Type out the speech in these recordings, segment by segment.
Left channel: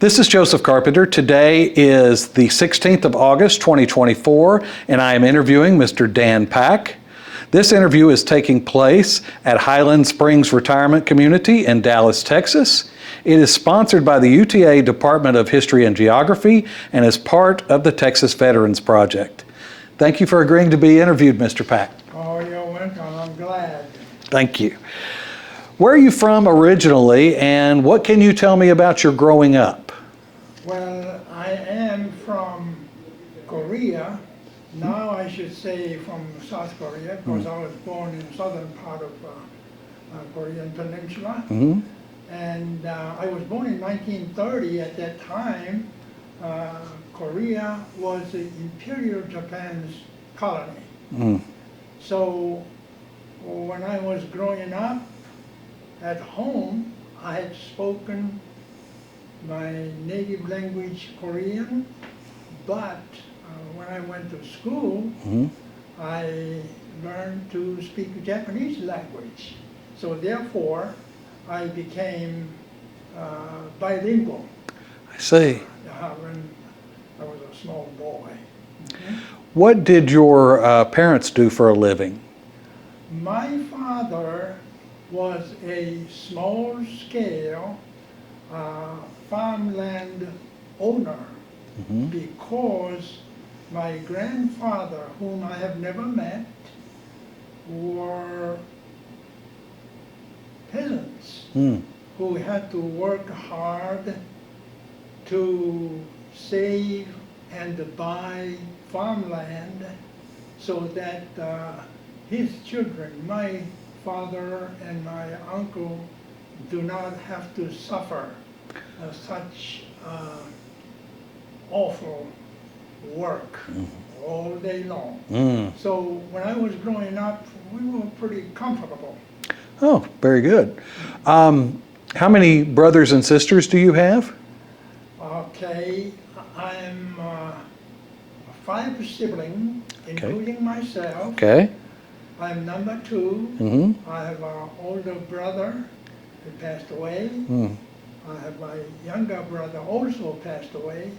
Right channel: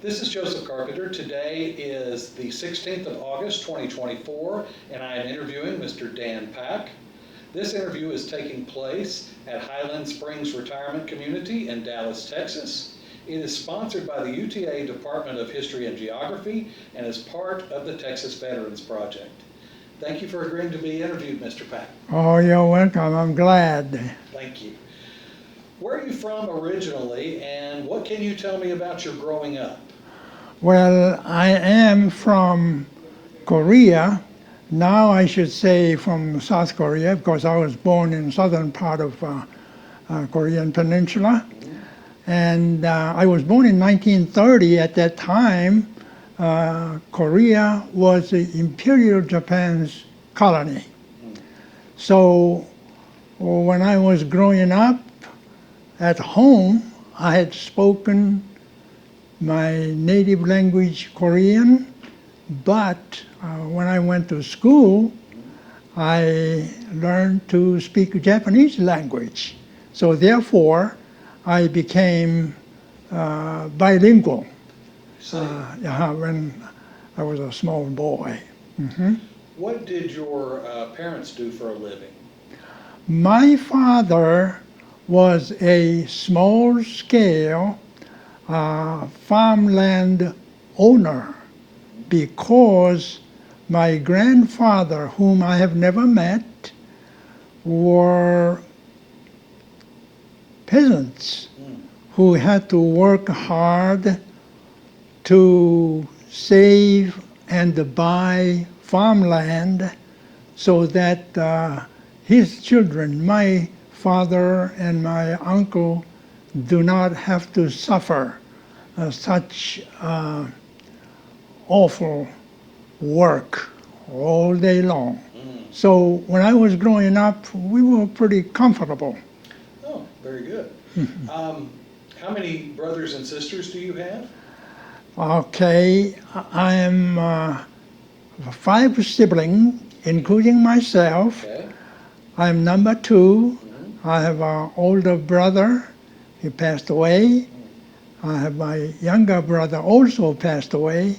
This is Joseph Carpenter. Today is the 16th of August, 2024, and I am interviewing Mr. Dan Pack. This interview is taking place at Highland Springs Retirement Community in Dallas, Texas. It is sponsored by the UTA Department of History and Geography and is part of the Texas Veterans Project. Thank you for agreeing to be interviewed, Mr. Pack. Oh, you're welcome. I'm glad. Thank you. Where are you from originally, and what can you tell me about your growing up? Well, I am from Korea. Now I should say from South Korea, because I was born in the southern part of Korean Peninsula. And I was born in 1930. At that time, Korea was Imperial Japan's colony. So when I was growing up at home, I had spoken my native language, Korean, but when I went to school, I learned to speak Japanese language. So therefore, I became bilingual. I see. When I was a small boy. What did your parents do for a living? My father was a small-scale farmland owner, because my grandfather, whom I have never met, were peasants who had to work hard to save and buy farmland so that his children, my father and my uncle, do not have to suffer such awful work all day long. So when I was growing up, we were pretty comfortable. Oh, very good. How many brothers and sisters do you have? Okay, I am 5 siblings, including myself. Okay. I'm number 2. I have an older brother. He passed away. I have my younger brother also passed away.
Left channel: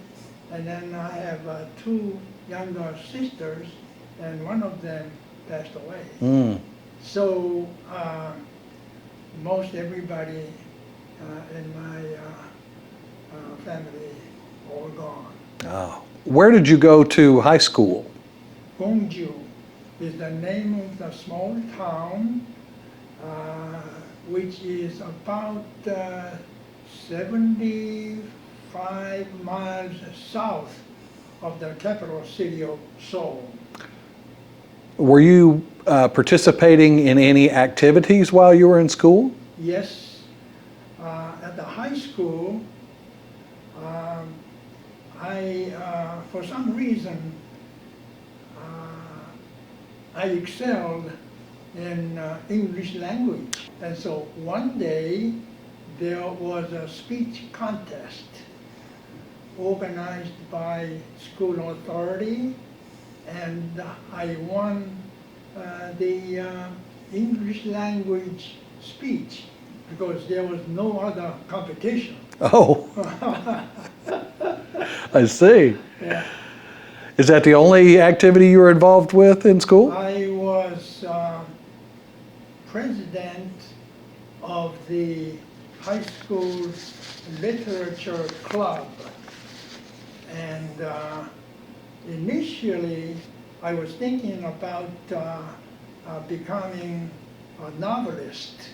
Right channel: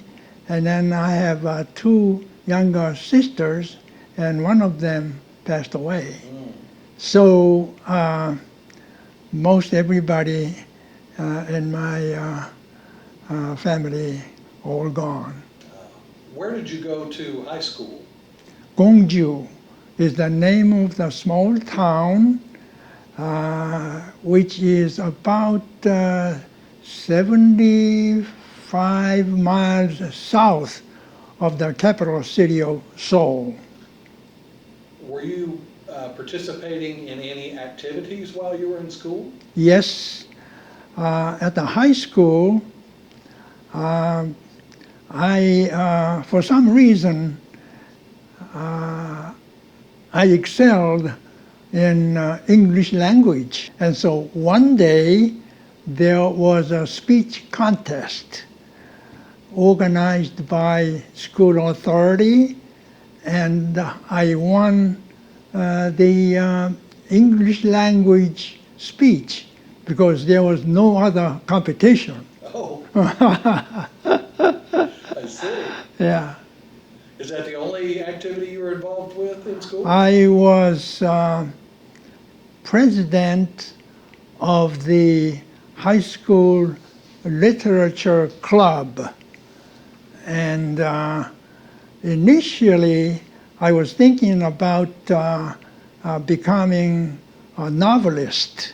And then I have 2 younger sisters, and one of them passed away. So most everybody in my family all gone. Oh. Where did you go to high school? Gongju is the name of the small town, which is about 75 miles south of the capital city of Seoul. Were you participating in any activities while you were in school? Yes. At the high school, I, for some reason, I excelled in English language. And so one day there was a speech contest organized by school authority, and I won the English language speech because there was no other competition. Oh, I see. Yeah. Is that the only activity you were involved with in school? I was president of the high school literature club. And initially, I was thinking about becoming a novelist.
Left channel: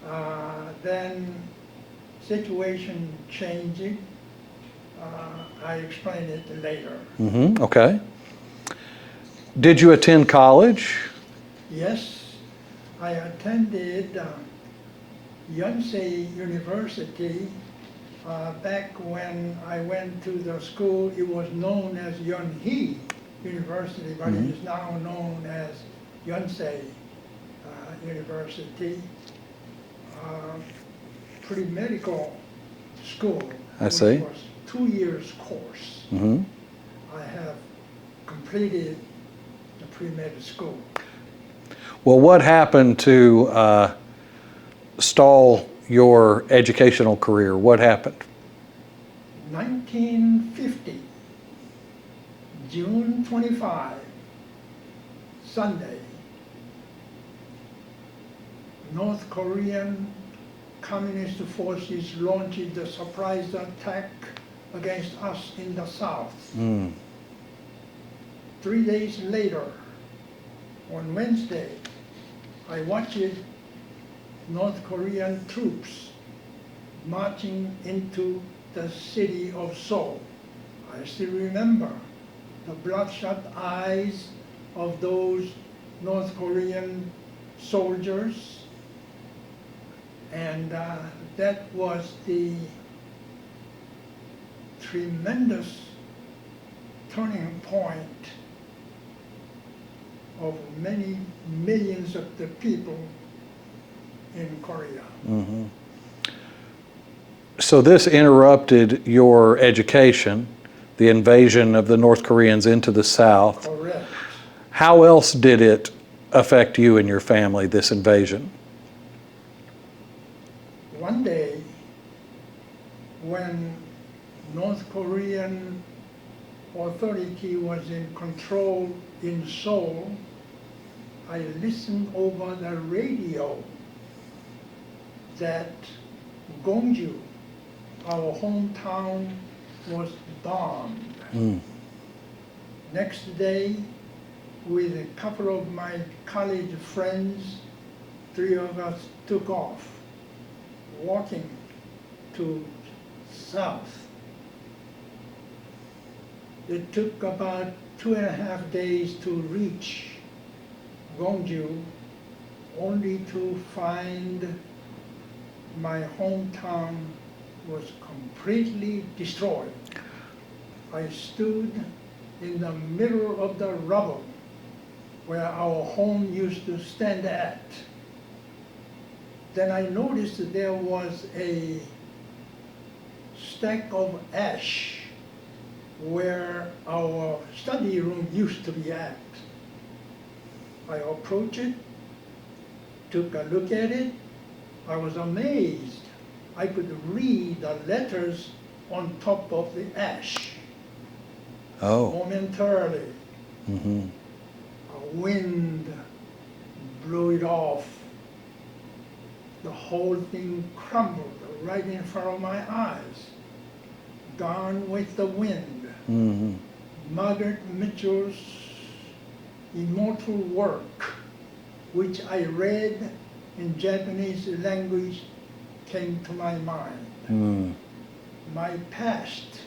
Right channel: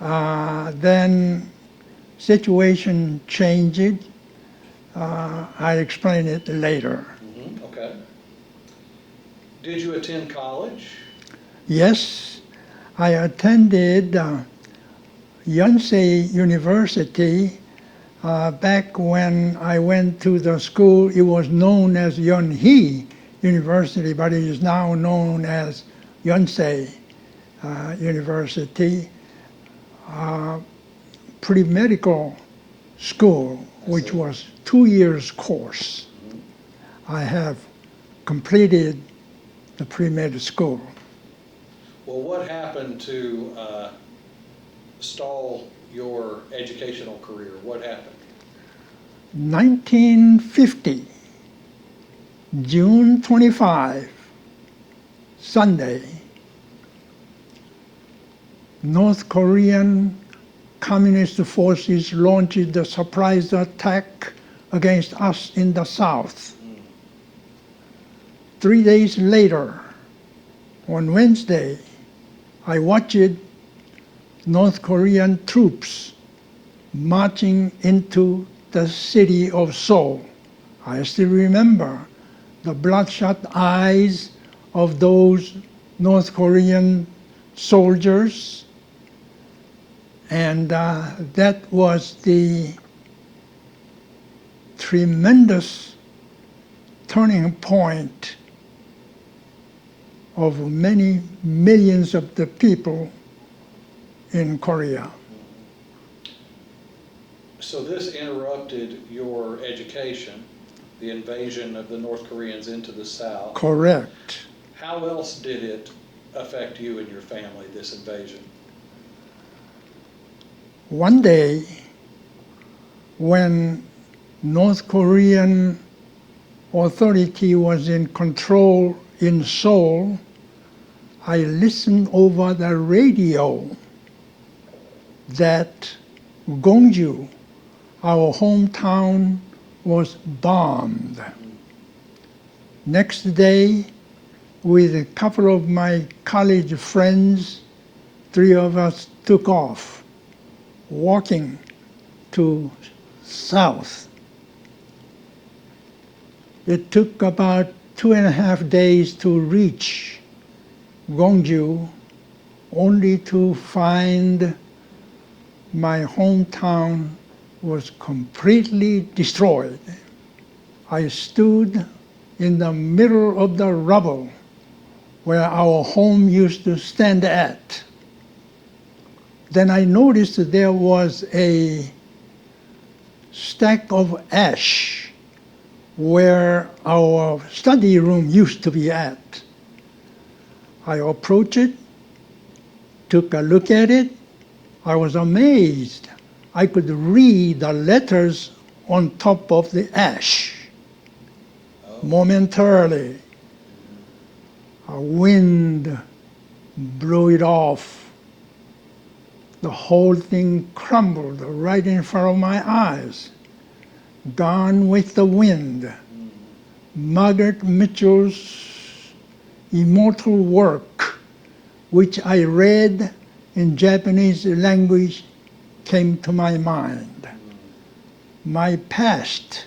Then situation changed. I explain it later. Okay. Did you attend college? Yes, I attended Yonsei University. Back when I went to the school, it was known as Yonhee University, but it is now known as Yonsei University. Pre-medical school, which was 2 years course. I have completed the pre-med school. Well, what happened to stall your educational career? What happened? 1950, June 25, Sunday, North Korean Communist forces launched the surprise attack against us in the south. 3 days later, on Wednesday, I watched North Korean troops marching into the city of Seoul. I still remember the bloodshot eyes of those North Korean soldiers, and that was the tremendous turning point of many millions of the people in Korea. So this interrupted your education, the invasion of the North Koreans into the South. Correct. How else did it affect you and your family, this invasion? One day, when North Korean authority was in control in Seoul, I listened over the radio that Gongju, our hometown, was bombed. Next day, with a couple of my college friends, 3 of us took off, walking to south. It took about 2.5 days to reach Gongju, only to find my hometown was completely destroyed. I stood in the middle of the rubble where our home used to stand at. Then I noticed that there was a stack of ash where our study room used to be at. I approached it, took a look at it. I was amazed. I could read the letters on top of the ash. Momentarily. A wind blew it off. The whole thing crumbled right in front of my eyes. Gone with the wind. Margaret Mitchell's immortal work, which I read in Japanese language, came to my mind. My past,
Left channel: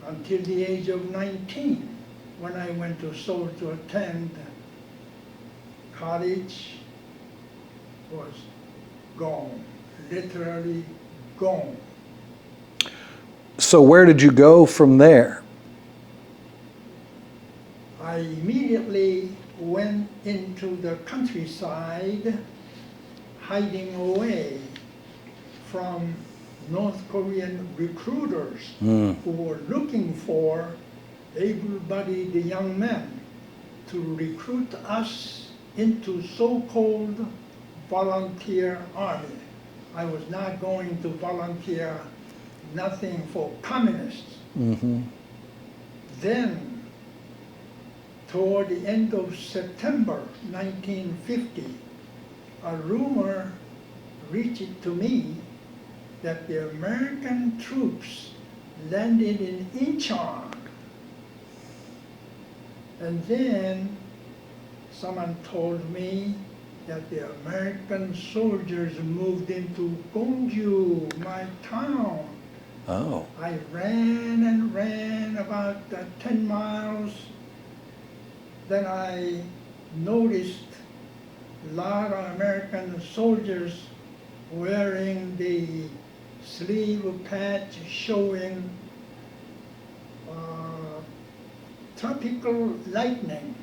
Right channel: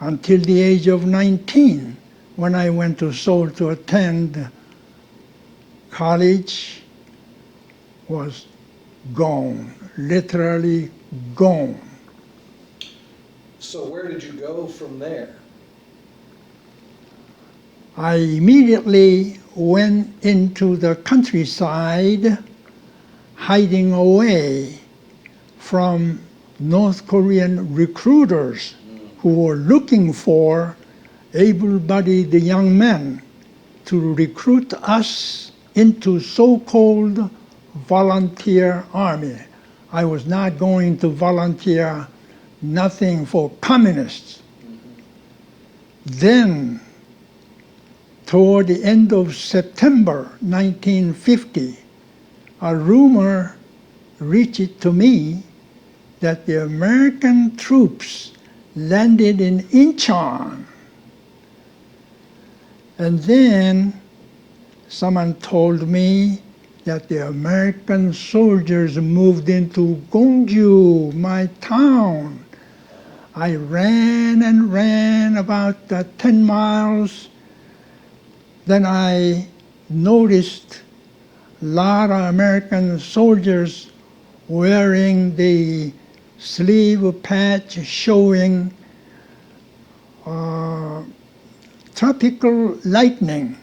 until the age of 19, when I went to Seoul to attend college, was gone, literally gone. So where did you go from there? I immediately went into the countryside, hiding away from North Korean recruiters who were looking for able-bodied young men to recruit us into so-called volunteer army. I was not going to volunteer nothing for communists. Then, toward the end of September 1950, a rumor reached to me that the American troops landed in Incheon. And then someone told me that the American soldiers moved into Gongju, my town. I ran and ran about 10 miles. Then I noticed a lot of American soldiers wearing the sleeve patch showing tropical lightning,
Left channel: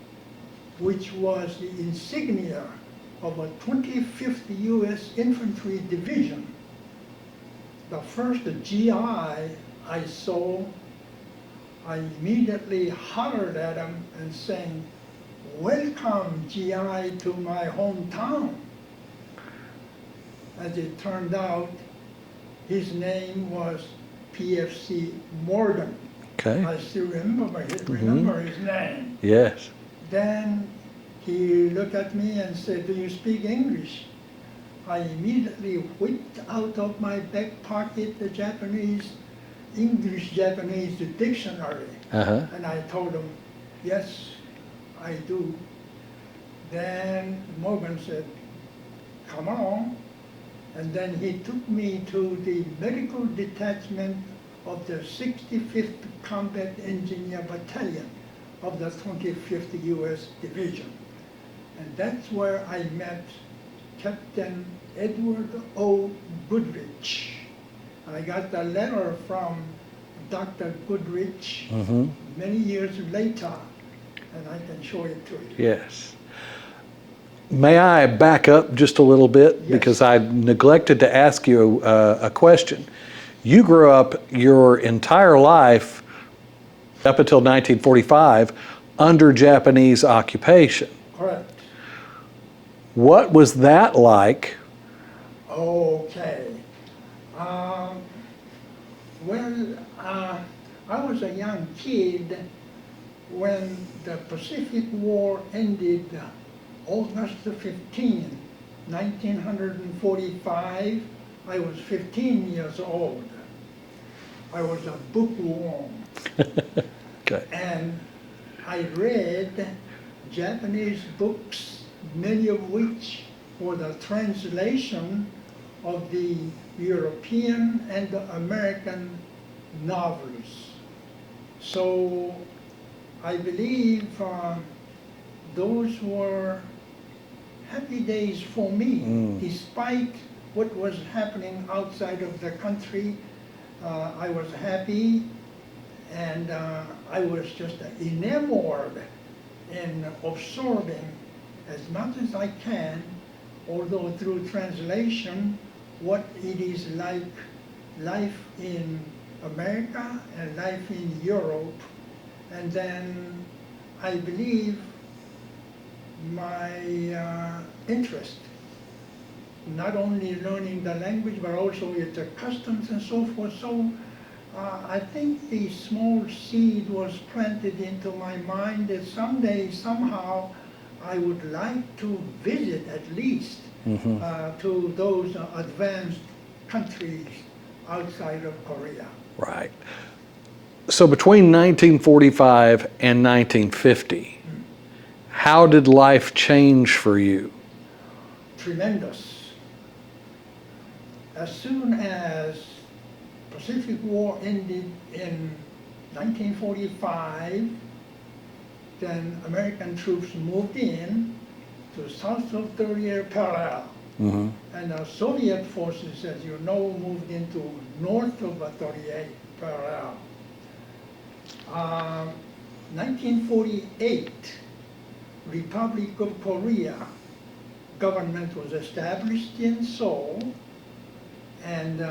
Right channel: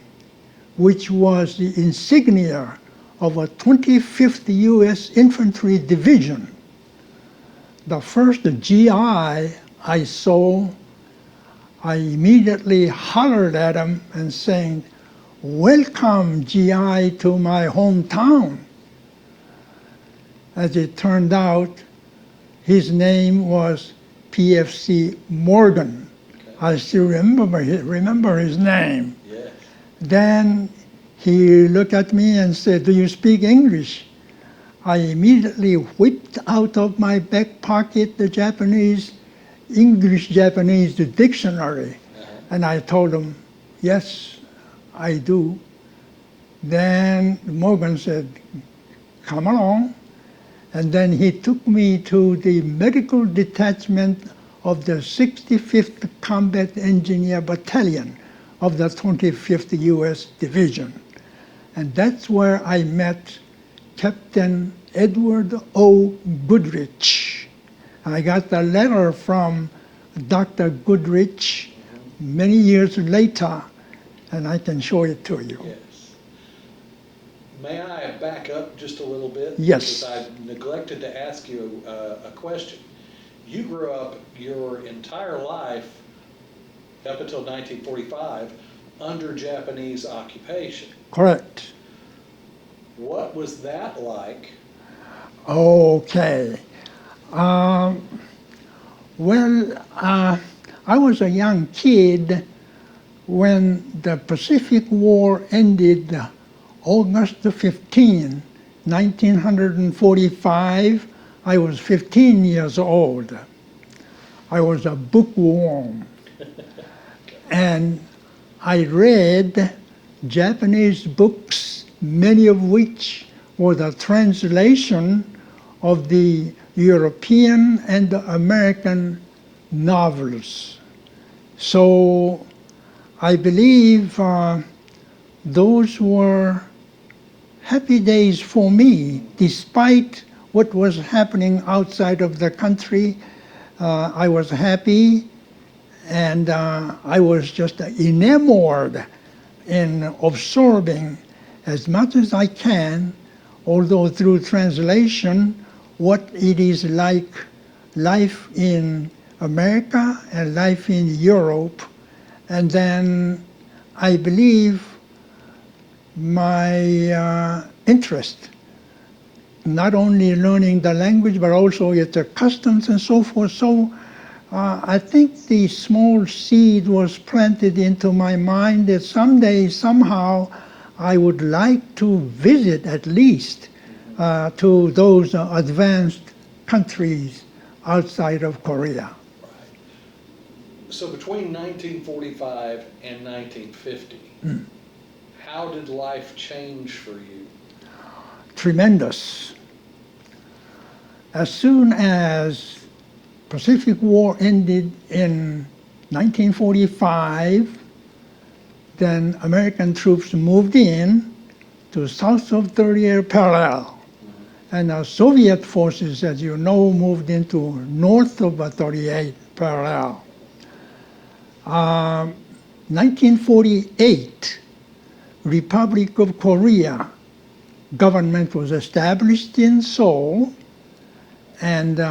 which was the insignia of a 25th U.S. Infantry Division. The first GI I saw, I immediately hollered at him and saying, "Welcome, GI, to my hometown." As it turned out, his name was PFC Morgan. Okay. I still remember his name. Yes. Then he looked at me and said, "Do you speak English?" I immediately whipped out of my back pocket the English-Japanese dictionary. Uh-huh. And I told him, "Yes, I do." Then Morgan said, "Come along." And then he took me to the medical detachment of the 65th Combat Engineer Battalion of the 25th U.S. Division. And that's where I met Captain Edward O. Goodrich. I got a letter from Dr. Goodrich many years later, and I can show it to you. Yes. May I back up just a little bit? Yes. Because I neglected to ask you a question. You grew up your entire life, up until 1945, under Japanese occupation. Correct. What was that like? Okay. I was a young kid when the Pacific War ended August 15, 1945. I was 15 years old. I was a bookworm. Okay. And I read Japanese books, many of which were the translation of the European and the American novels. So I believe those were happy days for me, despite what was happening outside of the country. I was happy, and I was just enamored in absorbing as much as I can, although through translation, what it is like life in America and life in Europe. And then I believe my interest, not only learning the language, but also its customs and so forth. So I think the small seed was planted into my mind that someday, somehow, I would like to visit at least to those advanced countries outside of Korea. Right. So between 1945 and 1950, how did life change for you? Tremendous. As soon as Pacific War ended in 1945, then American troops moved in to south of 38 parallel. And Soviet forces, as you know, moved into north of 38 parallel. 1948, Republic of Korea government was established in Seoul, and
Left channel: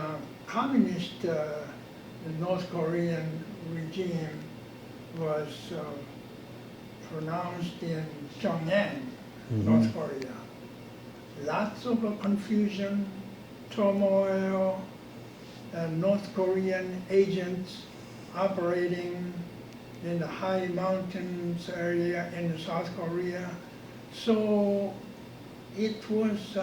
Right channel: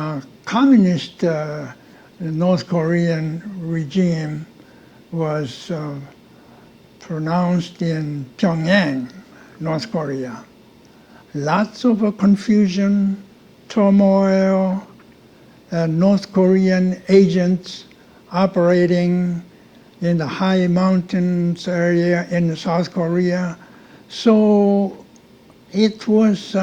communist North Korean regime was pronounced in Pyongyang, North Korea. Lots of confusion, turmoil, North Korean agents operating in the high mountains area in South Korea. So it was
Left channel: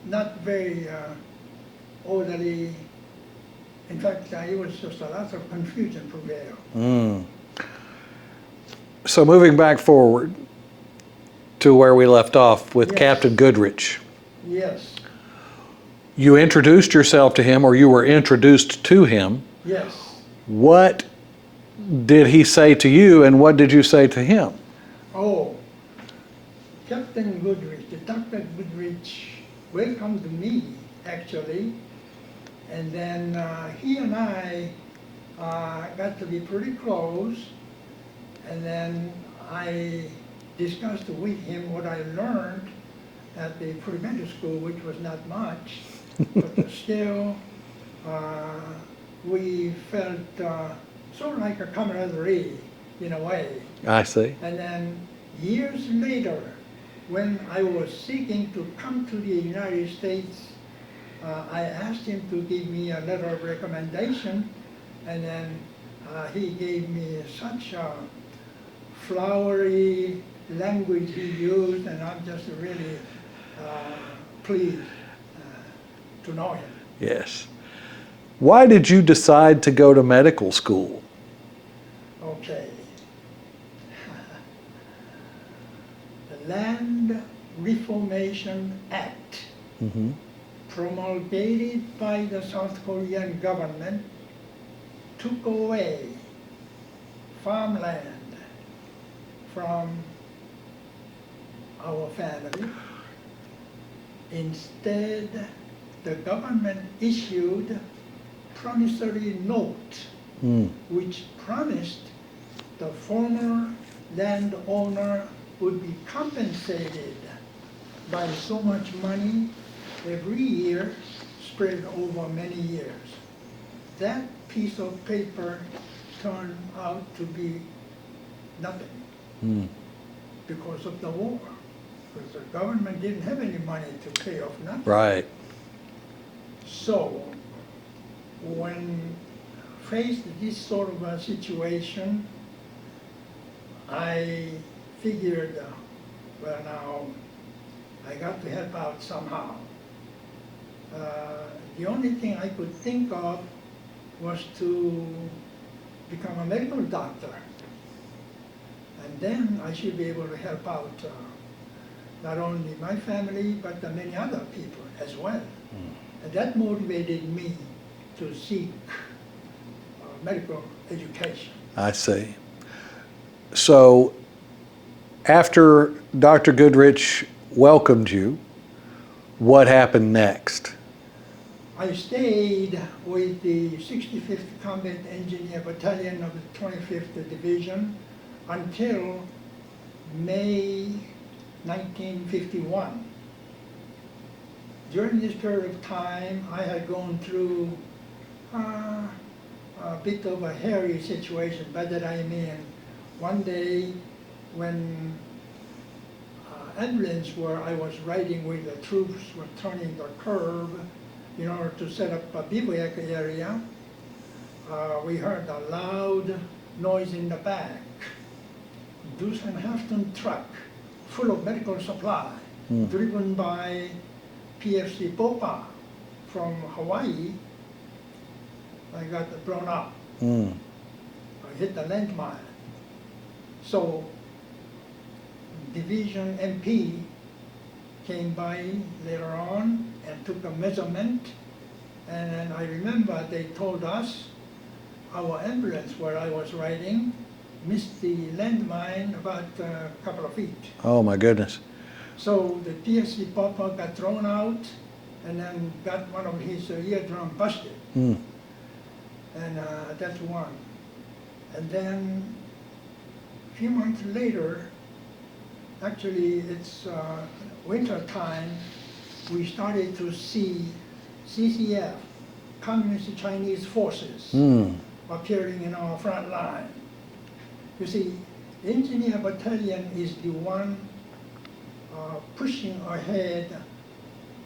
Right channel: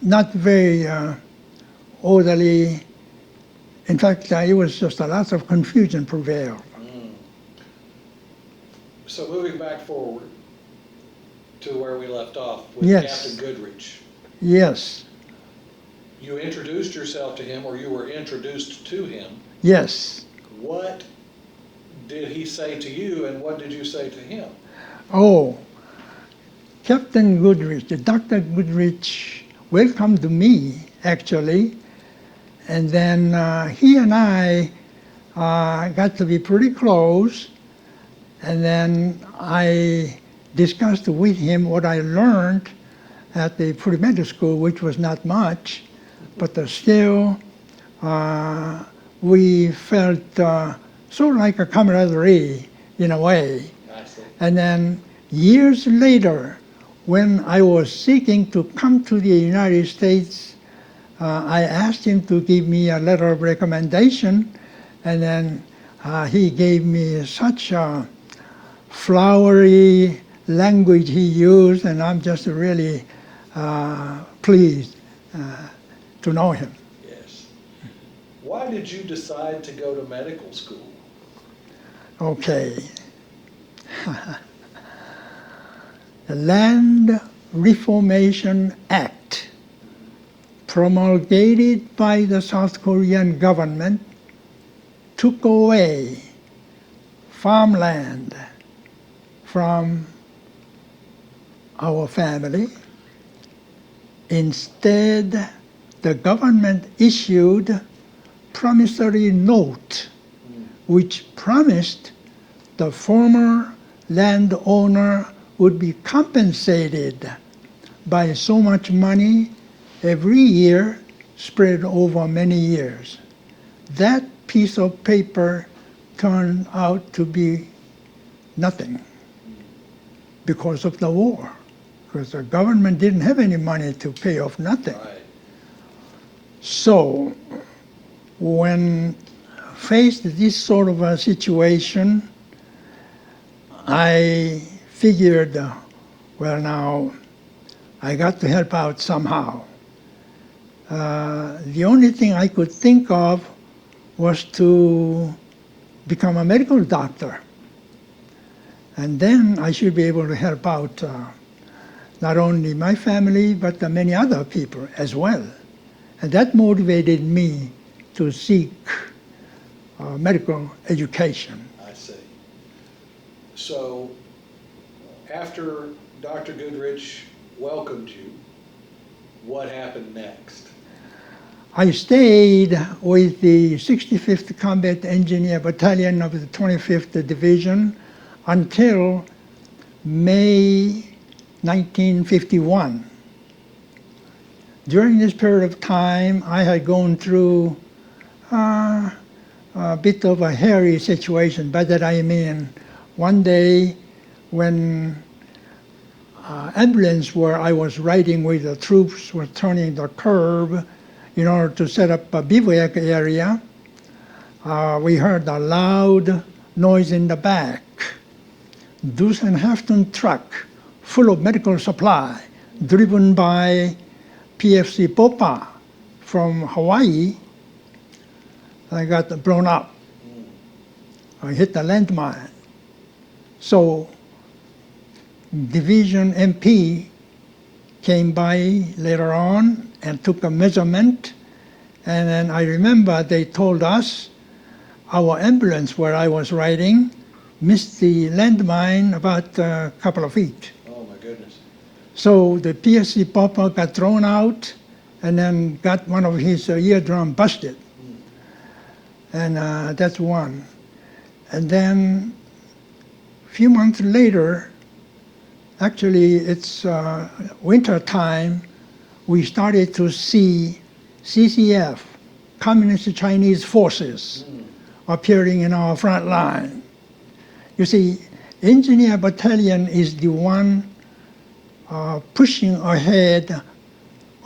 not very orderly. In fact, it was just a lot of confusion prevailed. So moving back forward to where we left off with Yes. Captain Goodrich, Yes, you introduced yourself to him, or you were introduced to him. yes. What did he say to you, and what did you say to him? Oh, Captain Goodrich, Dr. Goodrich welcomed me, actually. And then he and I got to be pretty close. And then I discussed with him what I learned at the pre-med school, which was not much, but still we felt sort of like a camaraderie in a way. I see. And then years later, when I was seeking to come to the United States, I asked him to give me a letter of recommendation, and then he gave me such a flowery language he used, and I'm just really pleased to know him. Yes. Why did you decide to go to medical school? Okay. The Land Reformation Act, promulgated by the South Korean government, took away farmland from our family. Instead, the government issued promissory note, which promised the former landowner would be compensated by so much money every year, spread over many years. That piece of paper turned out to be nothing because of the war, because the government didn't have any money to pay off nothing. Right. So when faced with this sort of a situation, I figured, well, now I got to help out somehow. The only thing I could think of was to become a medical doctor. And then I should be able to help out not only my family, but many other people as well. And that motivated me to seek medical education. I see. So after Dr. Goodrich welcomed you, what happened next? I stayed with the 65th Combat Engineer Battalion of the 25th Division until May 1951. During this period of time, I had gone through a bit of a hairy situation. By that I mean, one day when ambulance where I was riding with the troops were turning the curve in order to set up a bivouac area, we heard a loud noise in the back. Deuce and Halfton truck full of medical supply, driven by PFC Popa from Hawaii. I got blown up. I hit the landmine. So Division MP came by later on and took a measurement, and then I remember they told us our ambulance where I was riding missed the landmine about a couple of feet. Oh my goodness. So the PSC Papa got thrown out and then got one of his eardrum busted. And that's one. And then a few months later, actually it's winter time, we started to see CCF, Communist Chinese Forces, appearing in our front line. You see, Engineer Battalion is the one pushing ahead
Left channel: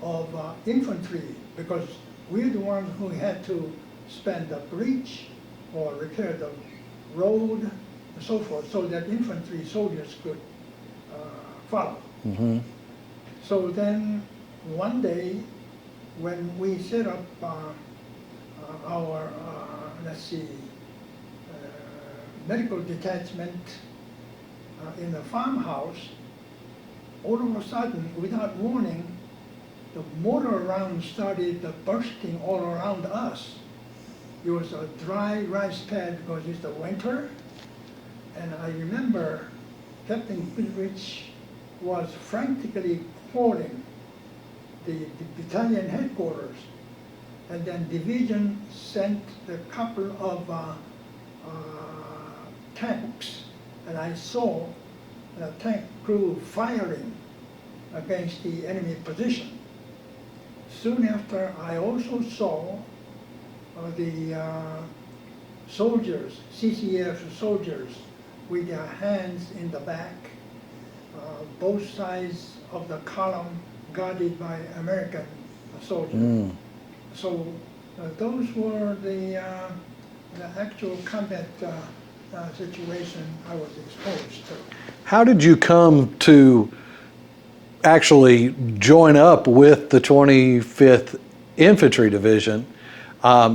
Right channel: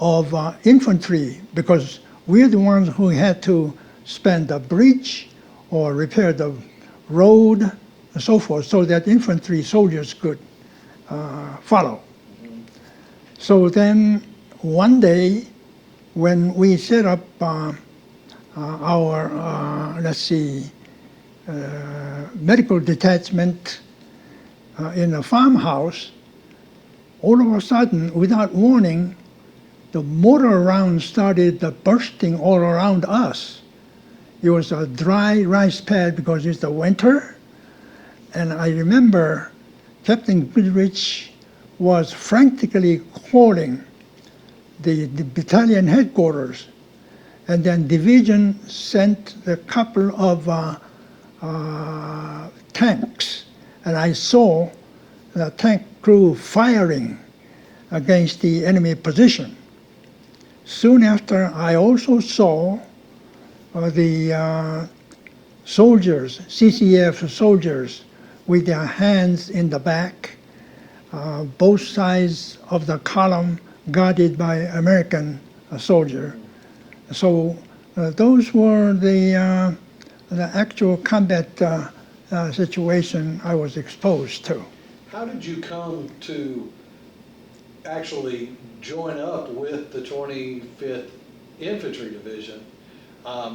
of infantry, because we're the ones who had to spend the bridge or repair the road and so forth, so that infantry soldiers could follow. So then one day when we set up our, medical detachment in a farmhouse, all of a sudden, without warning, the mortar rounds started bursting all around us. It was a dry rice pad because it's the winter. And I remember Captain Goodrich was frantically calling the battalion headquarters. And then division sent a couple of tanks. And I saw the tank crew firing against the enemy position. Soon after, I also saw the soldiers, CCF soldiers, with their hands in the back, both sides of the column guarded by American soldiers. So those were the actual combat situation I was exposed to. How did you come to actually join up with the 25th Infantry Division?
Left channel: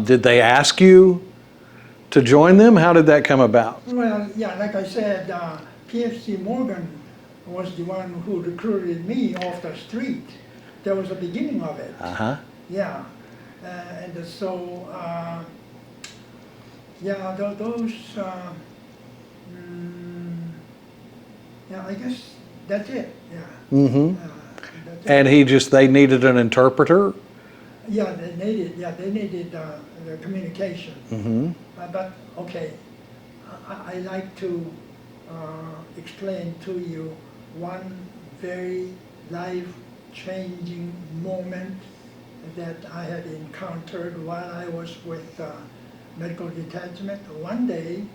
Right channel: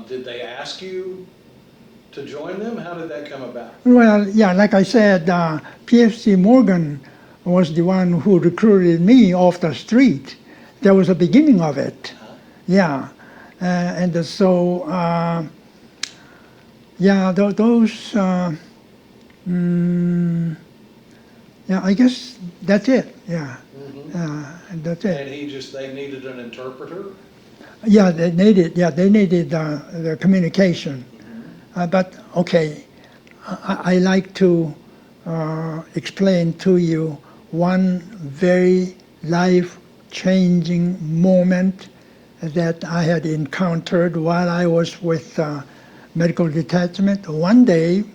Did they ask you to join them? How did that come about? Well, yeah, like I said, PFC Morgan was the one who recruited me off the street. That was the beginning of it. Uh-huh. Yeah, and so yeah, those. Yeah, I guess that's it. Yeah, that's it. And they needed an interpreter? Yeah, they needed. Yeah, they needed the communication. But okay, I like to explain to you one very life-changing moment that I had encountered while I was with medical detachment. One day,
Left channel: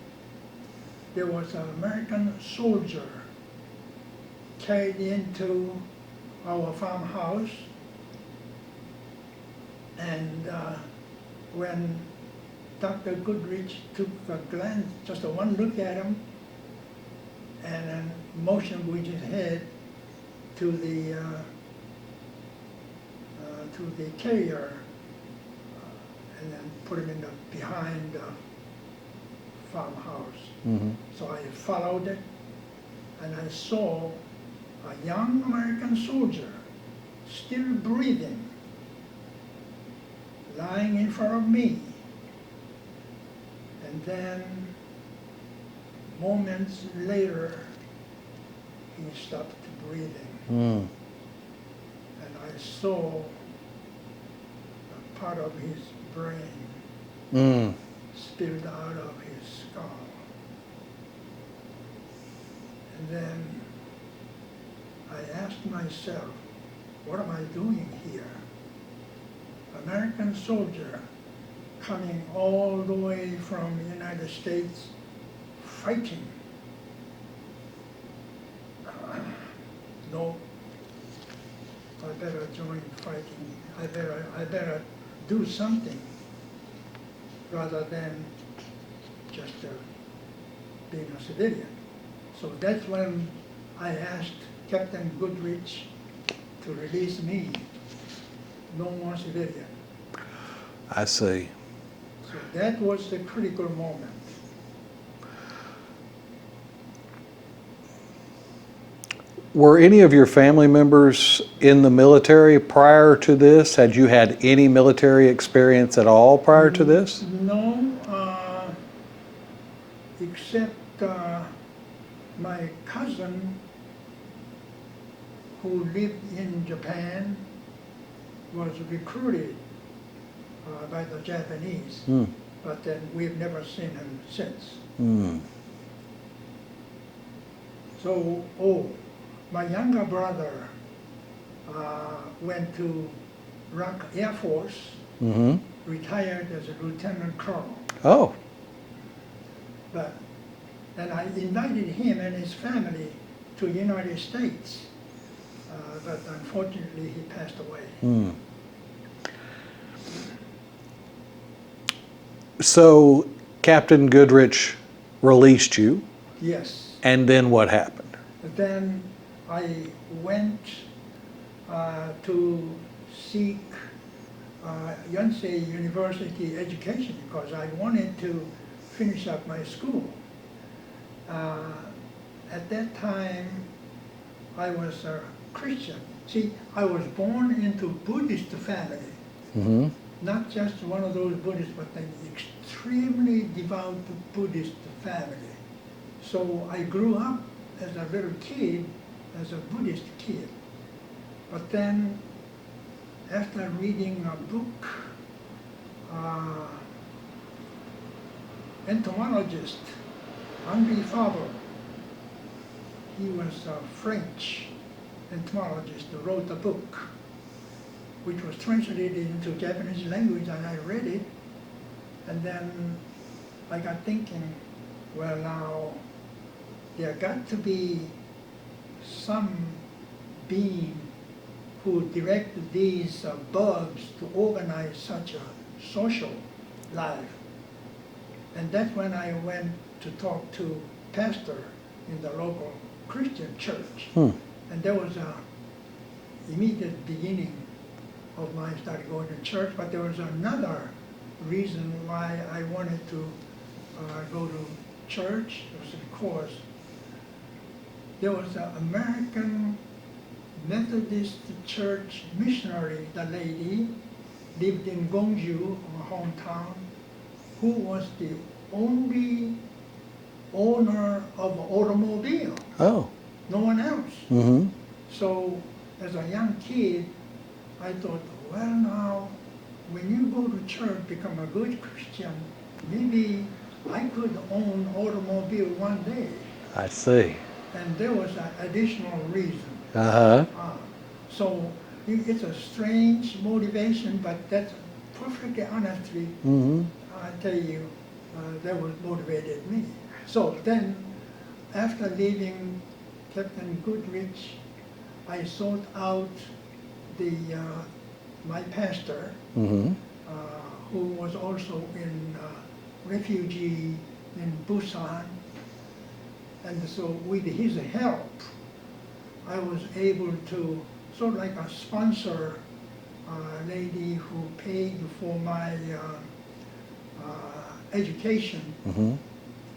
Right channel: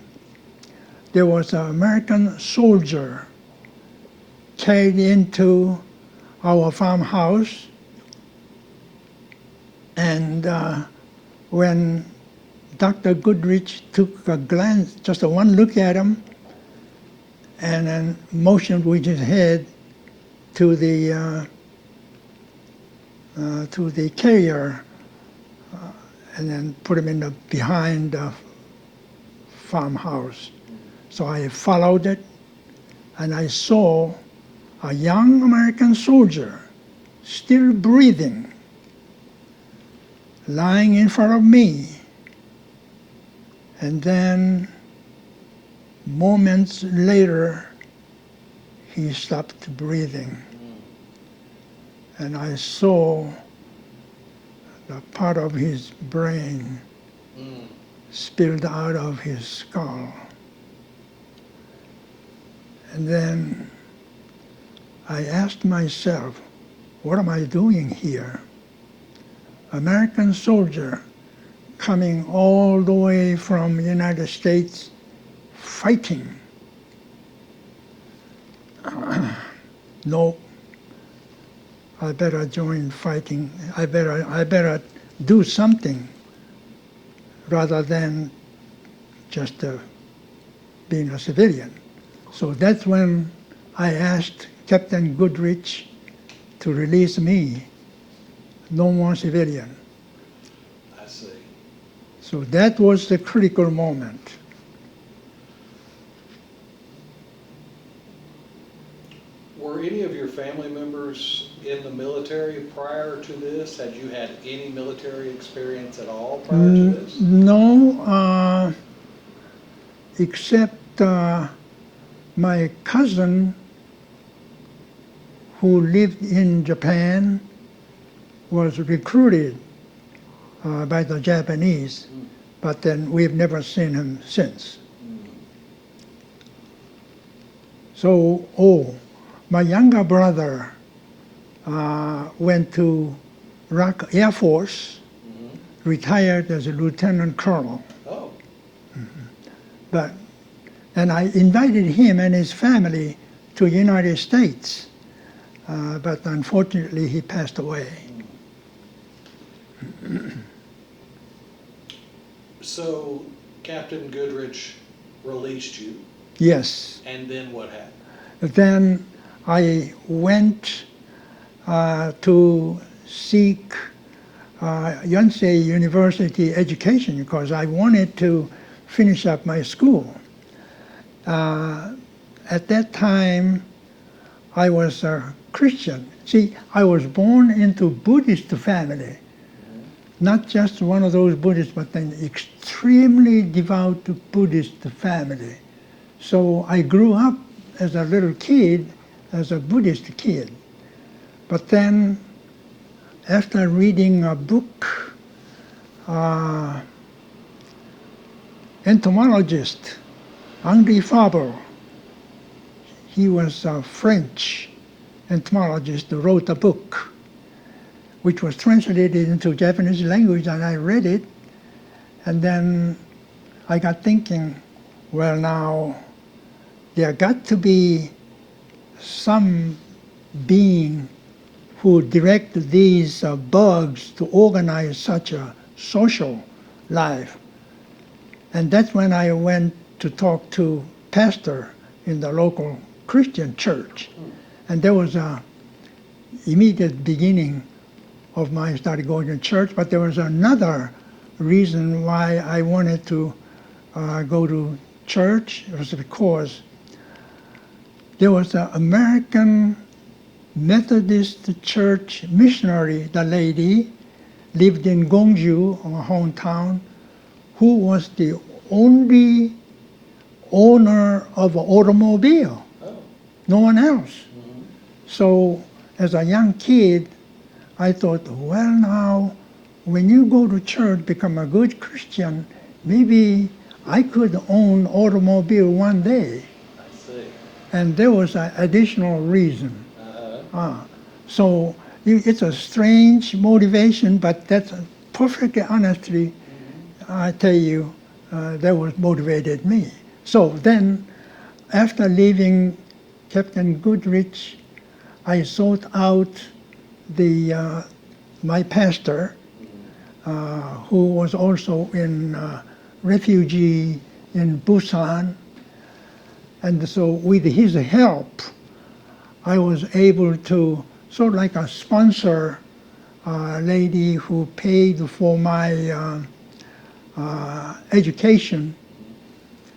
there was an American soldier carried into our farmhouse, and when Dr. Goodrich took a glance, just a one look at him, and then motioned with his head to the carrier, and then put him in the behind the farmhouse. So I followed it, and I saw a young American soldier, still breathing, lying in front of me. And then moments later, he stopped breathing. And I saw the part of his brain spilled out of his skull. And then I asked myself, what am I doing here? American soldier coming all the way from the United States fighting. No, I better join fighting. I better do something rather than just being a civilian. So that's when I asked Captain Goodrich to release me. No more civilian. I see. So that was the critical moment. Were any of your family members in the military prior to this? Had you had any military experience at all prior to this? No, except my cousin who lived in Japan was recruited by the Japanese, but then we've never seen him since. So, my younger brother went to ROK Air Force, retired as a lieutenant colonel. Oh. And I invited him and his family to the United States, but unfortunately he passed away. So Captain Goodrich released you, Yes. and then what happened? Then I went to seek Yonsei University education because I wanted to finish up my school. At that time, I was a Christian. See, I was born into Buddhist family. Not just one of those Buddhists, but an extremely devout Buddhist family. So I grew up as a little kid, as a Buddhist kid. But then, after reading a book, entomologist, Henri Fabre, he was a French entomologist who wrote a book which was translated into Japanese language, and I read it, and then I got thinking, well now, there got to be some being who directed these bugs to organize such a social life. And that's when I went to talk to pastor in the local Christian church. And there was a immediate beginning of my started going to church, but there was another reason why I wanted to go to church. It was because there was an American Methodist Church missionary, the lady, lived in Gongju, my hometown, who was the only owner of an automobile. Oh. No one else. Mm-hmm. So as a young kid, I thought, well now, when you go to church, become a good Christian, maybe I could own automobile one day. I see. And there was an additional reason. Uh-huh. So it's a strange motivation, but that's perfectly honestly, I tell you, that was motivated me. So then, after leaving Captain Goodrich, I sought out my pastor, who was also in refugee in Busan. And so with his help, I was able to sort of like a sponsor lady who paid for my education.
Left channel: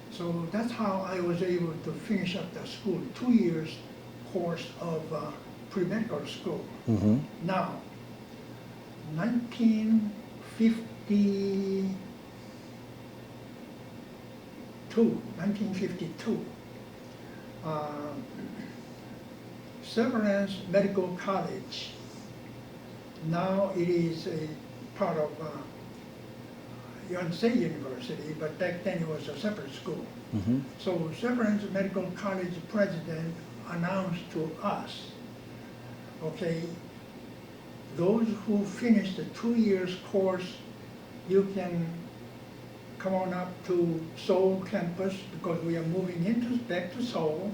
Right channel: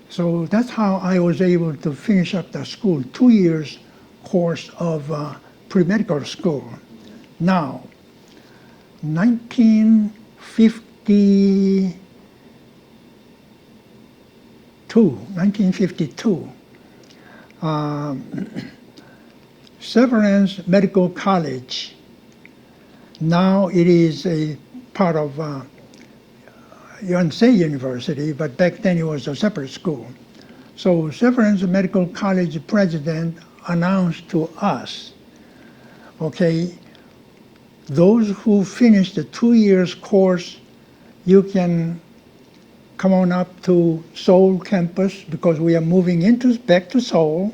So that's how I was able to finish up the school, 2 years course of pre-medical school. Now, 1952, Severance Medical College. Now it is a part of Yonsei University, but back then it was a separate school. So Severance Medical College president announced to us, okay, those who finish the 2 years course, you can come on up to Seoul campus because we are moving back to Seoul.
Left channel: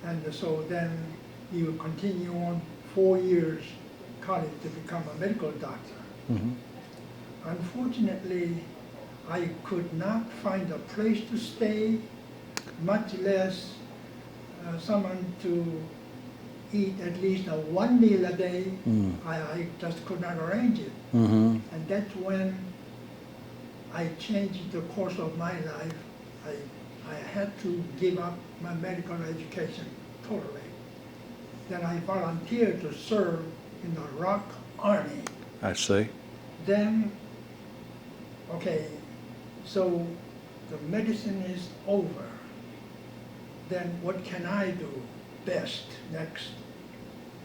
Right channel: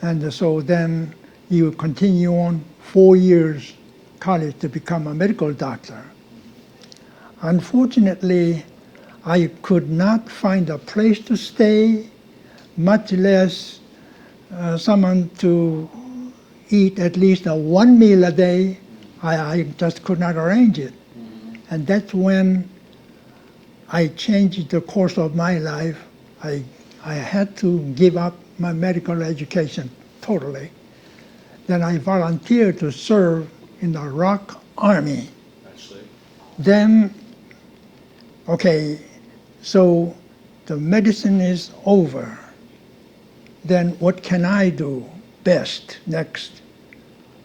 And so then you continue on 4 years college to become a medical doctor. Unfortunately, I could not find a place to stay, much less someone to eat at least one meal a day. I just could not arrange it. And that's when I changed the course of my life. I had to give up my medical education totally. Then I volunteered to serve in the Rock Army. I see. Then, okay, so the medicine is over. Then what can I do best next?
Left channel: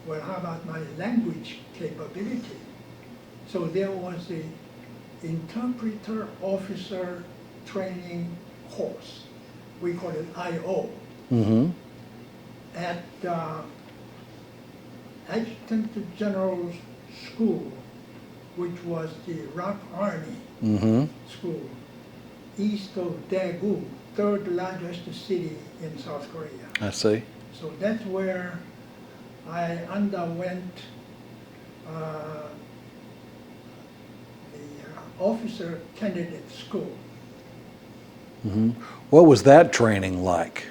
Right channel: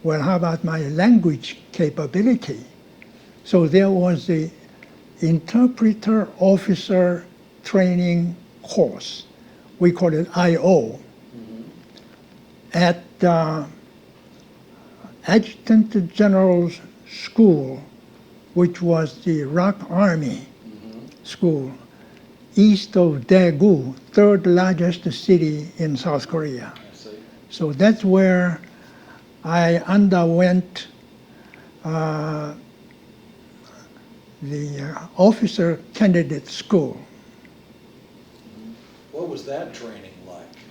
Well, how about my language capability? So there was the interpreter officer training course. We call it IO. At Adjutant General's School, which was the Rock Army school, east of Daegu, third largest city in South Korea. I see. So that's where I underwent the officer candidate school. What was that training like?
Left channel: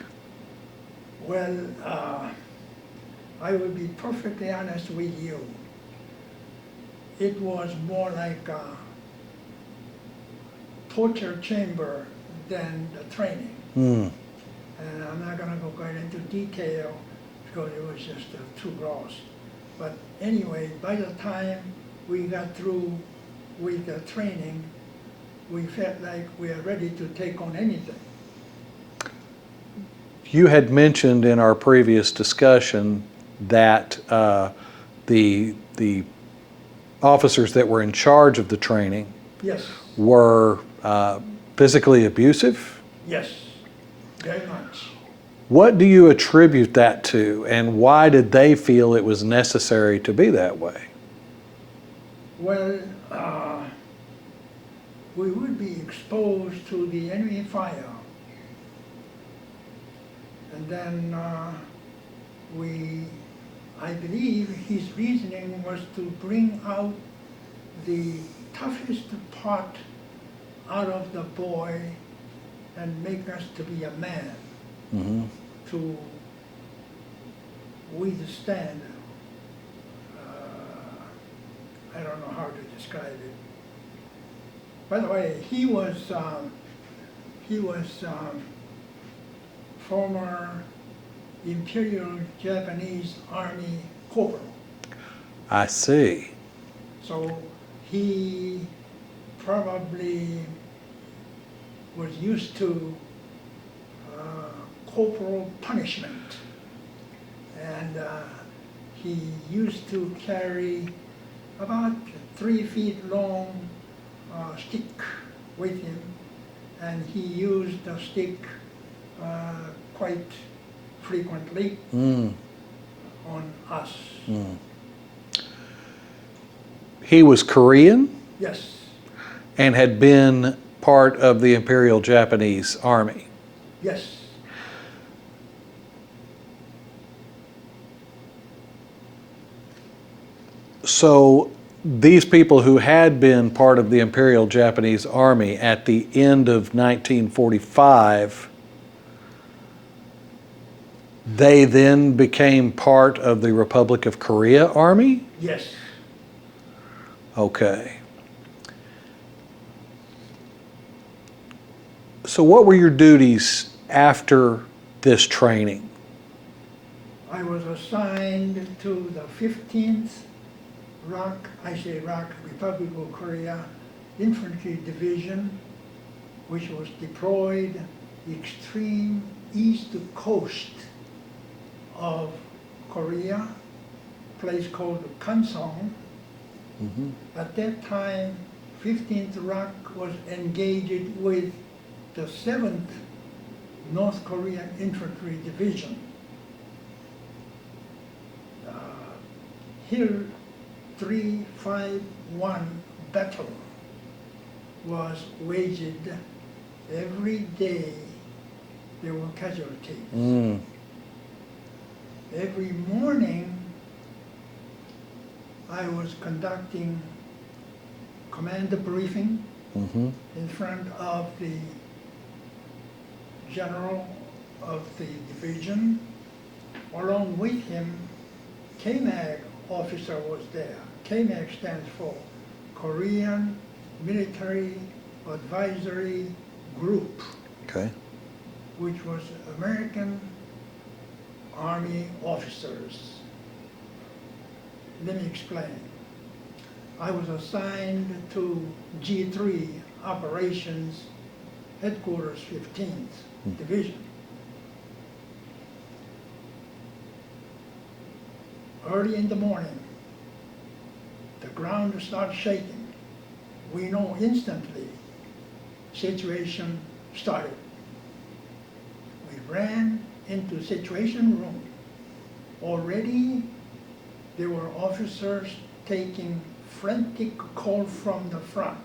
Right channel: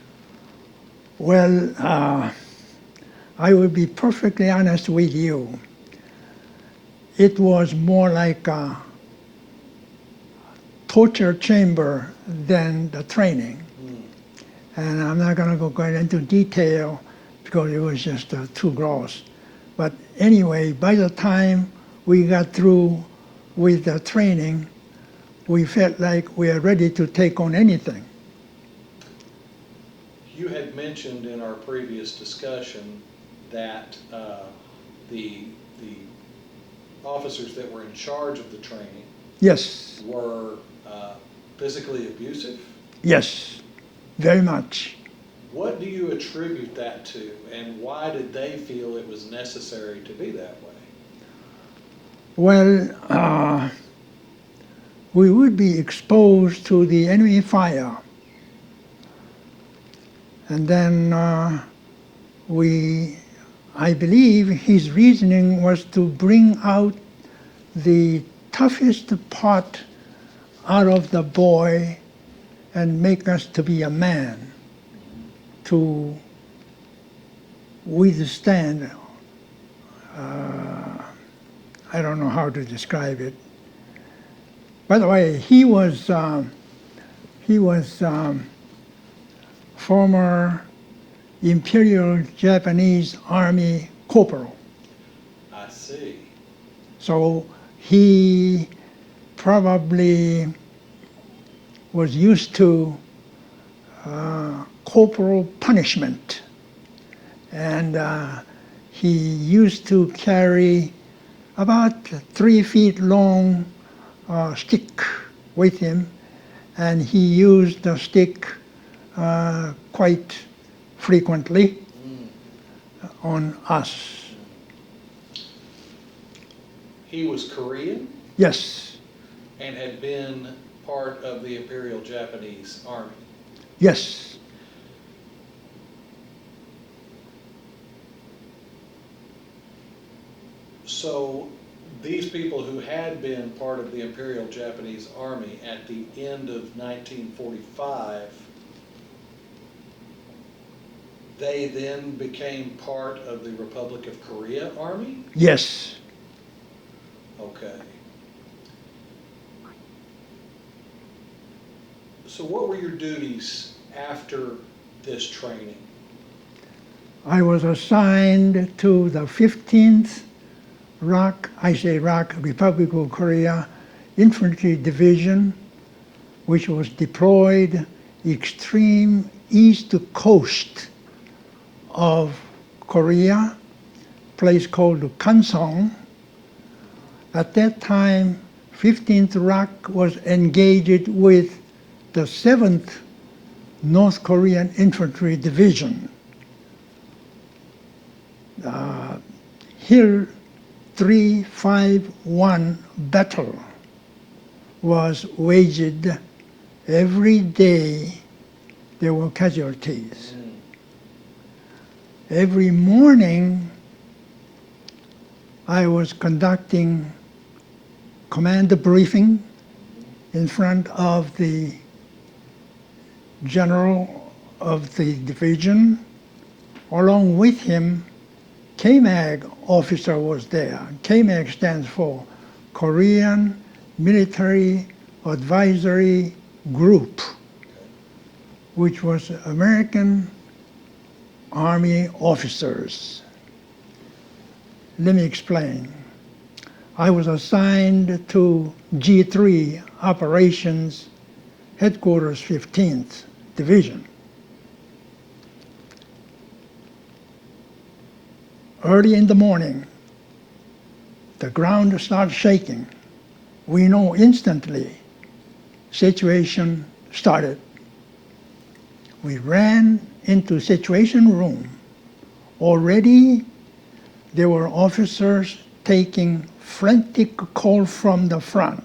Well, I will be perfectly honest with you. It was more like a torture chamber than the training. And I'm not going to go into detail because it was just too gross. But anyway, by the time we got through with the training, we felt like we are ready to take on anything. You had mentioned in our previous discussion that the officers that were in charge of the training Yes, were physically abusive. yes, very much. What do you attribute that to, and why did they feel it was necessary to be that way? Well, we would be exposed to the enemy fire. And then we I believe his reasoning was to bring out the toughest part out of the boy and make us to be a man, to withstand, I don't know how to describe it. By the way, he was former Imperial Japanese Army corporal. I see. So he probably was used to corporal punishment. And he used to carry about 3 feet long stick with him, and he used the stick quite frequently on us. He was Korean Yes, and had been part of the Imperial Japanese Army. yes. So these people who had been part of the Imperial Japanese Army at the end of 1945, they then became part of the Republic of Korea Army? Yes. Okay. So what were your duties after this training? I was assigned to the 15th Republic of Korea Infantry Division, which was deployed extreme east coast of Korea, place called Kansong. At that time, 15th ROK was engaged with the 7th North Korean Infantry Division. Hill 351 battle was waged every day. There were casualties. Every morning I was conducting command briefing in front of the general of the division. Along with him, KMAG officer was there. KMAG stands for Korean Military Advisory Group, Okay. which was American Army officers. Let me explain. I was assigned to G3 Operations Headquarters 15th Division. Early in the morning, the ground starts shaking. We know instantly situation started. We ran into situation room. Already there were officers taking frantic call from the front.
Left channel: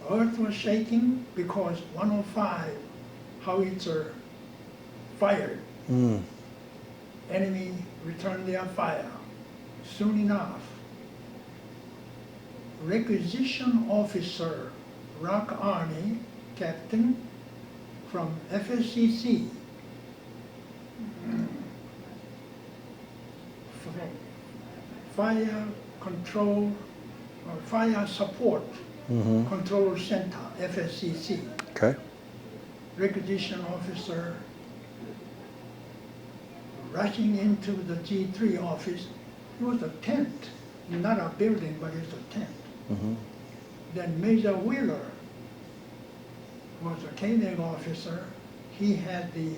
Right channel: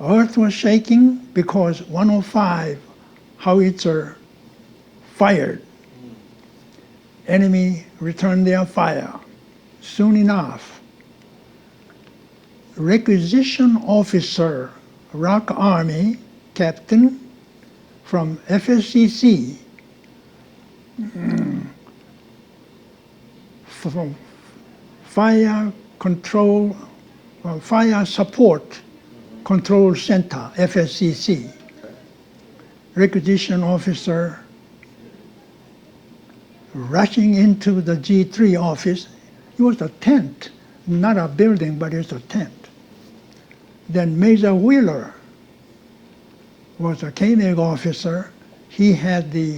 Earth was shaking because 105 howitzer fired. Enemy returned their fire. Soon enough, requisition officer, ROK Army captain from FSCC, from Fire Control, Fire Support Control Center, FSCC, Okay. requisition officer rushing into the G3 office. It was a tent, not a building, but it's a tent. Then Major Wheeler was a KMAG officer. He had the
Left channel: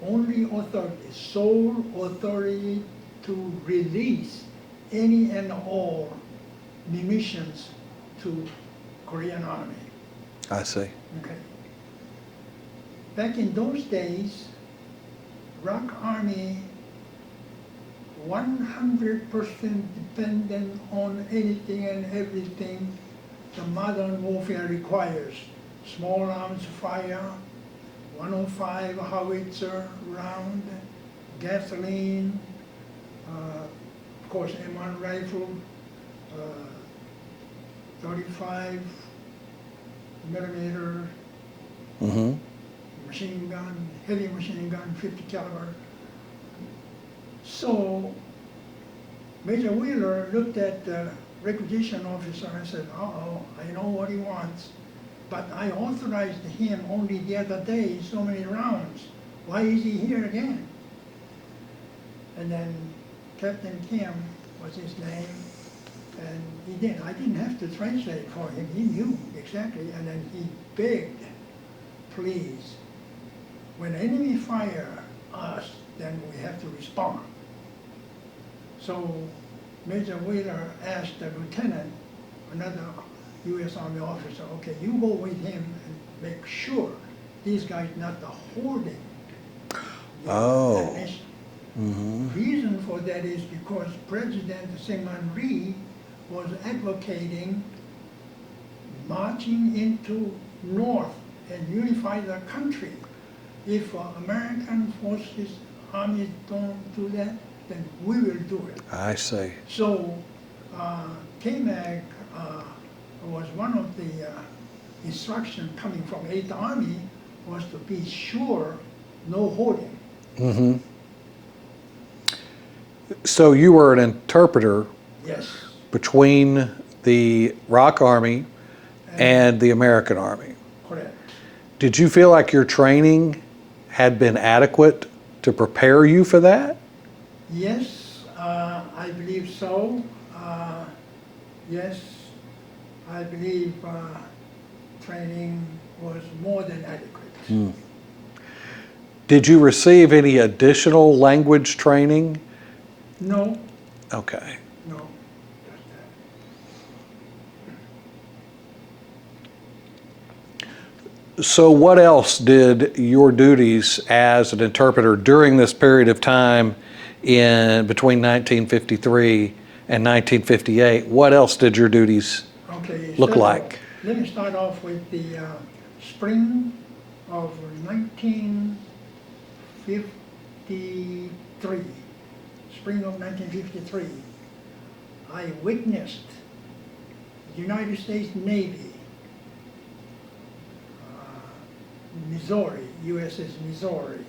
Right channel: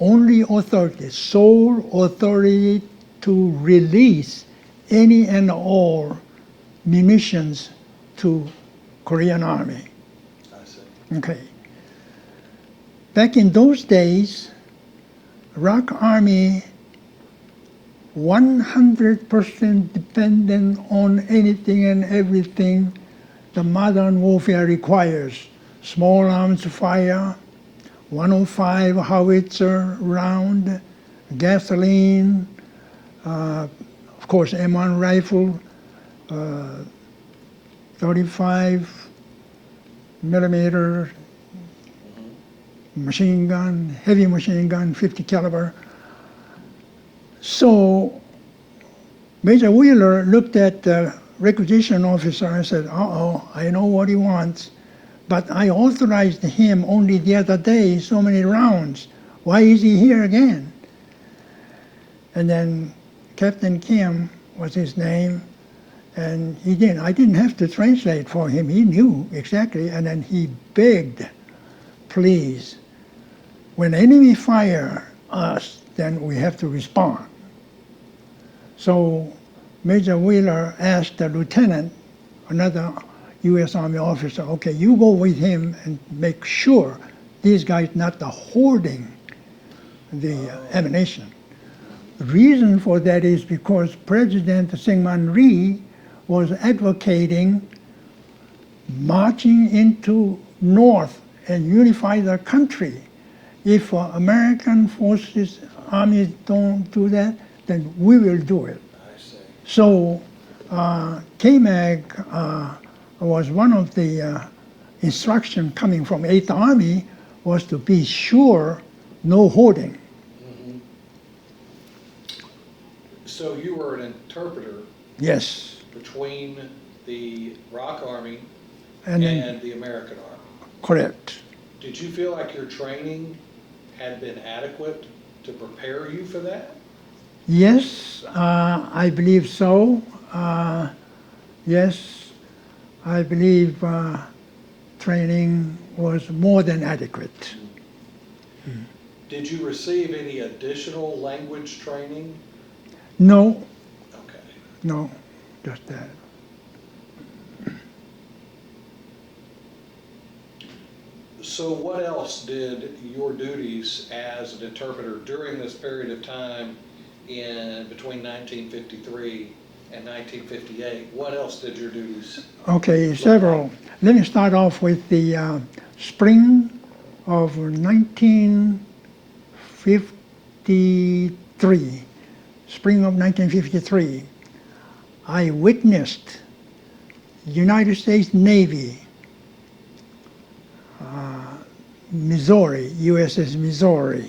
only authority, sole authority to release any and all munitions to Korean Army. I see. Okay. Back in those days, ROK Army 100% dependent on anything and everything the modern warfare requires. Small arms fire, 105 howitzer round, gasoline, of course M1 rifle, 35 millimeter machine gun, heavy machine gun, 50 caliber. So Major Wheeler looked at the requisition officer and said, uh-oh, I know what he wants, but I authorized him only the other day so many rounds. Why is he here again? And then Captain Kim was his name, and I didn't have to translate for him. He knew exactly, and then he begged, please, when enemy fire us, then we have to respond. So Major Wheeler asked the lieutenant, another U.S. Army officer, okay, you go with him and make sure these guys not hoarding the ammunition. The reason for that is because President Syngman Rhee was advocating marching into North and unify the country. If American forces, armies don't do that, then we will do it. I see. So KMAG was one of the instructions coming from 8th Army was to be sure no hoarding. So you were an interpreter Yes. between the ROC Army and the American Army. Correct. Did you feel like your training had been adequate to prepare you for that? Yes, I believe so. Yes, I believe training was more than adequate. Did you receive any additional language training? No, Okay. no, just that. So what else did your duties as an interpreter during this period of time in between 1953 and 1958, what else did your duties Okay, look like? Let me start off with the spring of 1953. Spring of 1953, I witnessed United States Navy, Missouri, USS Missouri,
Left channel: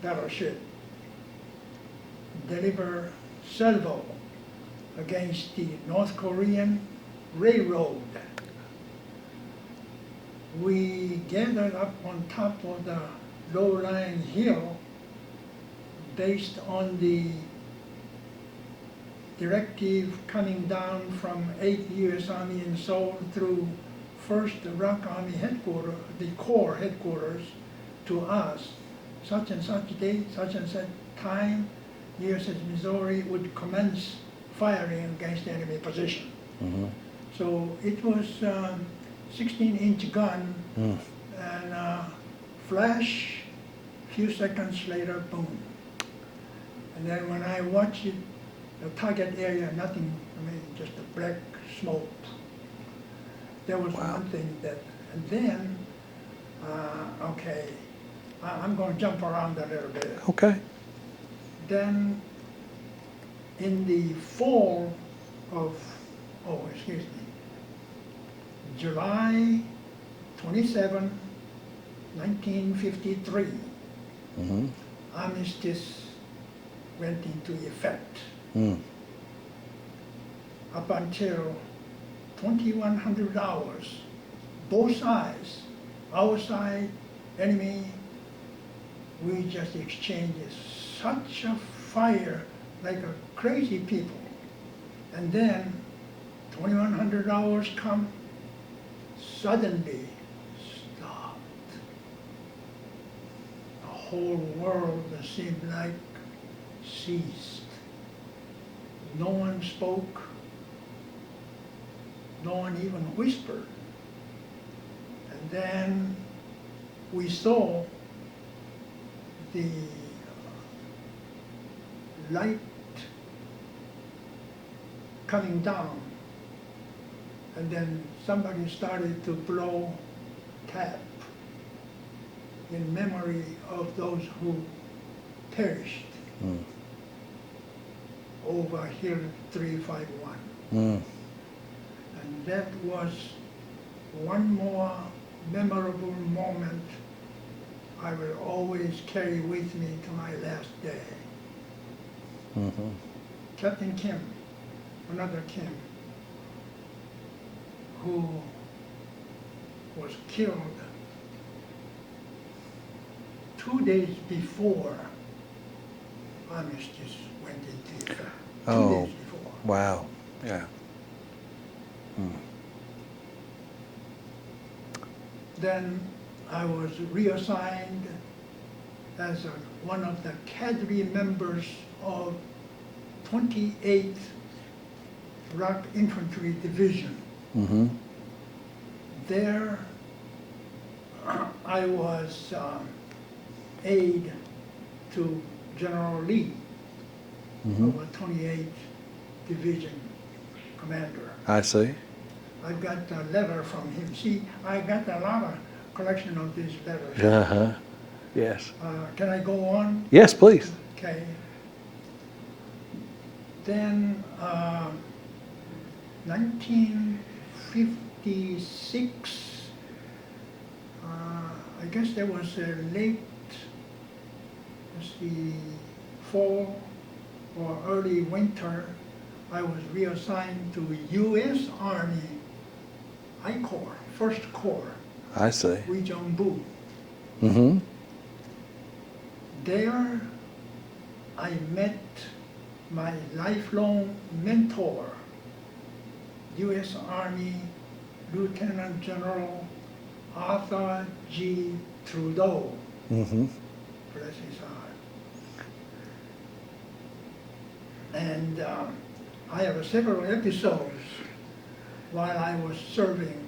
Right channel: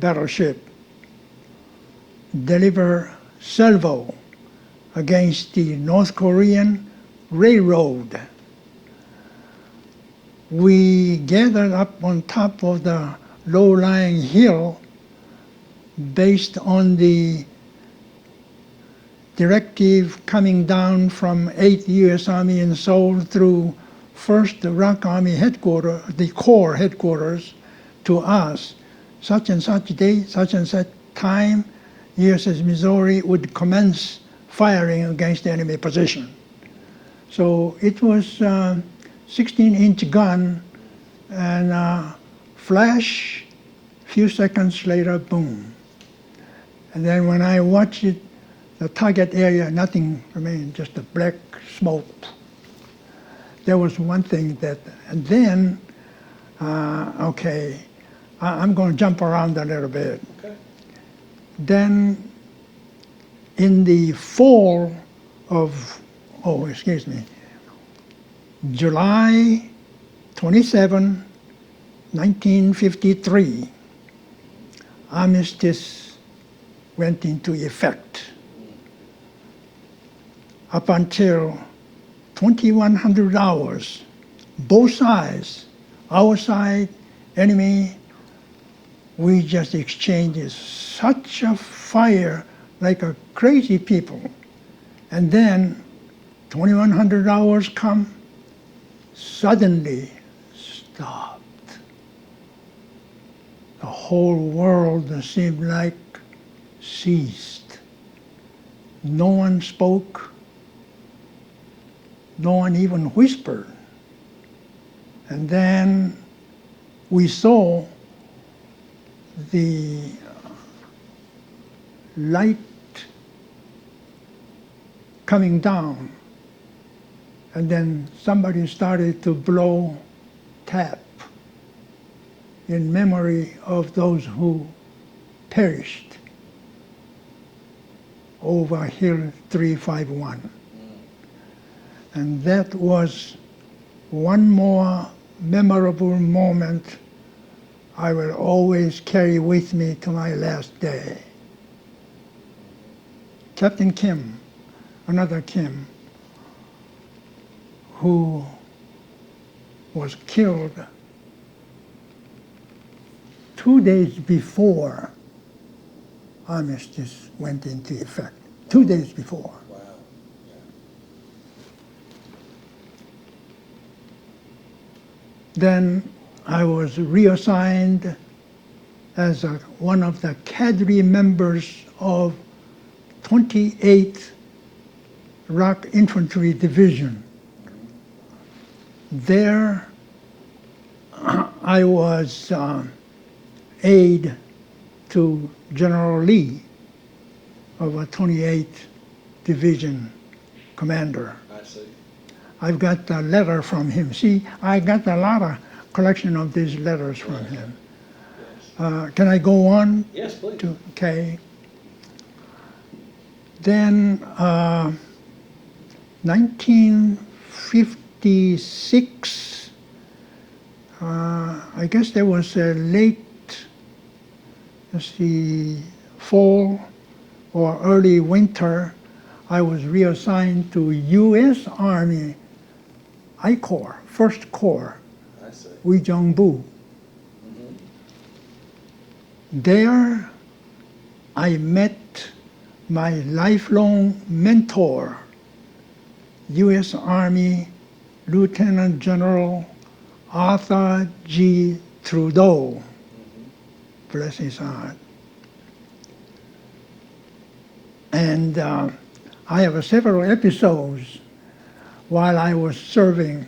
battleship, deliver salvo against the North Korean railroad. We gathered up on top of the low-lying hill based on the directive coming down from 8th U.S. Army in Seoul through 1st ROC Army headquarters, the Corps headquarters, to us, such and such date, such and such time, USS Missouri would commence firing against the enemy position. So it was 16-inch gun, and flash, few seconds later, boom. And then when I watched it, the target area, nothing remained, just a black smoke. There was one thing that, and then, okay, I'm going to jump around a little bit. Okay. Then in the fall of, July 27, 1953, armistice went into effect. Up until 2100 hours, both sides, our side, enemy, we just exchanged such a fire like a crazy people. And then 2100 hours come, suddenly stopped. The whole world seemed like ceased. No one spoke. No one even whispered. And then we saw the light coming down, and then somebody started to blow tap in memory of those who perished over Hill 351. And that was one more memorable moment I will always carry with me to my last day. Captain Kim, another Kim, who was killed 2 days before armistice went into effect. 2 days before. Wow. Yeah. Then I was reassigned as one of the cadre members of 28th Rock Infantry Division. There I was aide to General Lee of a 28th Division commander. I see. I've got a letter from him. See, I got a lot of collection of these letters from him. Yes. Can I go on? Yes, please. Okay. Then 1956, I guess there was a late, let's see, fall or early winter. I was reassigned to U.S. Army I Corps, First Corps, I see. Uijeongbu. There I met my lifelong mentor, U.S. Army Lieutenant General Arthur G. Trudeau, bless his heart. And I have several episodes while I was serving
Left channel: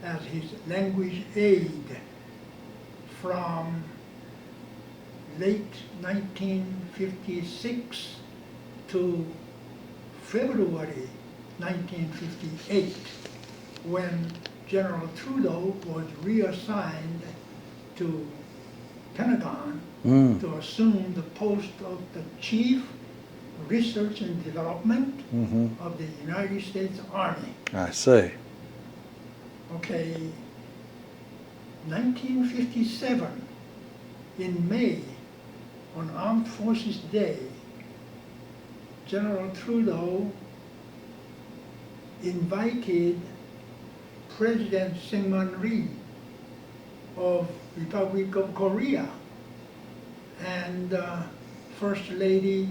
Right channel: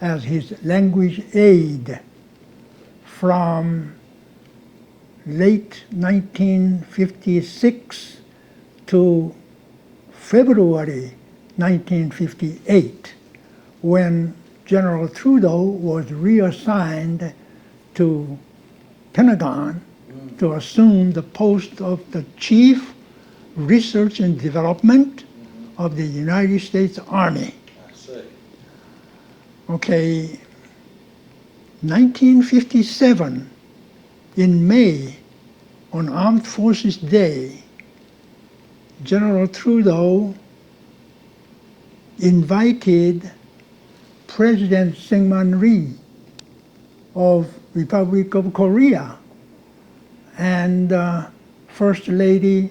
as his language aide from late 1956 to February 1958, when General Trudeau was reassigned to Pentagon to assume the post of the Chief Research and Development of the United States Army. I see. Okay, 1957, in May, on Armed Forces Day, General Trudeau invited President Syngman Rhee of Republic of Korea and First Lady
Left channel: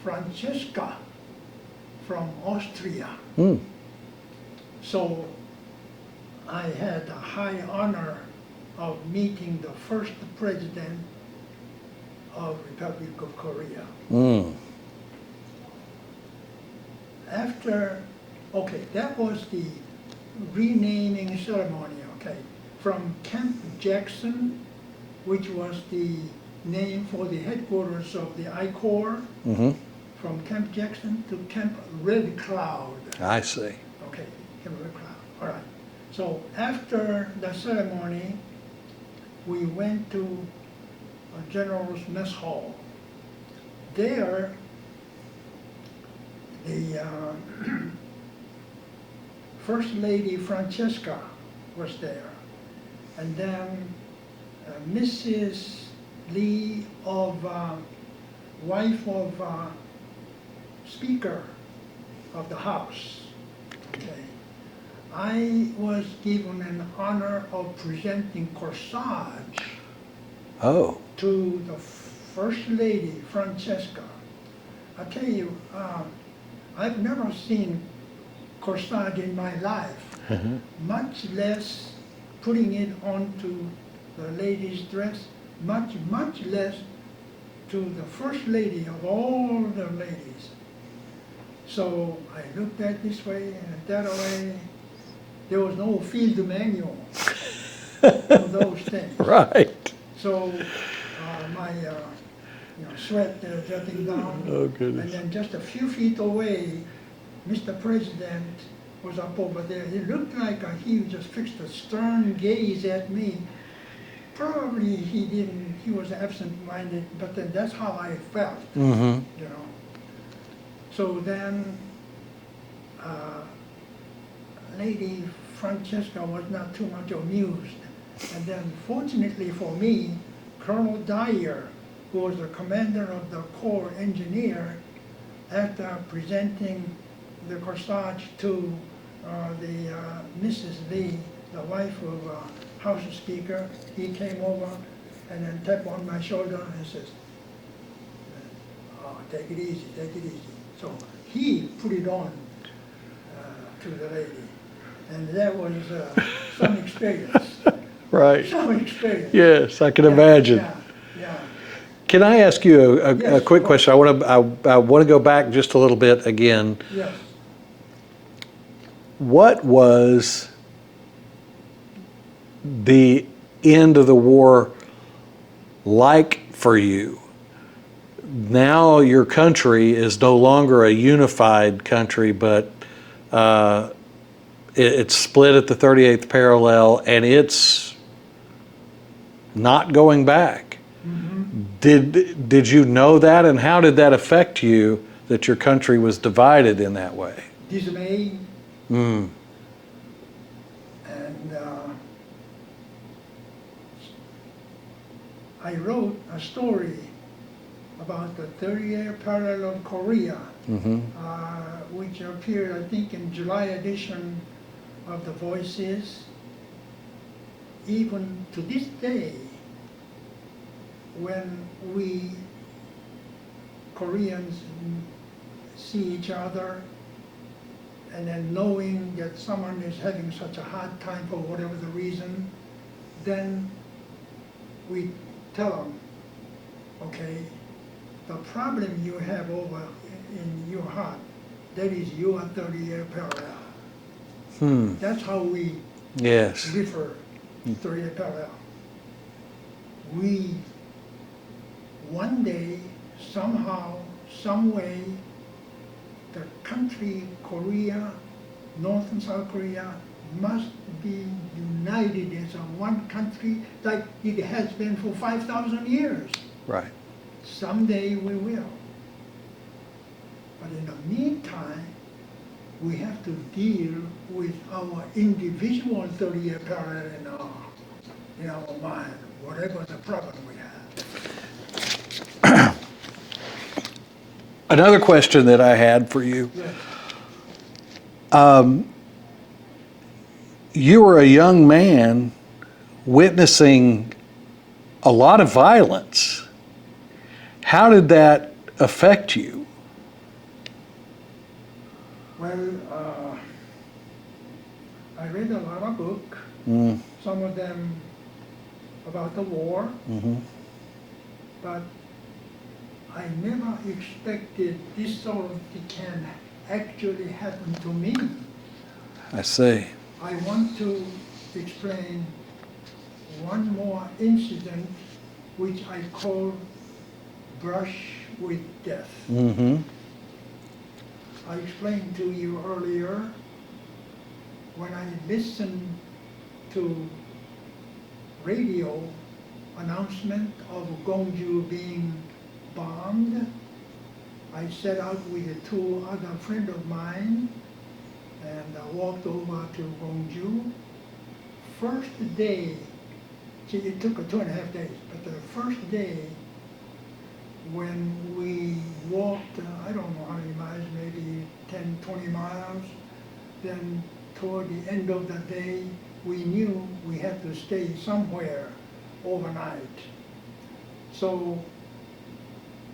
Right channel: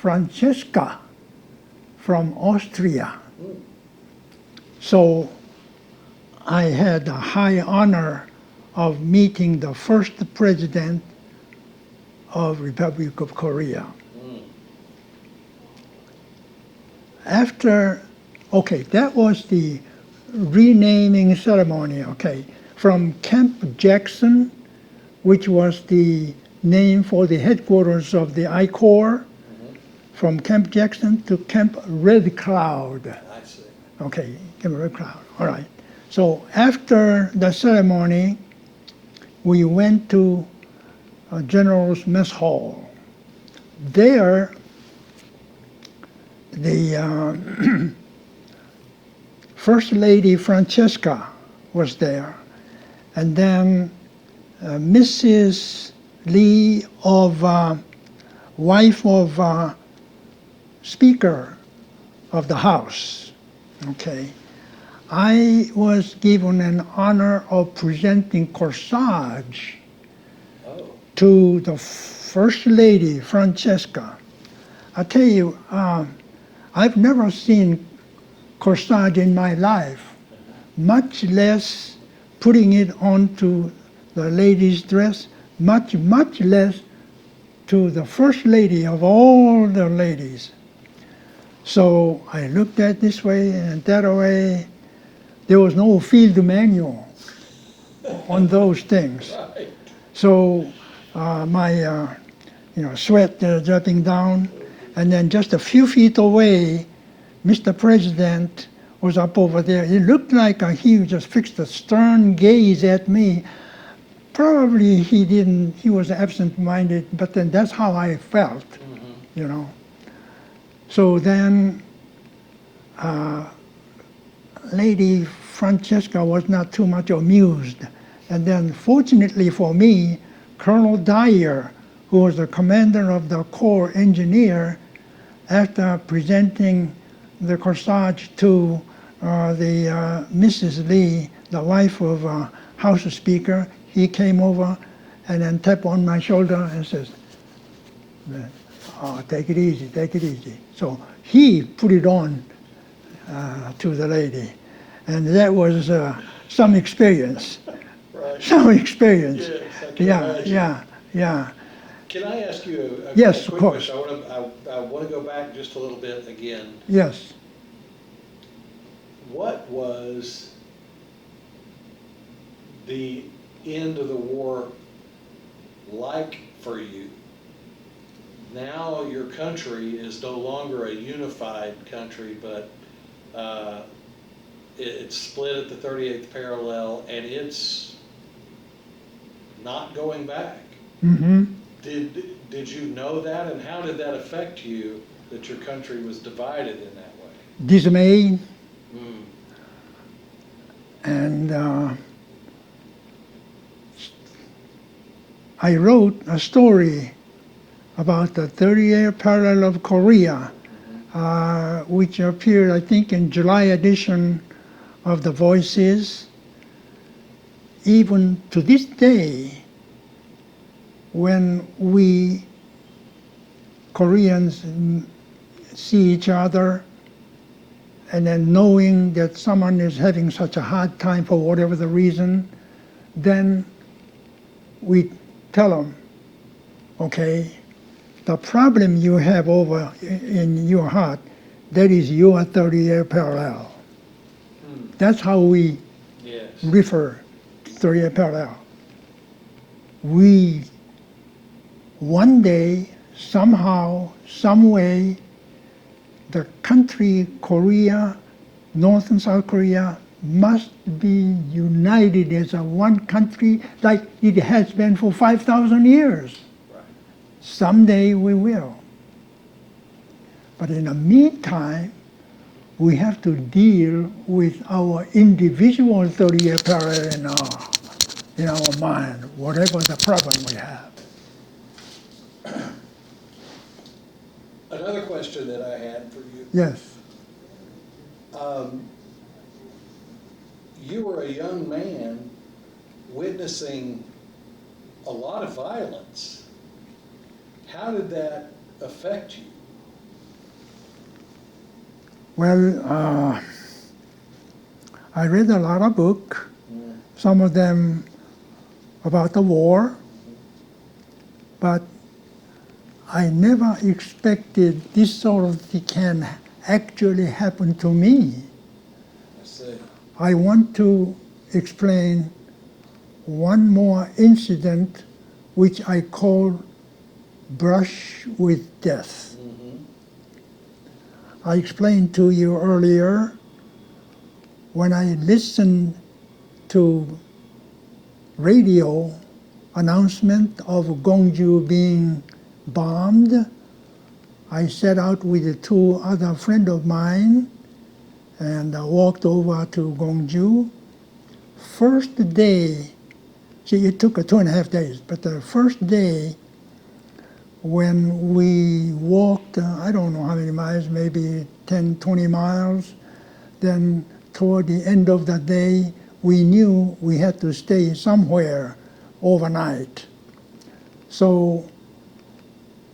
Francesca from Austria. So I had the high honor of meeting the first president of Republic of Korea. After, okay, that was the renaming ceremony, okay. From Camp Jackson, which was the name for the headquarters of the I Corps, from Camp Jackson to Camp Red Cloud. I see. Okay, Camp Red Cloud, all right. So after the ceremony, we went to a General's Mess Hall. There, the First Lady Francesca was there, and then Mrs. Lee of wife of Speaker of the House. Okay, I was given an honor of presenting corsage to the First Lady Francesca. I tell you, I've never seen corsage in my life, much less putting it onto the lady's dress, much less to the First Lady of all the ladies. So I looked at this way and that way. There was no field manual on those things. Right. So my sweat dropping down, and then just a few feet away, Mr. President was up over there. He looked like he just fixed a stern gaze at me. Probably he didn't, he was absent-minded, but then that's how I felt, you know. So then, Lady Francesca was not too much amused. And then fortunately for me, Colonel Dyer, who was the commander of the Corps engineer, after presenting the corsage to the Mrs. Lee, the wife of House Speaker, he came over and then tapped on my shoulder and says, "Oh, take it easy, take it easy." So he put it on to the lady, and that was some experience. Right. Some experience. Yes, I can Yeah, imagine. Yeah, yeah. Can I ask you a Yes, quick of course. question? I want to go back just a little bit again. Yes. What was the end of the war like for you? Now your country is no longer a unified country, but it's split at the 38th parallel, and it's not going back. Did you know that, and how did that affect you that your country was divided in that way? Dismay. And I wrote a story about the 30-year parallel of Korea, which appeared, I think, in July edition of The Voices. Even to this day, when we Koreans see each other, and then knowing that someone is having such a hard time for whatever the reason, then we tell them, okay, the problem you have over in your heart, that is your 30-year parallel. That's how we Yes. refer to 30-year parallel. We, one day, somehow, some way, the country Korea, North and South Korea, must be united as a one country like it has been for 5,000 years. Right. Someday we will. But in the meantime, we have to deal with our individual 30-year parallel in our mind, whatever the problem we have. Another question that I had for you. Yes. You were a young man witnessing a lot of violence. How did that affect you? Well, I read a lot of books, some of them about the war, but I never expected this sort of thing can actually happen to me. I see. I want to explain one more incident which I call brush with death. I explained to you earlier, when I listened to radio announcement of Gwangju being bombed, I set out with two other friends of mine and walked over to Gwangju. First day, see, it took 2.5 days, but the first day when we walked, I don't know how many miles, maybe 10, 20 miles, then toward the end of the day, we knew we had to stay somewhere overnight. So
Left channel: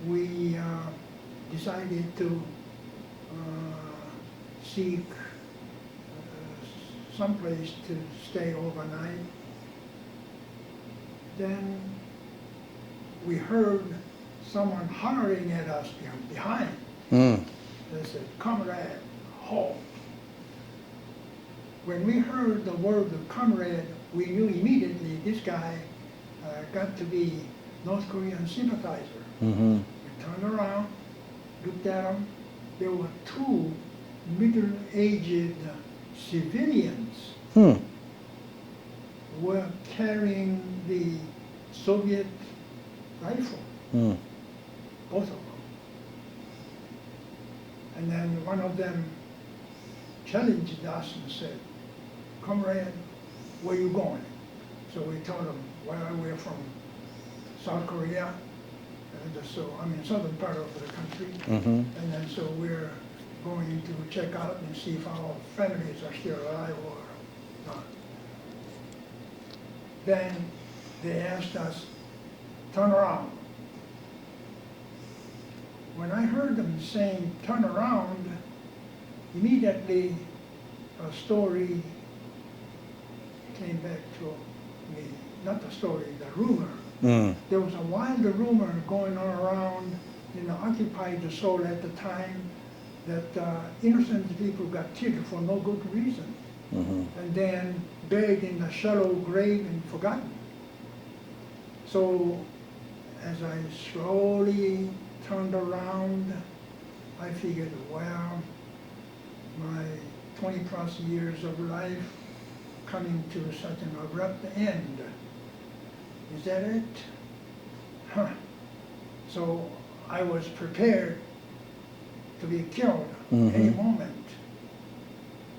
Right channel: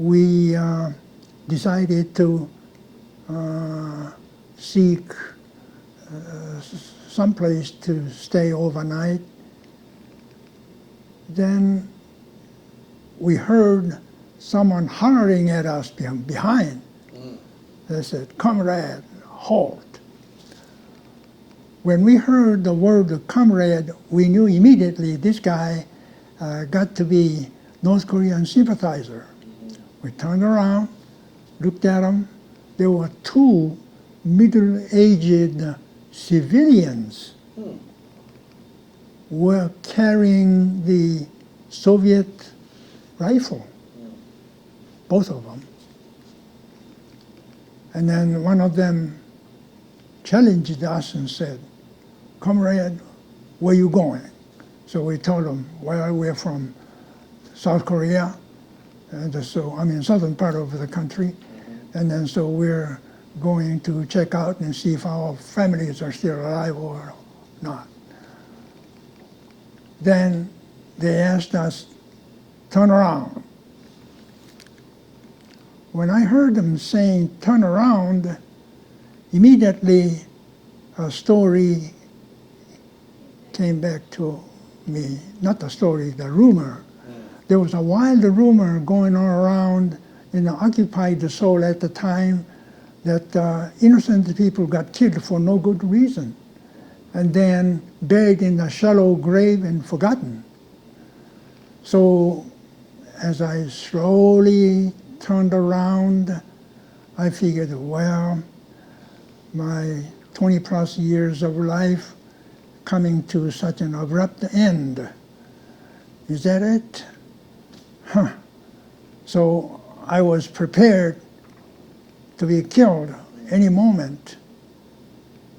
we decided to seek someplace to stay overnight. Then we heard someone hollering at us behind. They said, "Comrade, halt." When we heard the word comrade, we knew immediately this guy got to be North Korean sympathizer. We turned around, looked at him. There were two middle-aged civilians. were carrying the Soviet rifle, both of them. And then one of them challenged us and said, "Comrade, where you going?" So we told him, "Well, we're from South Korea, and so I mean southern part of the country, and then so we're going to check out and see if our families are still alive or not." Then they asked us, "Turn around." When I heard them saying "turn around," immediately a story came back to me. Not the story, the rumor. There was a wild rumor going on around in the occupied Seoul at the time that innocent people got killed for no good reason, and then buried in a shallow grave and forgotten. So as I slowly turned around, I figured, well, my 20 plus years of life coming to such an abrupt end. Is that it? Huh. So I was prepared to be killed any moment.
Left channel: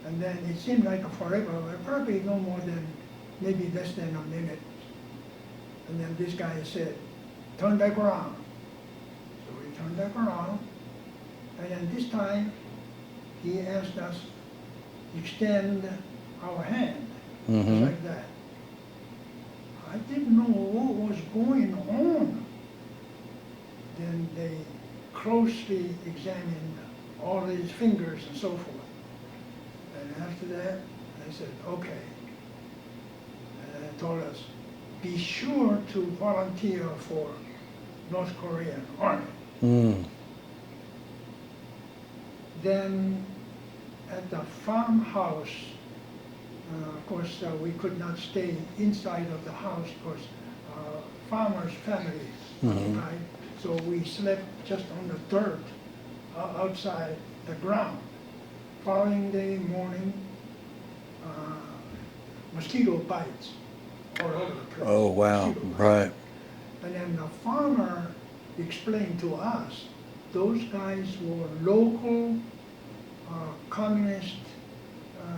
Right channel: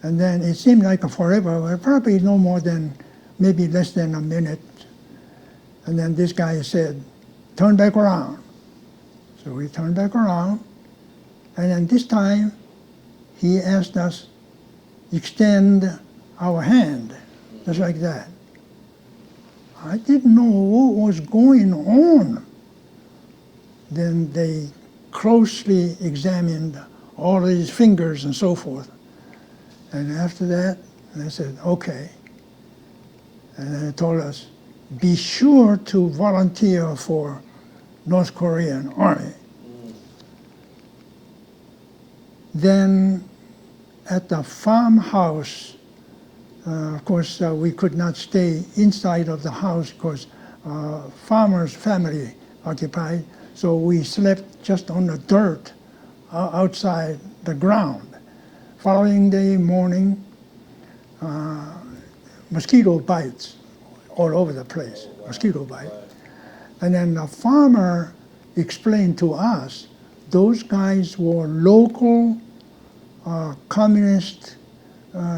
And then it seemed like a forever, probably no more than maybe less than a minute. And then this guy said, "Turn back around." So we turned back around, and then this time he asked us extend our hand, just like that. I didn't know what was going on. Then they closely examined all of his fingers and so forth. And after that, they said, "Okay." And then they told us, "Be sure to volunteer for North Korean Army." Then at the farmhouse, of course, we could not stay inside of the house because farmer's family occupied. So we slept just on the dirt outside the ground. Following day morning, mosquito bites all over the place. Oh, wow. Mosquito bites. Right. And then the farmer explained to us those guys were local communist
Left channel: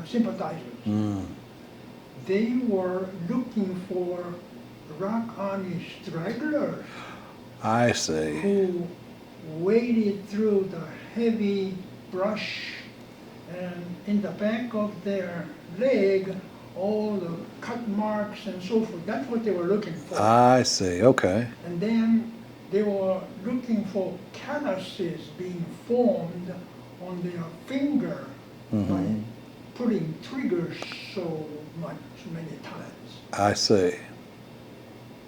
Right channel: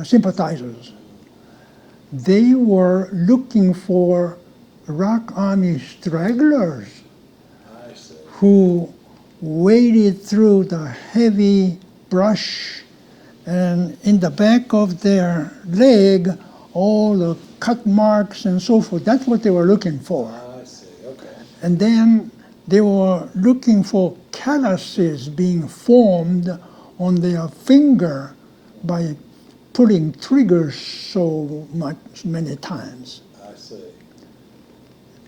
sympathizers. They were looking for Rock Army stragglers I see. who waded through the heavy brush, and in the back of their leg, all the cut marks and so forth. That's what they were looking for. I see. Okay. And then they were looking for calluses being formed on their finger by pulling triggers so many times. I see.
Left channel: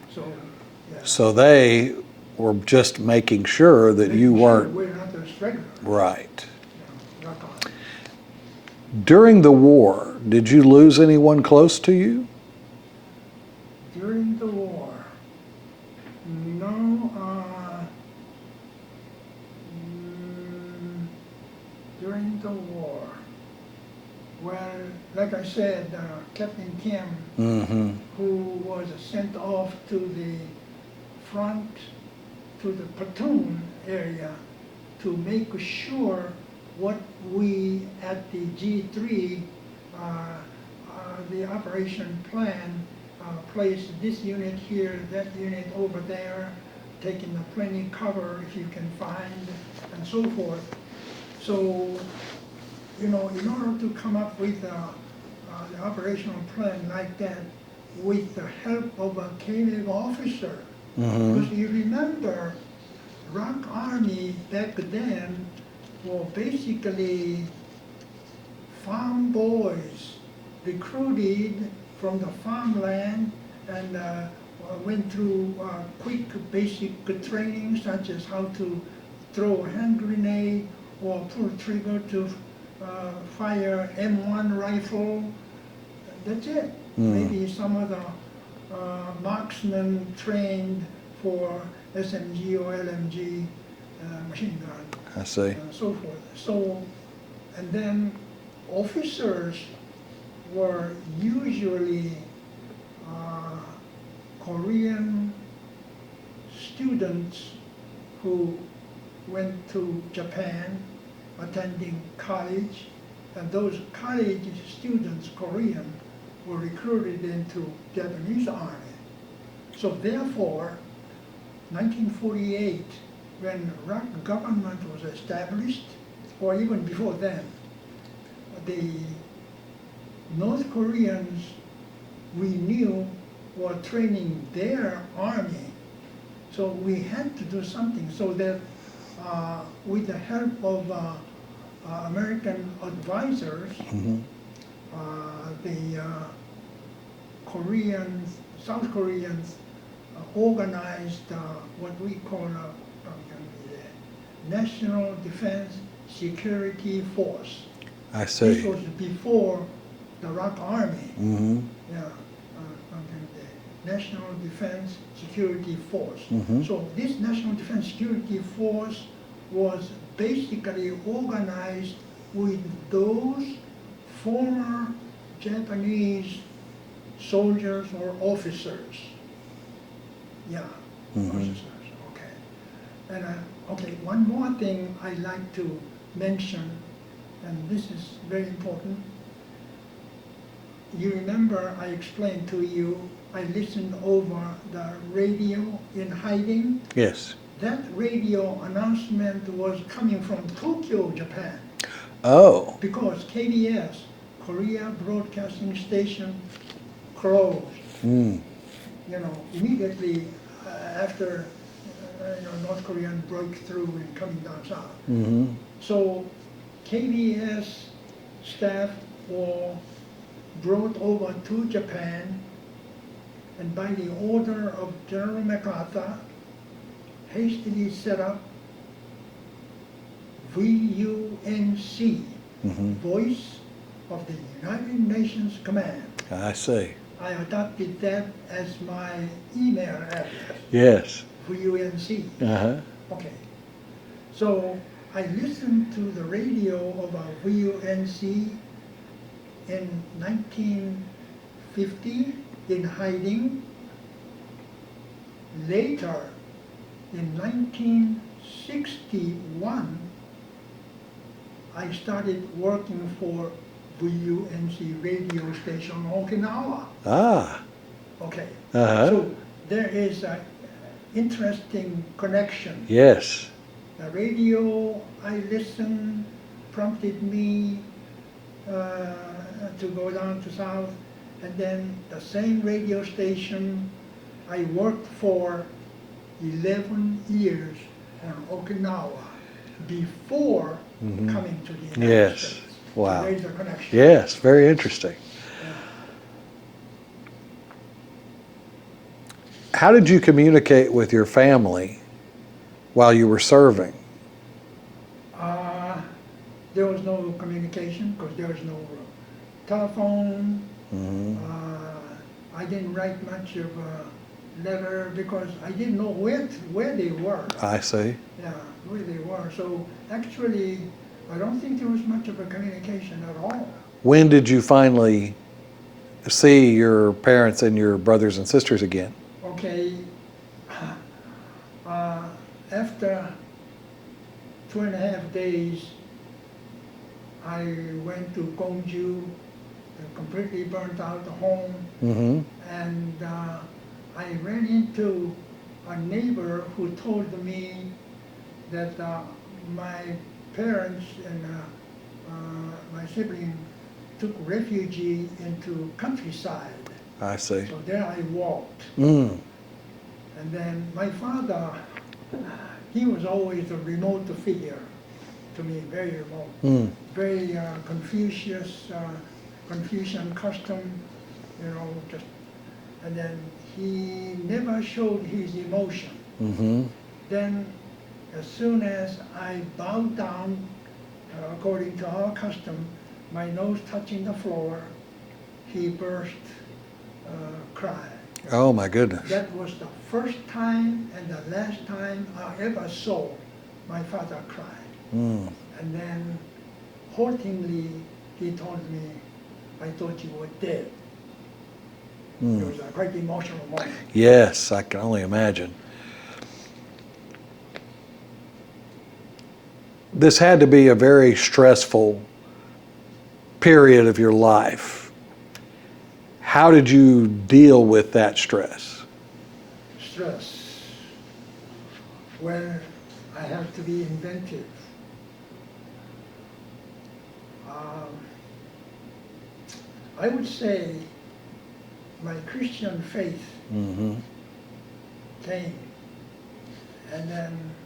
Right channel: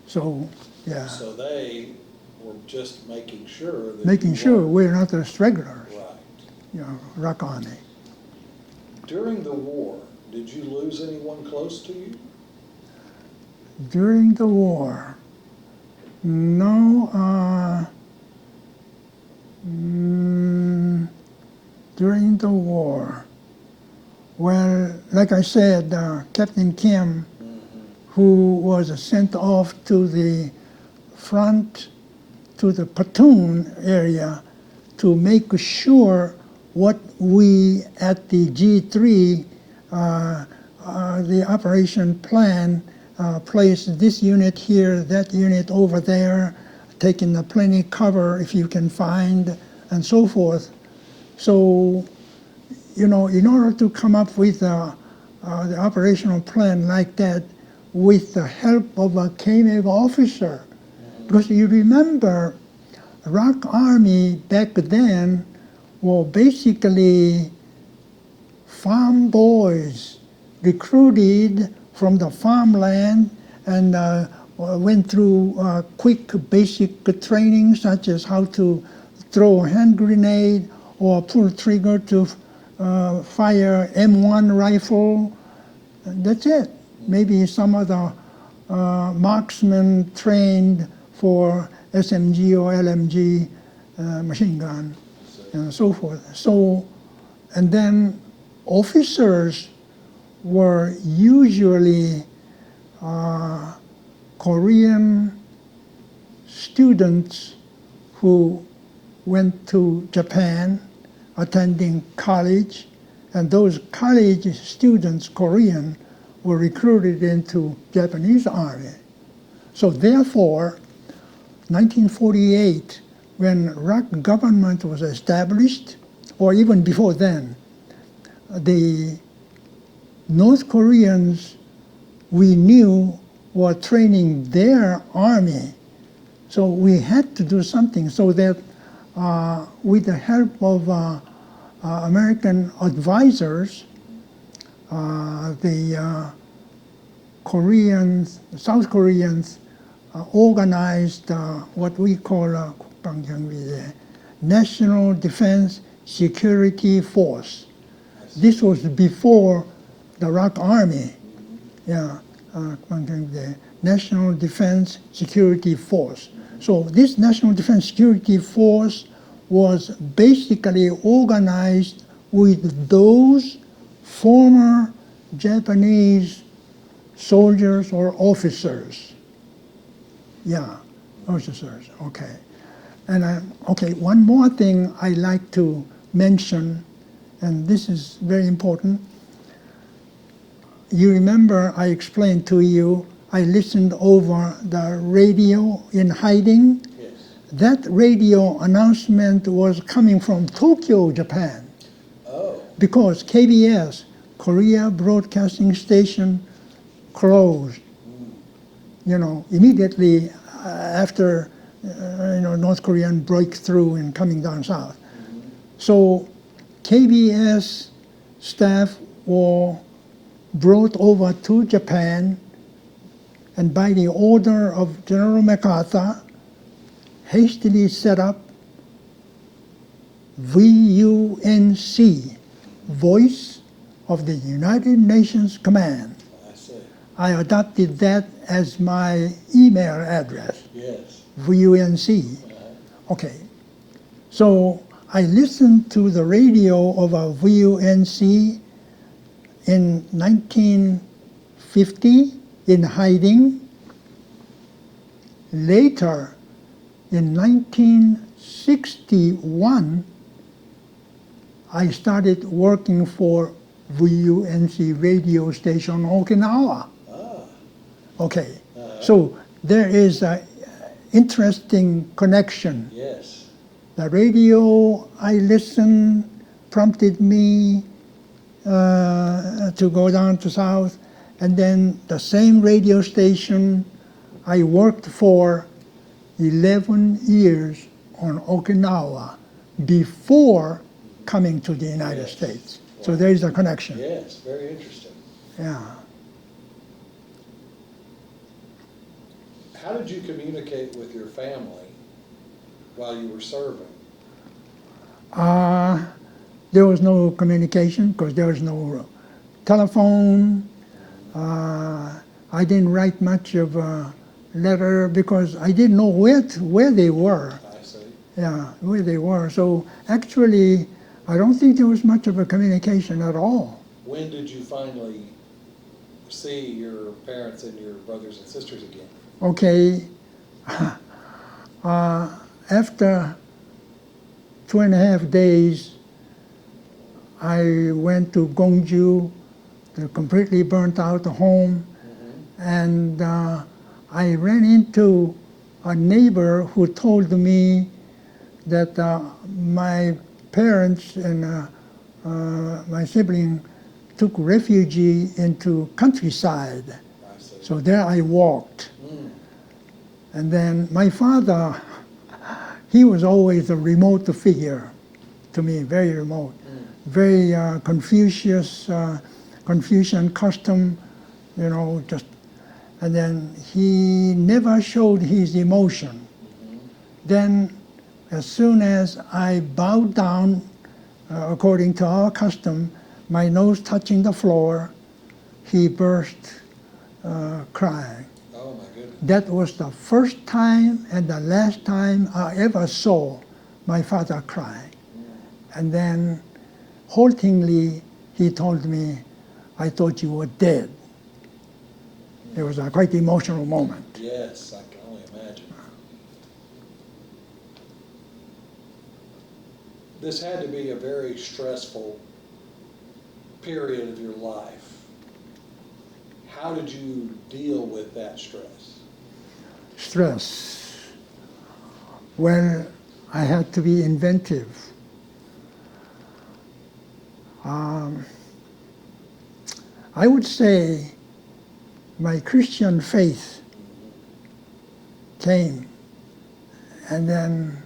So, yeah. So they were just making sure that you Making sure weren't we're not a straggler, right. Rock Army. During the war, did you lose anyone close to you? During the war, no. During the war, well, like I said, Captain Kim, who was sent off to the front, to the platoon area to make sure what we at the G3, the operation plan, placed this unit here, that unit over there, taking the plenty cover if you can find, and so forth. So, in order to come up with the operational plan like that with the help of a KMEG officer, because you remember, Rock Army back then were basically farm boys recruited from the farmland and went through quick basic training such as how to throw a hand grenade or pull trigger to fire M1 rifle. That's it. Maybe some of the marksmen trained for SMG or LMG machine gun. I see. And so forth. So, and then officers were usually Korean students who went to Japan attending college, and those college students, Korean, were recruited into Japanese army. So therefore, 1948, when ROC government was established, or even before then, the North Koreans we knew were training their army. So we had to do something so that with the help of American advisors, the Koreans, South Koreans organized what we call National Defense Security Force. I see. This was before the ROC Army. Yeah, the National Defense Security Force. So this National Defense Security Force was basically organized with those former Japanese soldiers or officers. Yeah, officers, okay. And okay, one more thing I like to mention, and this is very important. You remember I explained to you, I listened over the radio in hiding. Yes. That radio announcement was coming from Tokyo, Japan, Oh. because KBS, Korea Broadcasting Station, closed. You know, immediately after North Korean breakthrough and coming down south. So KBS staff were brought over to Japan, and by the order of General MacArthur, hastily set up VUNC, Voice of the United Nations Command. I see. I adopted that as my email address, Yes. VUNC. Okay. So I listened to the radio of a VUNC in 1950 in hiding. Later, in 1961, I started working for VUNC radio station Okinawa. Ah. Okay, so there is an interesting connection. Yes. The radio I listened prompted me to go down to South, and then the same radio station I worked for 11 years on Okinawa before coming to the United Yes. States. Wow. So there is a connection. Yes. Very interesting. Yeah. How did you communicate with your family while you were serving? There was no communication because there was no telephone. I didn't write much of a letter because I didn't know where they were. I see. Yeah, where they were. So actually, I don't think there was much of a communication at all. When did you finally see your parents and your brothers and sisters again? Okay, after 2.5 days, I went to Gongju, the completely burnt out home, and I ran into a neighbor who told me that my parents and my sibling took refuge into countryside. I see. So there I walked. And then my father, he was always a remote figure to me, very remote, very Confucian custom, just, and then he never showed his emotion. Then as soon as I bowed down, according to our custom, my nose touching the floor, he burst crying. Oh my goodness. That was the first time and the last time I ever saw my father cry. And then haltingly he told me, I thought you were dead. It was a quite emotional moment. Yes, I can only imagine. This had to be a very stressful period of your life. How did you deal with that stress? Stress. Well, I had to be inventive. I would say my Christian faith came, and then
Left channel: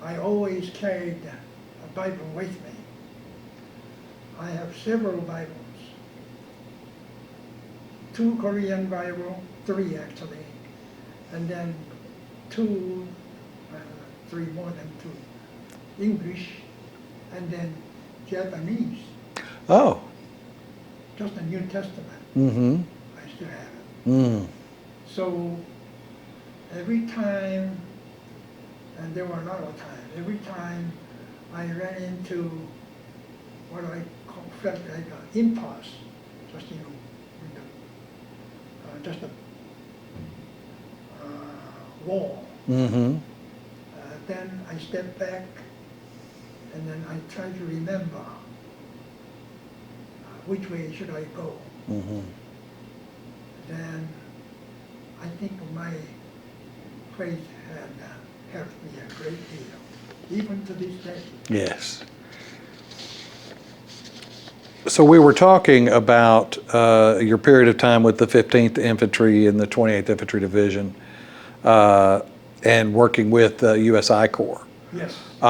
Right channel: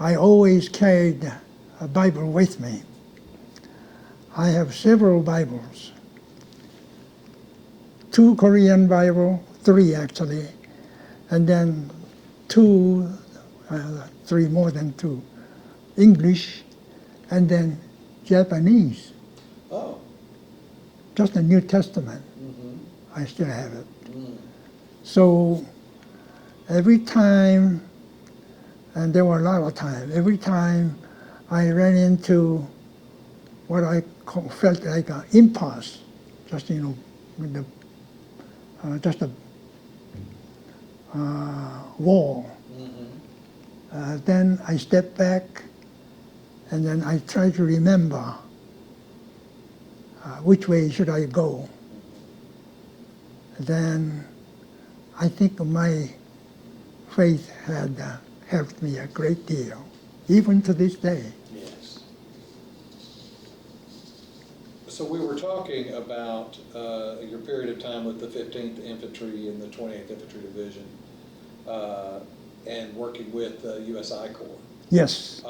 I always carried a Bible with me. I have several Bibles. 2 Korean Bible, 3 actually, and then 2, 3 more than 2, English, and then Japanese. Oh. Just the New Testament. I still have it. So every time, and there were a lot of times, every time I ran into what I felt like an impasse, just, with the, just a wall. Then I stepped back, and then I tried to remember which way should I go. Then I think my faith had helped me a great deal, even to this day. Yes. So we were talking about your period of time with the 15th Infantry and the 28th Infantry Division and working with USI Corps. Yes.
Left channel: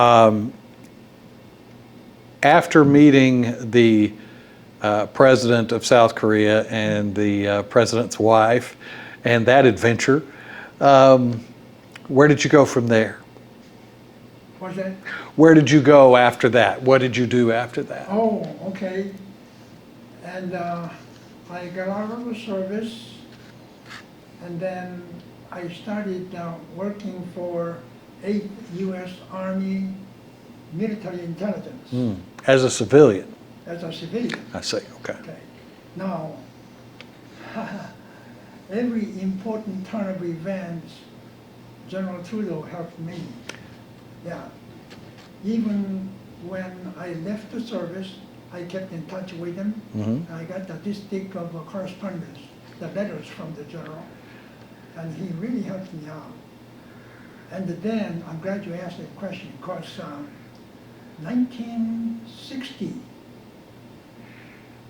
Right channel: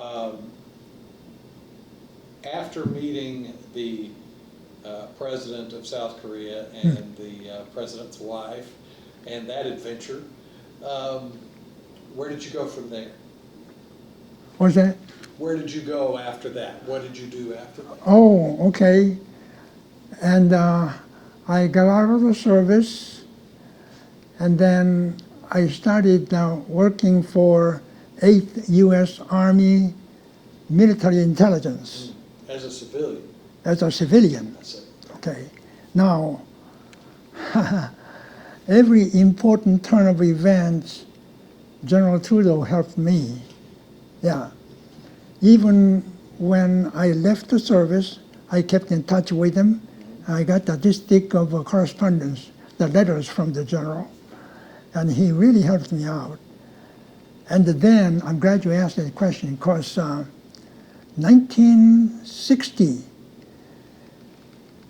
After meeting the president of South Korea and the president's wife and that adventure, where did you go from there? What's that? Where did you go after that? What did you do after that? Oh, okay. And I got out of the service, and then I started working for 8th U.S. Army Military Intelligence. As a civilian? As a civilian. I see, okay. Okay. Now, every important turn of events, General Trudeau helped me. Yeah. Even when I left the service, I kept in touch with him. I got this thick of correspondence, the letters from the general, and he really helped me out. And then, I'm glad you asked that question, because 1960,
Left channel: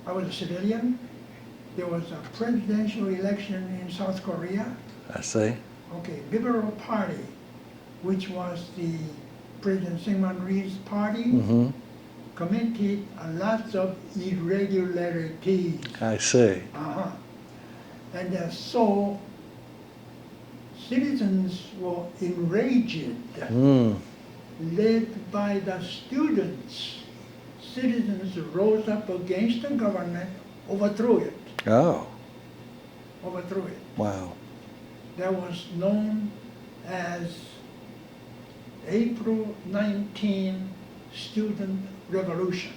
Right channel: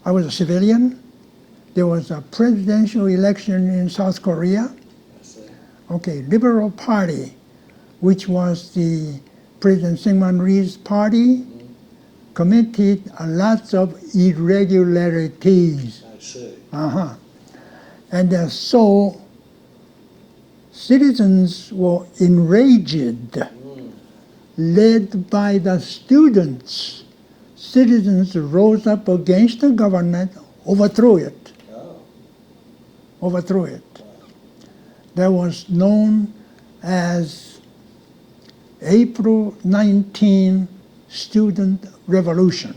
I was a civilian. There was a presidential election in South Korea. I see. Okay, Liberal Party, which was the President Syngman Rhee's party, committed lots of irregularities. I see. And so citizens were enraged, led by the students. Citizens rose up against the government, overthrew it. Oh. Overthrew it. Wow. That was known as April 19 Student Revolution.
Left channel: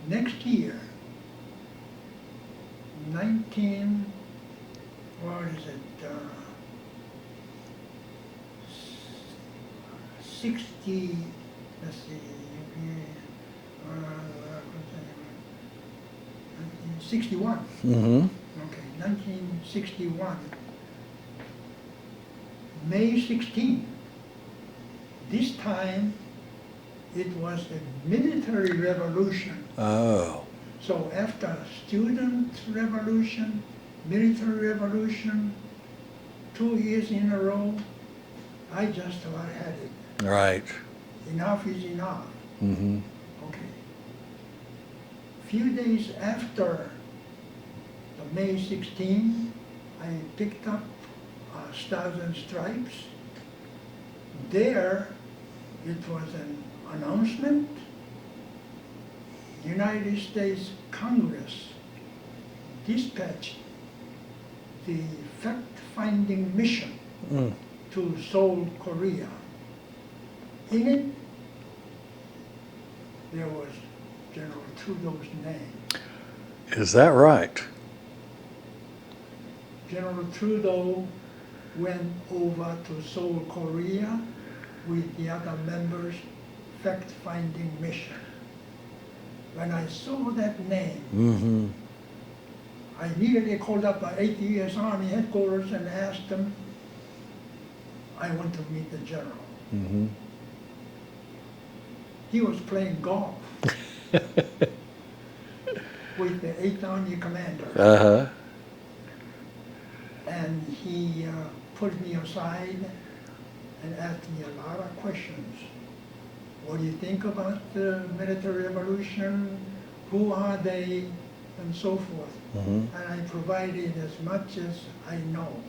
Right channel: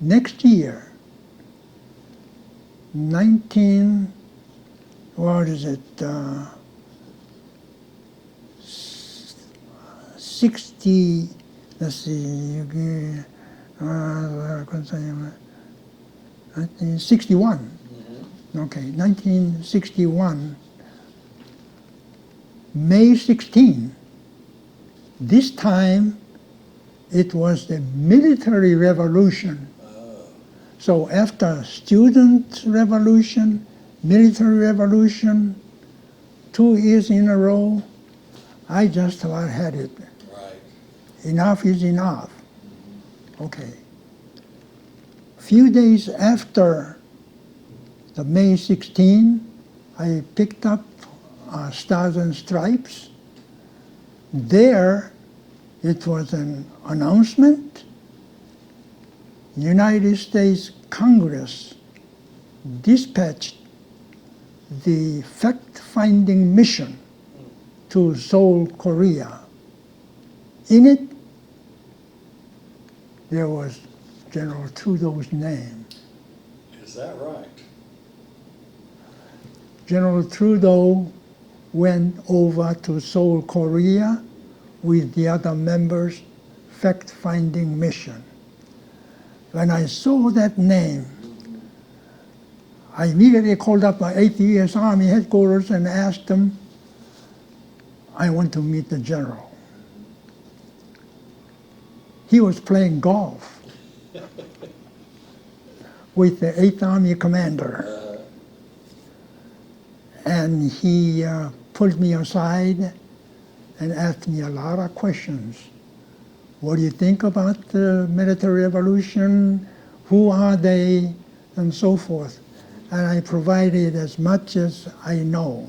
Next year, 60, let's see, 1961. Okay, 1961, May 16. This time, it was the military revolution. Oh. So after student revolution, military revolution, 2 years in a row, I just about had it. Right. Enough is enough. Okay. Few days after the May 16, I picked up Stars and Stripes. There, it was an announcement. United States Congress dispatched the fact-finding mission to Seoul, Korea. In it, there was General Trudeau's name. Is that right? General Trudeau went over to Seoul, Korea with the other members, fact-finding mission. When I saw that name, I immediately called up my 8th U.S. Army headquarters and asked them, I want to meet the general. He was playing golf with the 8th Army commander. And he pulled me aside and asked me a lot of questions. What do you think about the military revolution? Who are they? And so forth. And I provided as much as I know.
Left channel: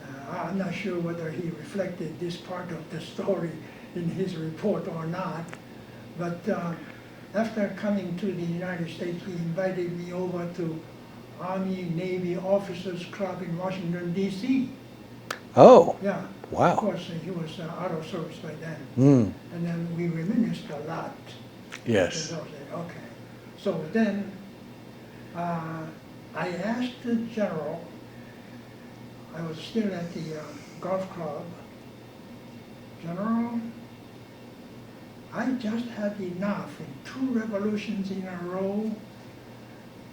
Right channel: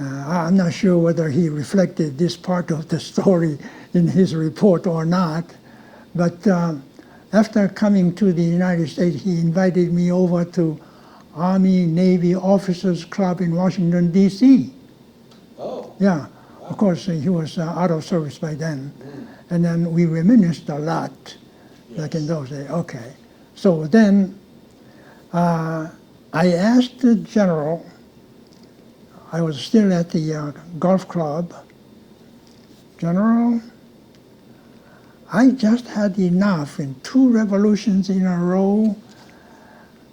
I'm not sure whether he reflected this part of the story in his report or not, but after coming to the United States, he invited me over to Army Navy Officers Club in Washington, D.C. Oh, Yeah. wow. Of course, he was out of service by then. And then we reminisced a lot back in those days. Okay. So then I asked the general, I was still at the golf club, General, I just had enough in 2 revolutions in a row.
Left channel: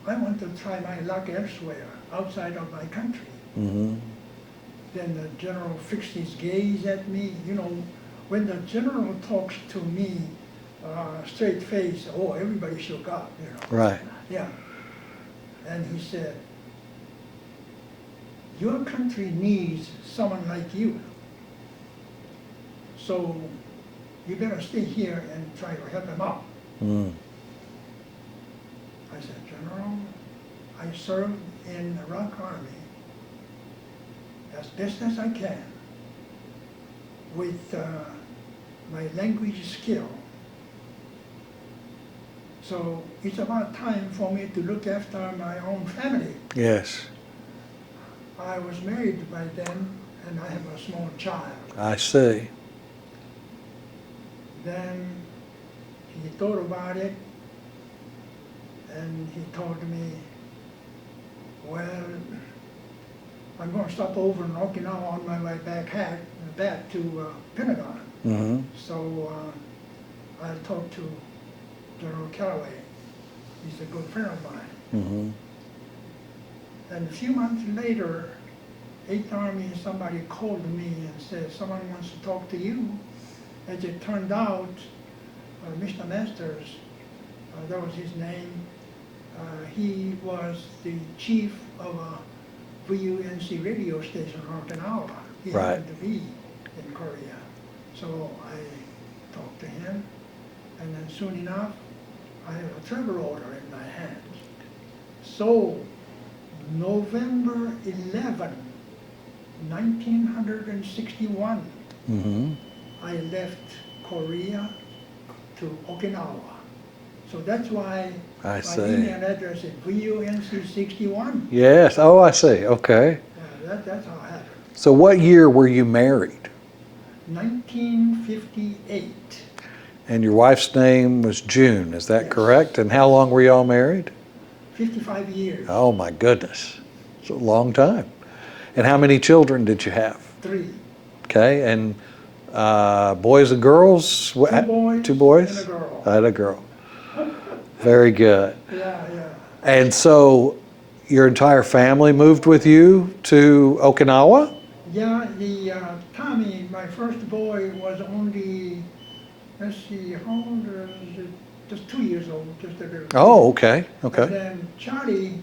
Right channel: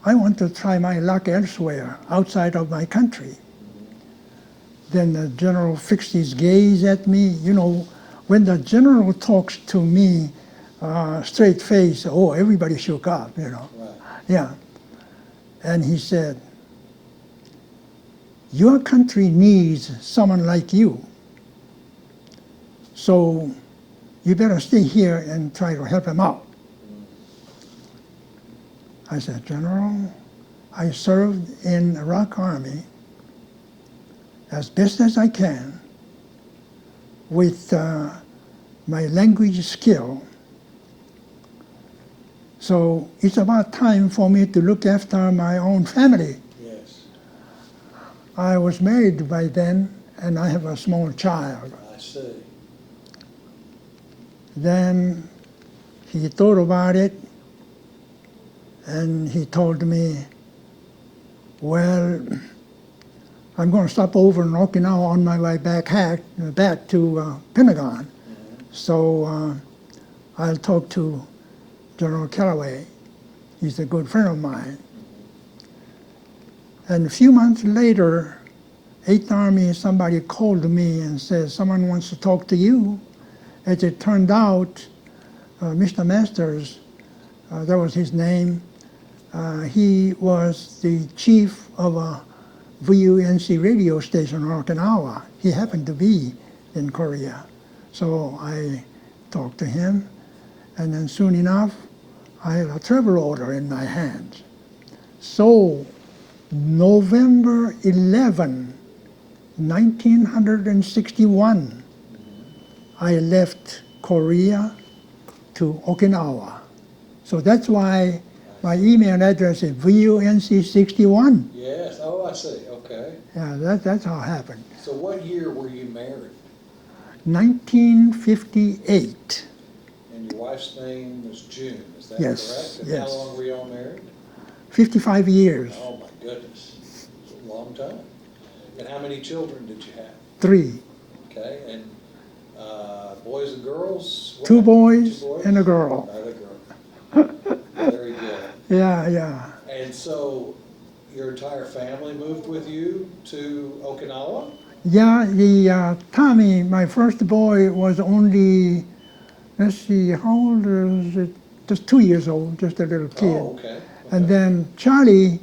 I want to try my luck elsewhere, outside of my country. Then the general fixed his gaze at me. You know, when the general talks to me, straight face, oh, everybody shook up, you know. Right. Yeah. And he said, your country needs someone like you. So you better stay here and try to help him out. I said, General, I served in the Iraq Army as best as I can with my language skill. So it's about time for me to look after my own family. Yes. I was married by then, and I have a small child. I see. Then he thought about it, and he told me, well, I'm going to stop over in Okinawa on my way back to Pentagon. So I'll talk to General Callaway. He's a good friend of mine. And a few months later, 8th Army, somebody called me and said, someone wants to talk to you. As it turned out, Mr. Masters, that was his name, he was the chief of a VUNC radio station in Okinawa. He happened to be in Korea. So I talked to him, and then soon enough, I had a travel order in my hands. So November 11, 1961, I left Korea to Okinawa. So that's why my email address is VUNC61. Yes. Oh, I see. Okay. Yeah, that's how it happened. So what year were you married? 1958. And your wife's name was June, is that Yes, correct? And how long were y'all married? 55 years. Oh my goodness. It's a long time. And how many children did you have? 3. Okay. And boys and girls? 2 boys. 2 boys? And a girl. And a girl. Very good. Yeah. And so your entire family moved with you to Okinawa? Yeah, Tommy, my first boy, was only, let's see, how old is it? Just 2 years old, just a little kid. Oh, okay. And then Charlie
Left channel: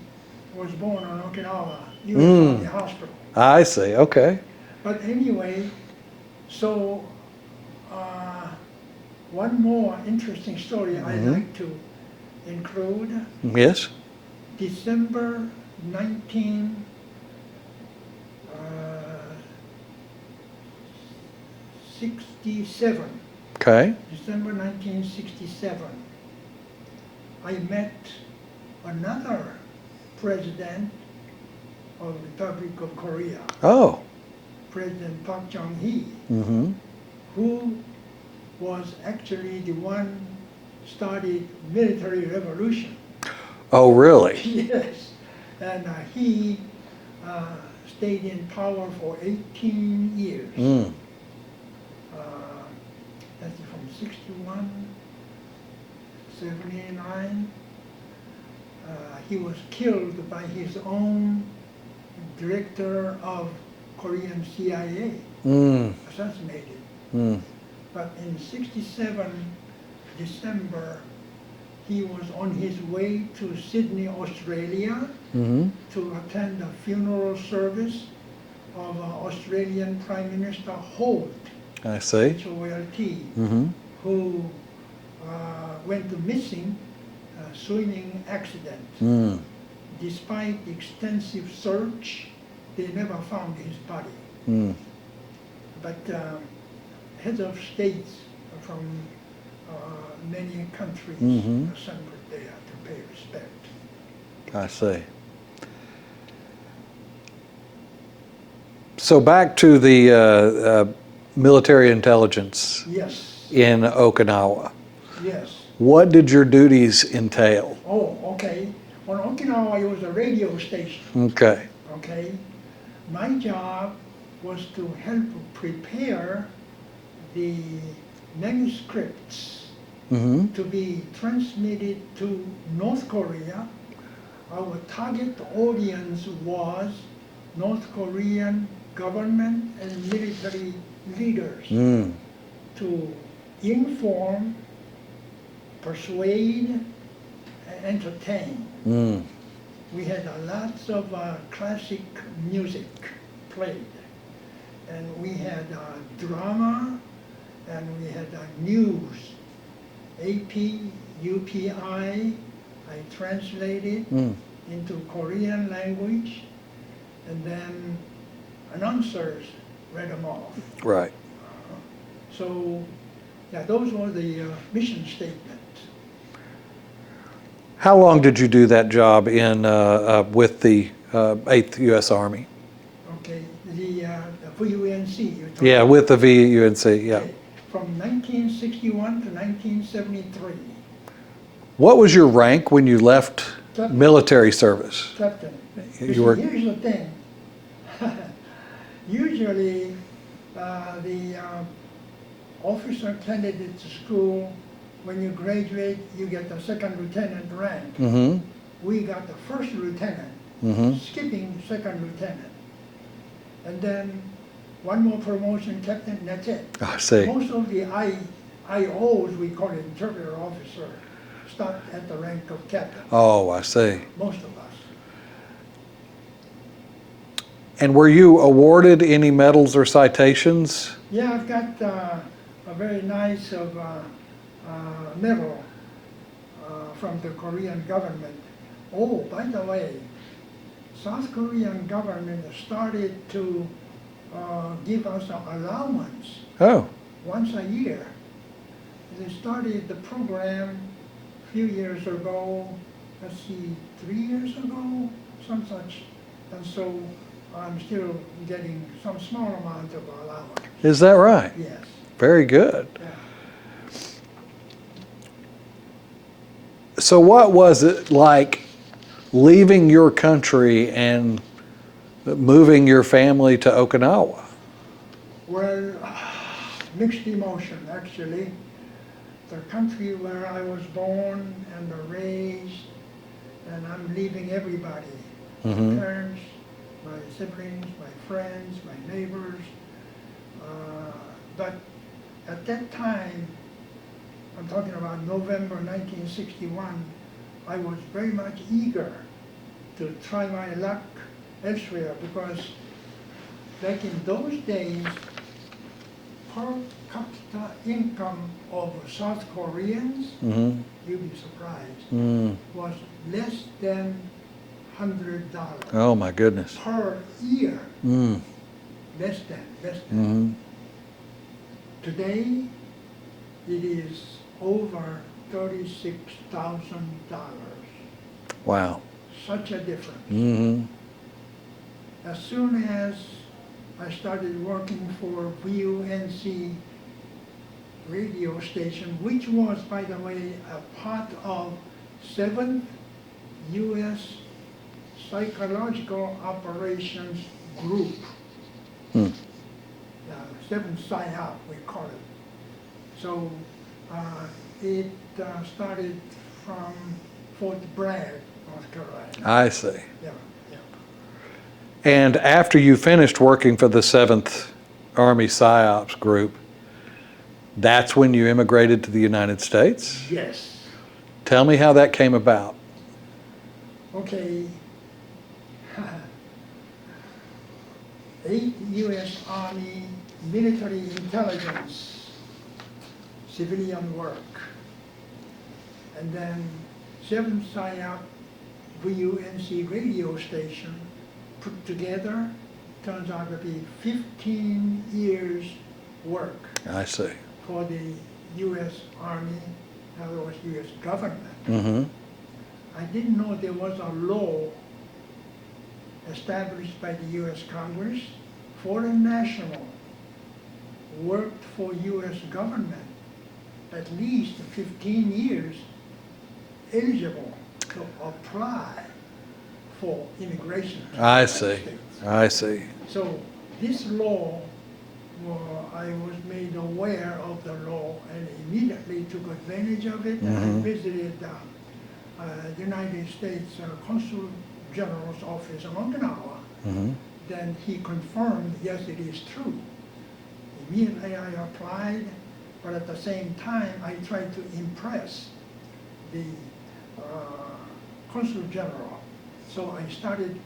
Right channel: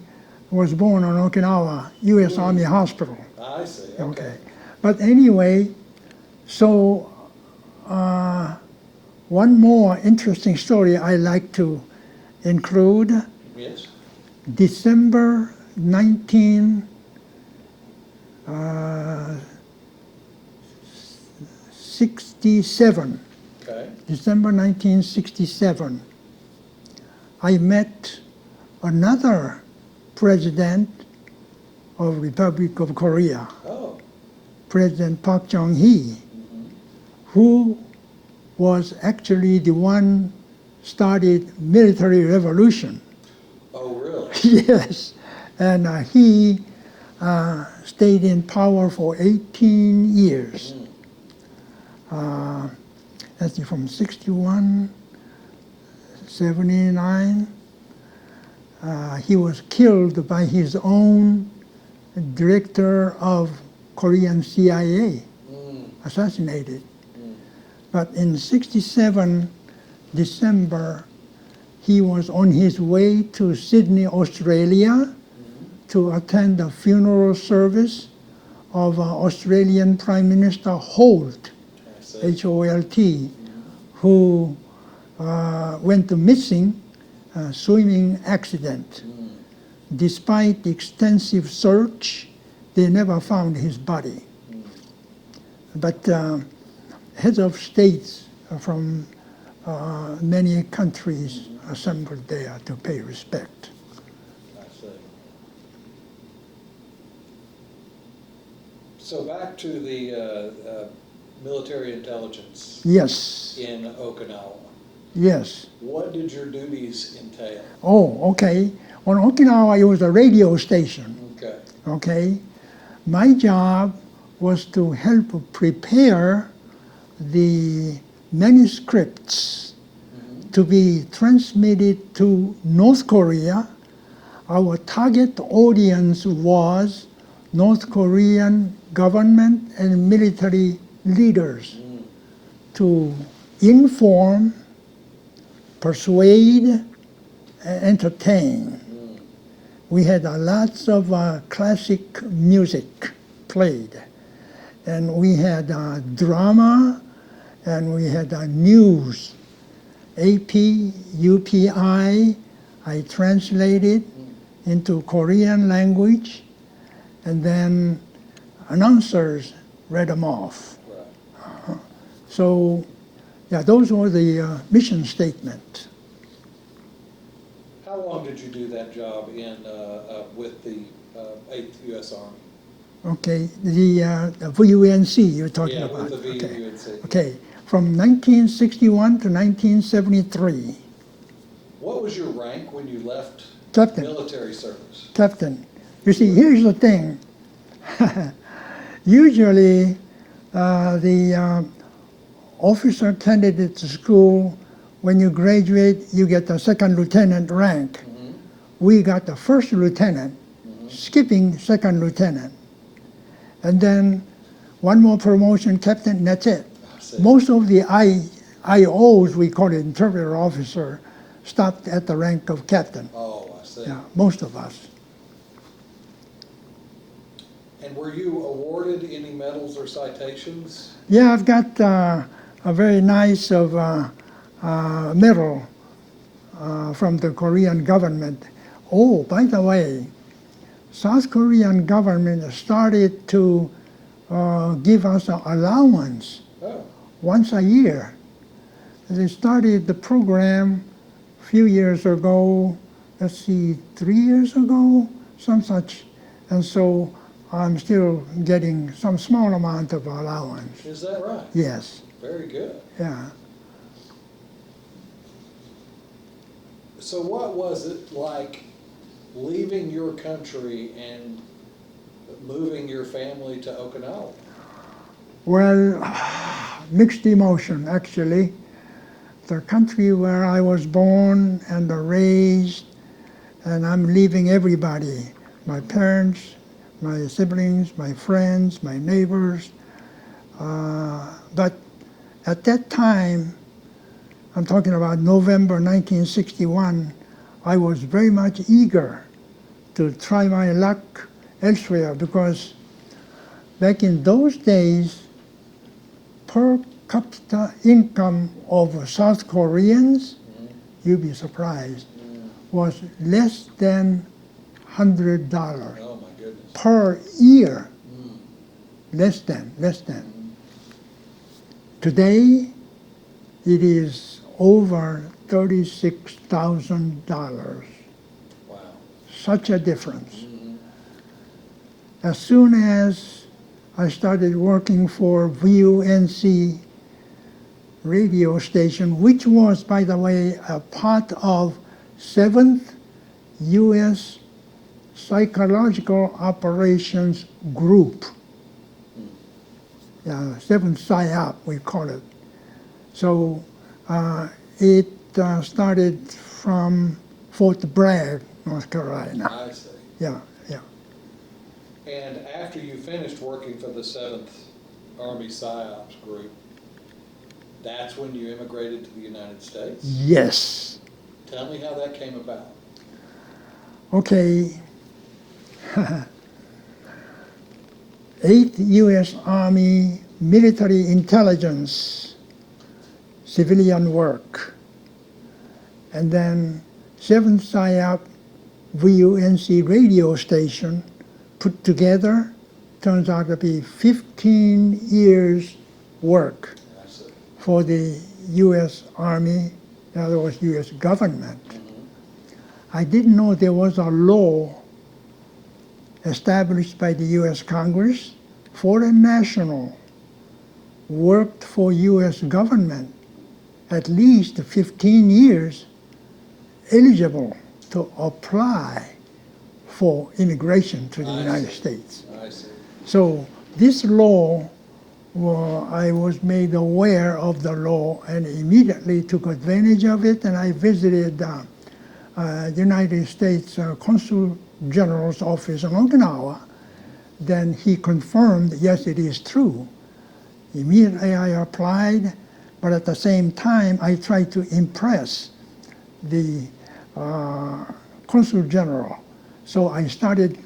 was born on Okinawa, U.S. Army Hospital. I see. Okay. But anyway, so one more interesting story I like to include. Yes. December 1967. Okay. December 1967. I met another president of Republic of Korea, Oh. President Park Chung-hee, who was actually the one started military revolution. Oh, really? Yes. And he stayed in power for 18 years. Let's see, from 61, 79, he was killed by his own director of Korean CIA, assassinated. But in 67, December, he was on his way to Sydney, Australia, to attend the funeral service of Australian Prime Minister Holt, I see. H-O-L-T, who went missing, swimming accident. Despite extensive search, they never found his body. But heads of states from many countries assembled there to pay respect. I see. So back to the military intelligence Yes, in Okinawa. yes. What did your duties entail? Oh, okay. On Okinawa, it was a radio station, Okay. okay? My job was to help prepare the manuscripts to be transmitted to North Korea. Our target audience was North Korean government and military leaders to inform, persuade, and entertain. We had lots of classic music played, and we had drama, and we had news, AP, UPI. I translated into Korean language, and then announcers read them off. Right. So, yeah, those were the mission statements. How long did you do that job in with the 8th U.S. Army? Okay, the VUNC you're talking Yeah, about. with the VUNC. Yeah. Okay, from 1961 to 1973. What was your rank when you left Captain. military service? Captain, You you see, were- here's the thing. Usually, the officer candidate school, when you graduate, you get the second lieutenant rank. We got the first lieutenant, skipping second lieutenant. And then one more promotion, captain, and that's it. I see. Most of the IOs, we call it interpreter officer, stopped at the rank of captain. Oh, I see. Most of us. And were you awarded any medals or citations? Yeah, I've got a very nice medal from the Korean government. Oh, by the way, South Korean government started to give us an allowance Oh, once a year. They started the program a few years ago, let's see, 3 years ago, some such. And so I'm still getting some small amount of allowance. is that right? Yes, Very good. yeah. So what was it like leaving your country and moving your family to Okinawa? Well, mixed emotion, actually. The country where I was born and raised, and I'm leaving everybody. My parents, my siblings, my friends, my neighbors. But at that time, I'm talking about November 1961, I was very much eager to try my luck elsewhere because back in those days, per capita income of South Koreans, you'd be surprised, was less than $100 Oh my goodness. per year. Less than. Today, it is over $36,000. Wow. Such a difference. As soon as I started working for VUNC radio station, which was, by the way, a part of 7th U.S. Psychological Operations Group. 7th PSYOP, we call it. So it started from Fort Bragg, North Carolina. I see. Yeah, yeah. And after you finished working for the 7th Army PSYOPs group, that's when you immigrated to the United States? Yes. Tell me how that came about. Okay. 8th U.S. Army Military Intelligence, civilian work. And then 7th PSYOP VUNC radio station put together, turns out to be 15 years work I see. for the U.S. Army, in other words, U.S. government. Mm-hmm. I didn't know there was a law established by the U.S. Congress. Foreign national worked for U.S. government at least 15 years, eligible to apply for immigration to the United States. I see. So this law, well, I was made aware of the law and immediately took advantage of it, and I visited United States Consul General's office in Okinawa. Then he confirmed, yes, it is true. Immediately I applied, but at the same time I tried to impress the Consul General. So I started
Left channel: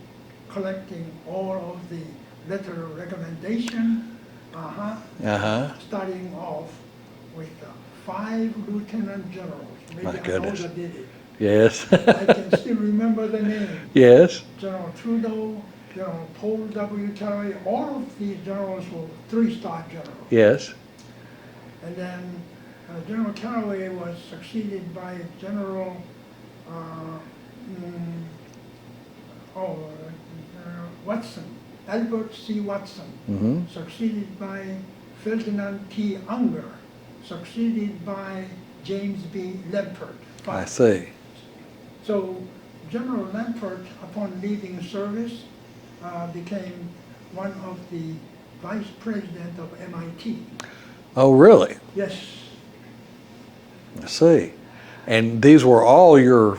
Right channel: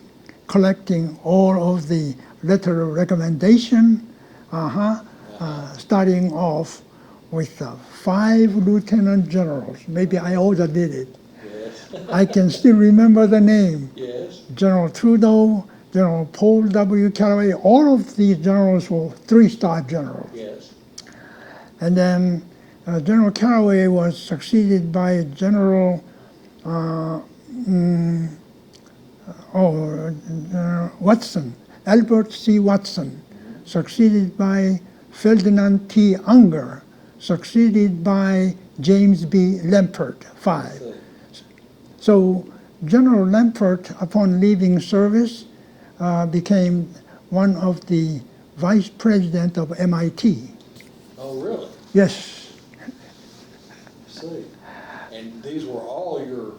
collecting all of the letter of recommendation, starting off with 5 lieutenant generals. Maybe I overdid it. Yes. I can still remember the name. Yes. General Trudeau, General Paul W. Callaway, all of these generals were 3-star generals. Yes. And then General Callaway was succeeded by General Watson, Albert C. Watson, succeeded by Ferdinand T. Unger, succeeded by James B. Lempert, 5. I see. So General Lempert, upon leaving service, became one of the vice president of MIT. Oh, really? Yes. I see. And these were all your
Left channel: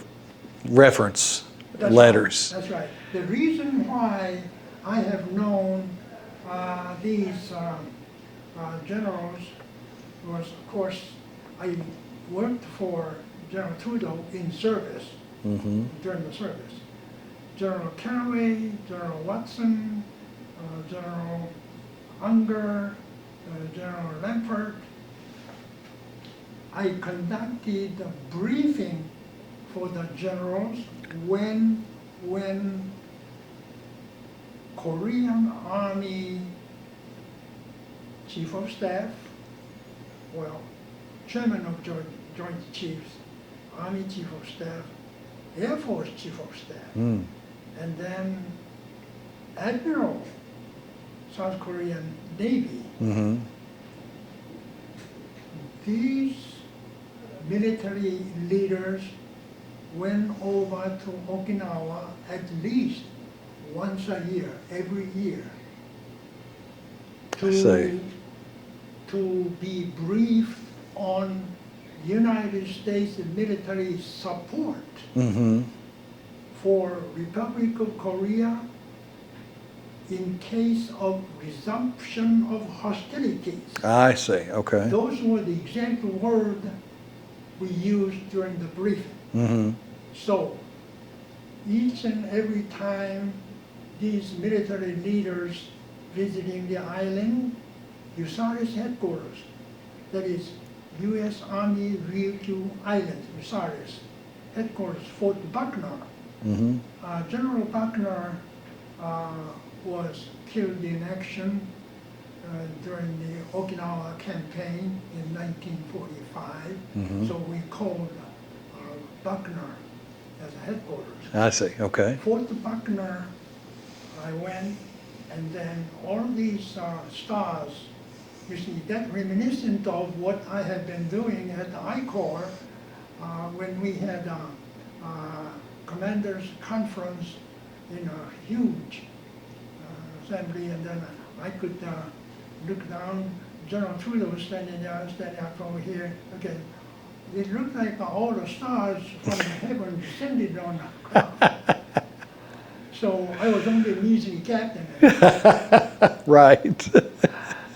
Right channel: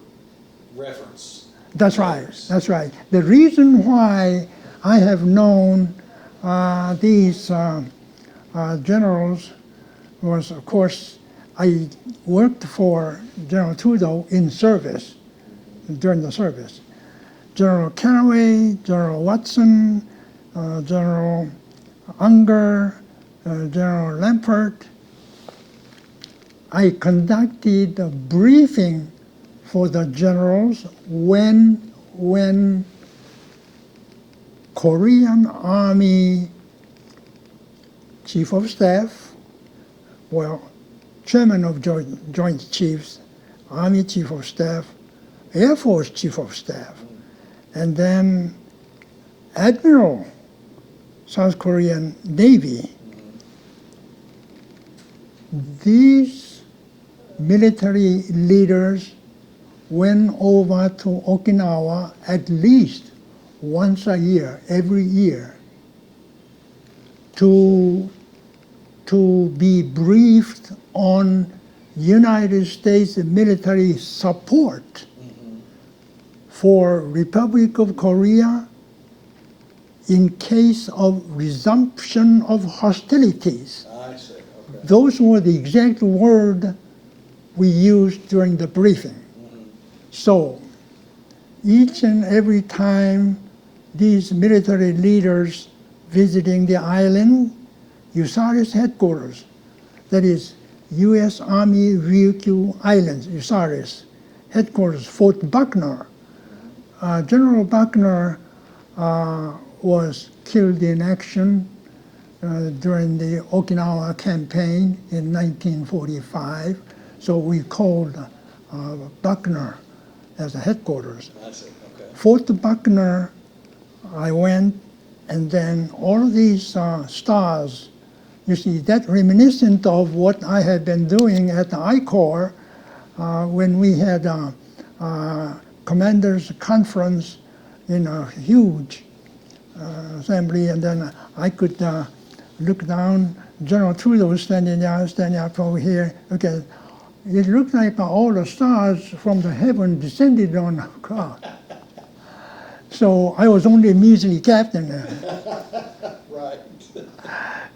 reference letters. Right. That's right. The reason why I have known these generals was, of course, I worked for General Trudeau in service, during the service. General Callaway, General Watson, General Unger, General Lempert. I conducted a briefing for the generals when Korean Army Chief of Staff, well, Chairman of Joint Chiefs, Army Chief of Staff, Air Force Chief of Staff, and then Admiral, South Korean Navy. These military leaders went over to Okinawa at least once a year, every year, to be briefed on United States military support for Republic of Korea in case of resumption of hostilities. I see. Okay. Those were the exact word we used during the briefing. So each and every time these military leaders visiting the island, USARES headquarters, that is U.S. Army Ryukyu Islands, USARES headquarters, Fort Buckner. General Buckner was killed in action during the Okinawa campaign in 1945. So we called Buckner as a headquarters. I see. Okay. Fort Buckner, I went, and then all of these stars, you see, that reminiscent of what I had been doing at the I Corps when we had Commanders Conference in a huge assembly, and then I could look down. General Trudeau was standing up over here. Okay, it looked like all the stars from the heaven descended on the crowd. So I was only a measly captain there. Right.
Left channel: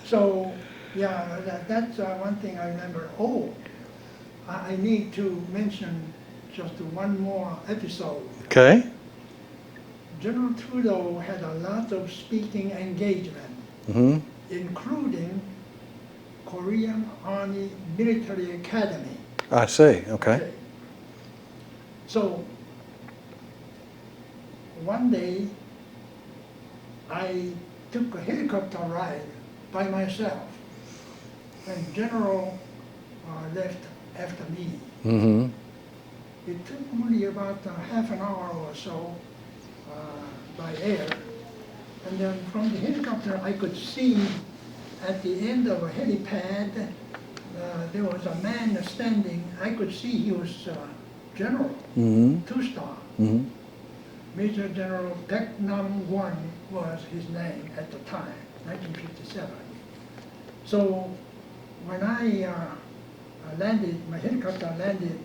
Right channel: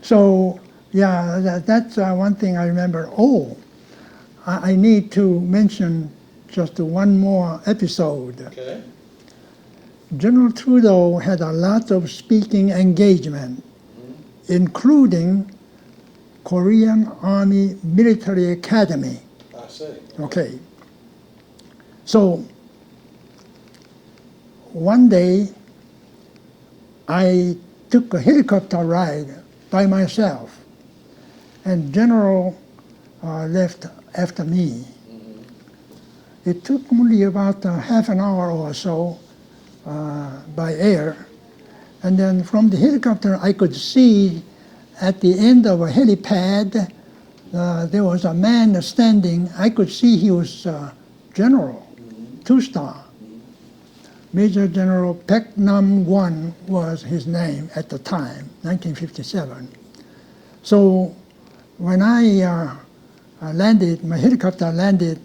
So yeah, that's one thing I remember. Oh, I need to mention just one more episode. Okay. General Trudeau had a lot of speaking engagement, including Korean Army Military Academy. I see. Okay. So one day I took a helicopter ride by myself, and General left after me. It took only about half an hour or so by air, and then from the helicopter I could see at the end of a helipad there was a man standing. I could see he was general, two-star. Major General Paek Nam-won was his name at the time, 1957. So when I landed, my helicopter landed,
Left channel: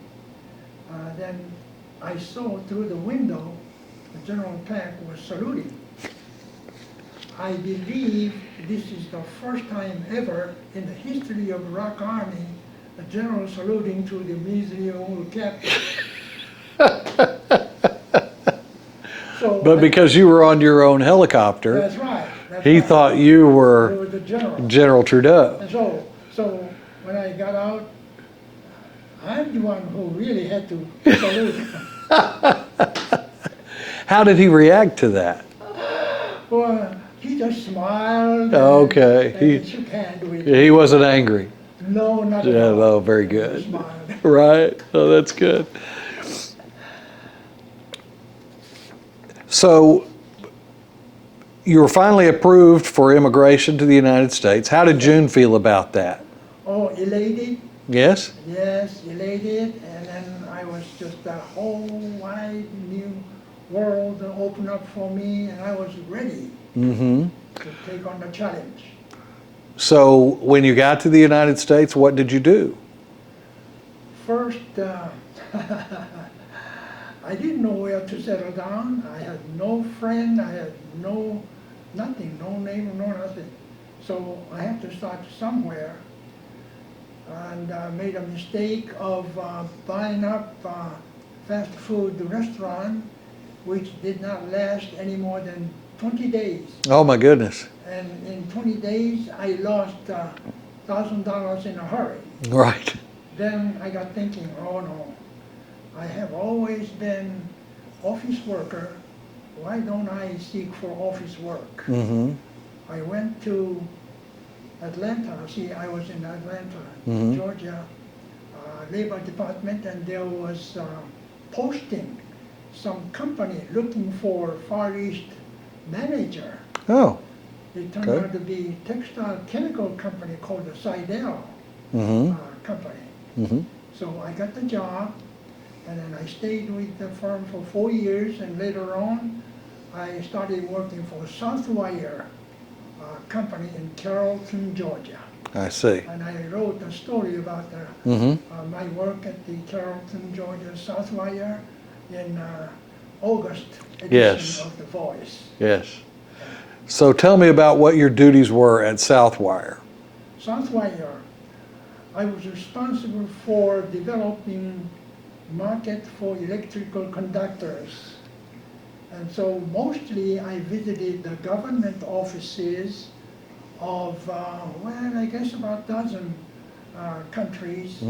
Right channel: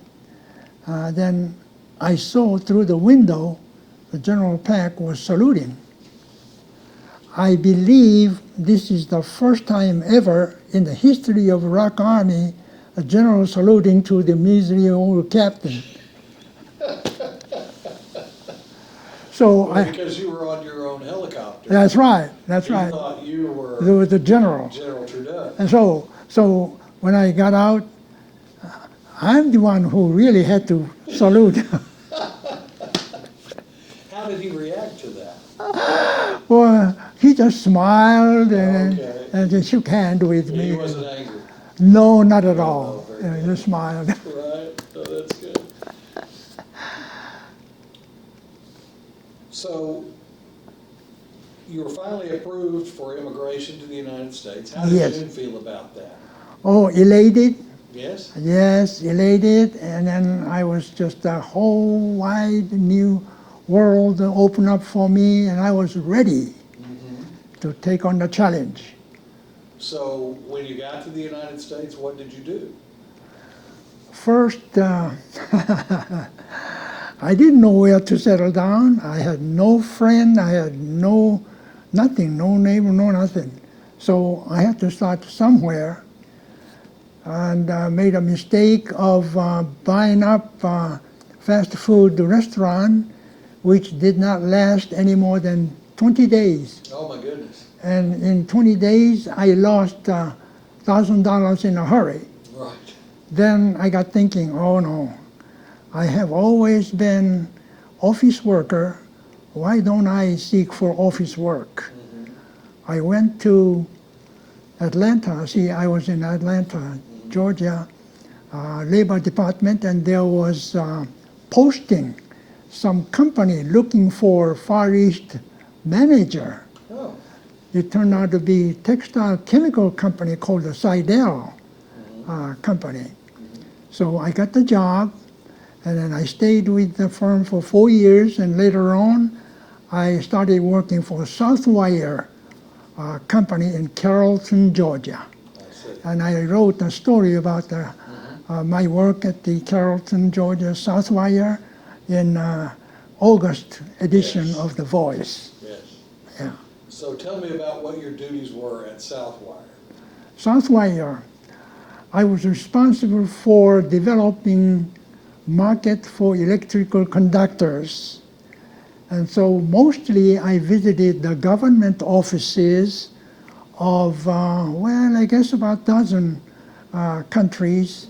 then I saw through the window that General Paek was saluting. I believe this is the first time ever in the history of the Iraq Army a general saluting to the measly old captain. So But because you were on your own helicopter, that's right. That's he right. thought you He were was the general. General Trudeau. And so when I got out, I'm the one who really had to salute. How did he react to that? Well, he just smiled and, Okay. and he shook hands with me. He wasn't angry. No, not at Yeah, all. no, very He good. just smiled. Right. Oh, that's good. So you were finally approved for immigration to the United States. How did Yes. June feel about that? Oh, elated. Yes? Yes, elated. And then I was just a whole wide new world opened up for me, and I was ready to take on the challenge. So when you got to the United States, what did you do? First, I didn't know where to settle down. I had no friend. I had nothing, no neighbor, no nothing. So I had to start somewhere, and made a mistake of buying up a fast food restaurant, which did not last any more than 20 days. Oh my goodness. And in 20 days, I lost $1,000 in a hurry. Right. Then I got thinking, oh no, I have always been office worker. Why don't I seek for office work? I went to Atlanta. See, I was in Atlanta, Georgia, Labor Department, and there was posting, some company looking for Far East manager. Oh. It turned out to be textile chemical company called the Seidel company. So I got the job, and then I stayed with the firm for 4 years, and later on I started working for Southwire company in Carrollton, Georgia. I see. And I wrote a story about my work at the Carrollton, Georgia Southwire in August edition Yes. of The Voice. Yes. Yeah. So tell me about what your duties were at Southwire. Southwire, I was responsible for developing market for electrical conductors. And so mostly I visited the government offices of, well, I guess about a dozen countries.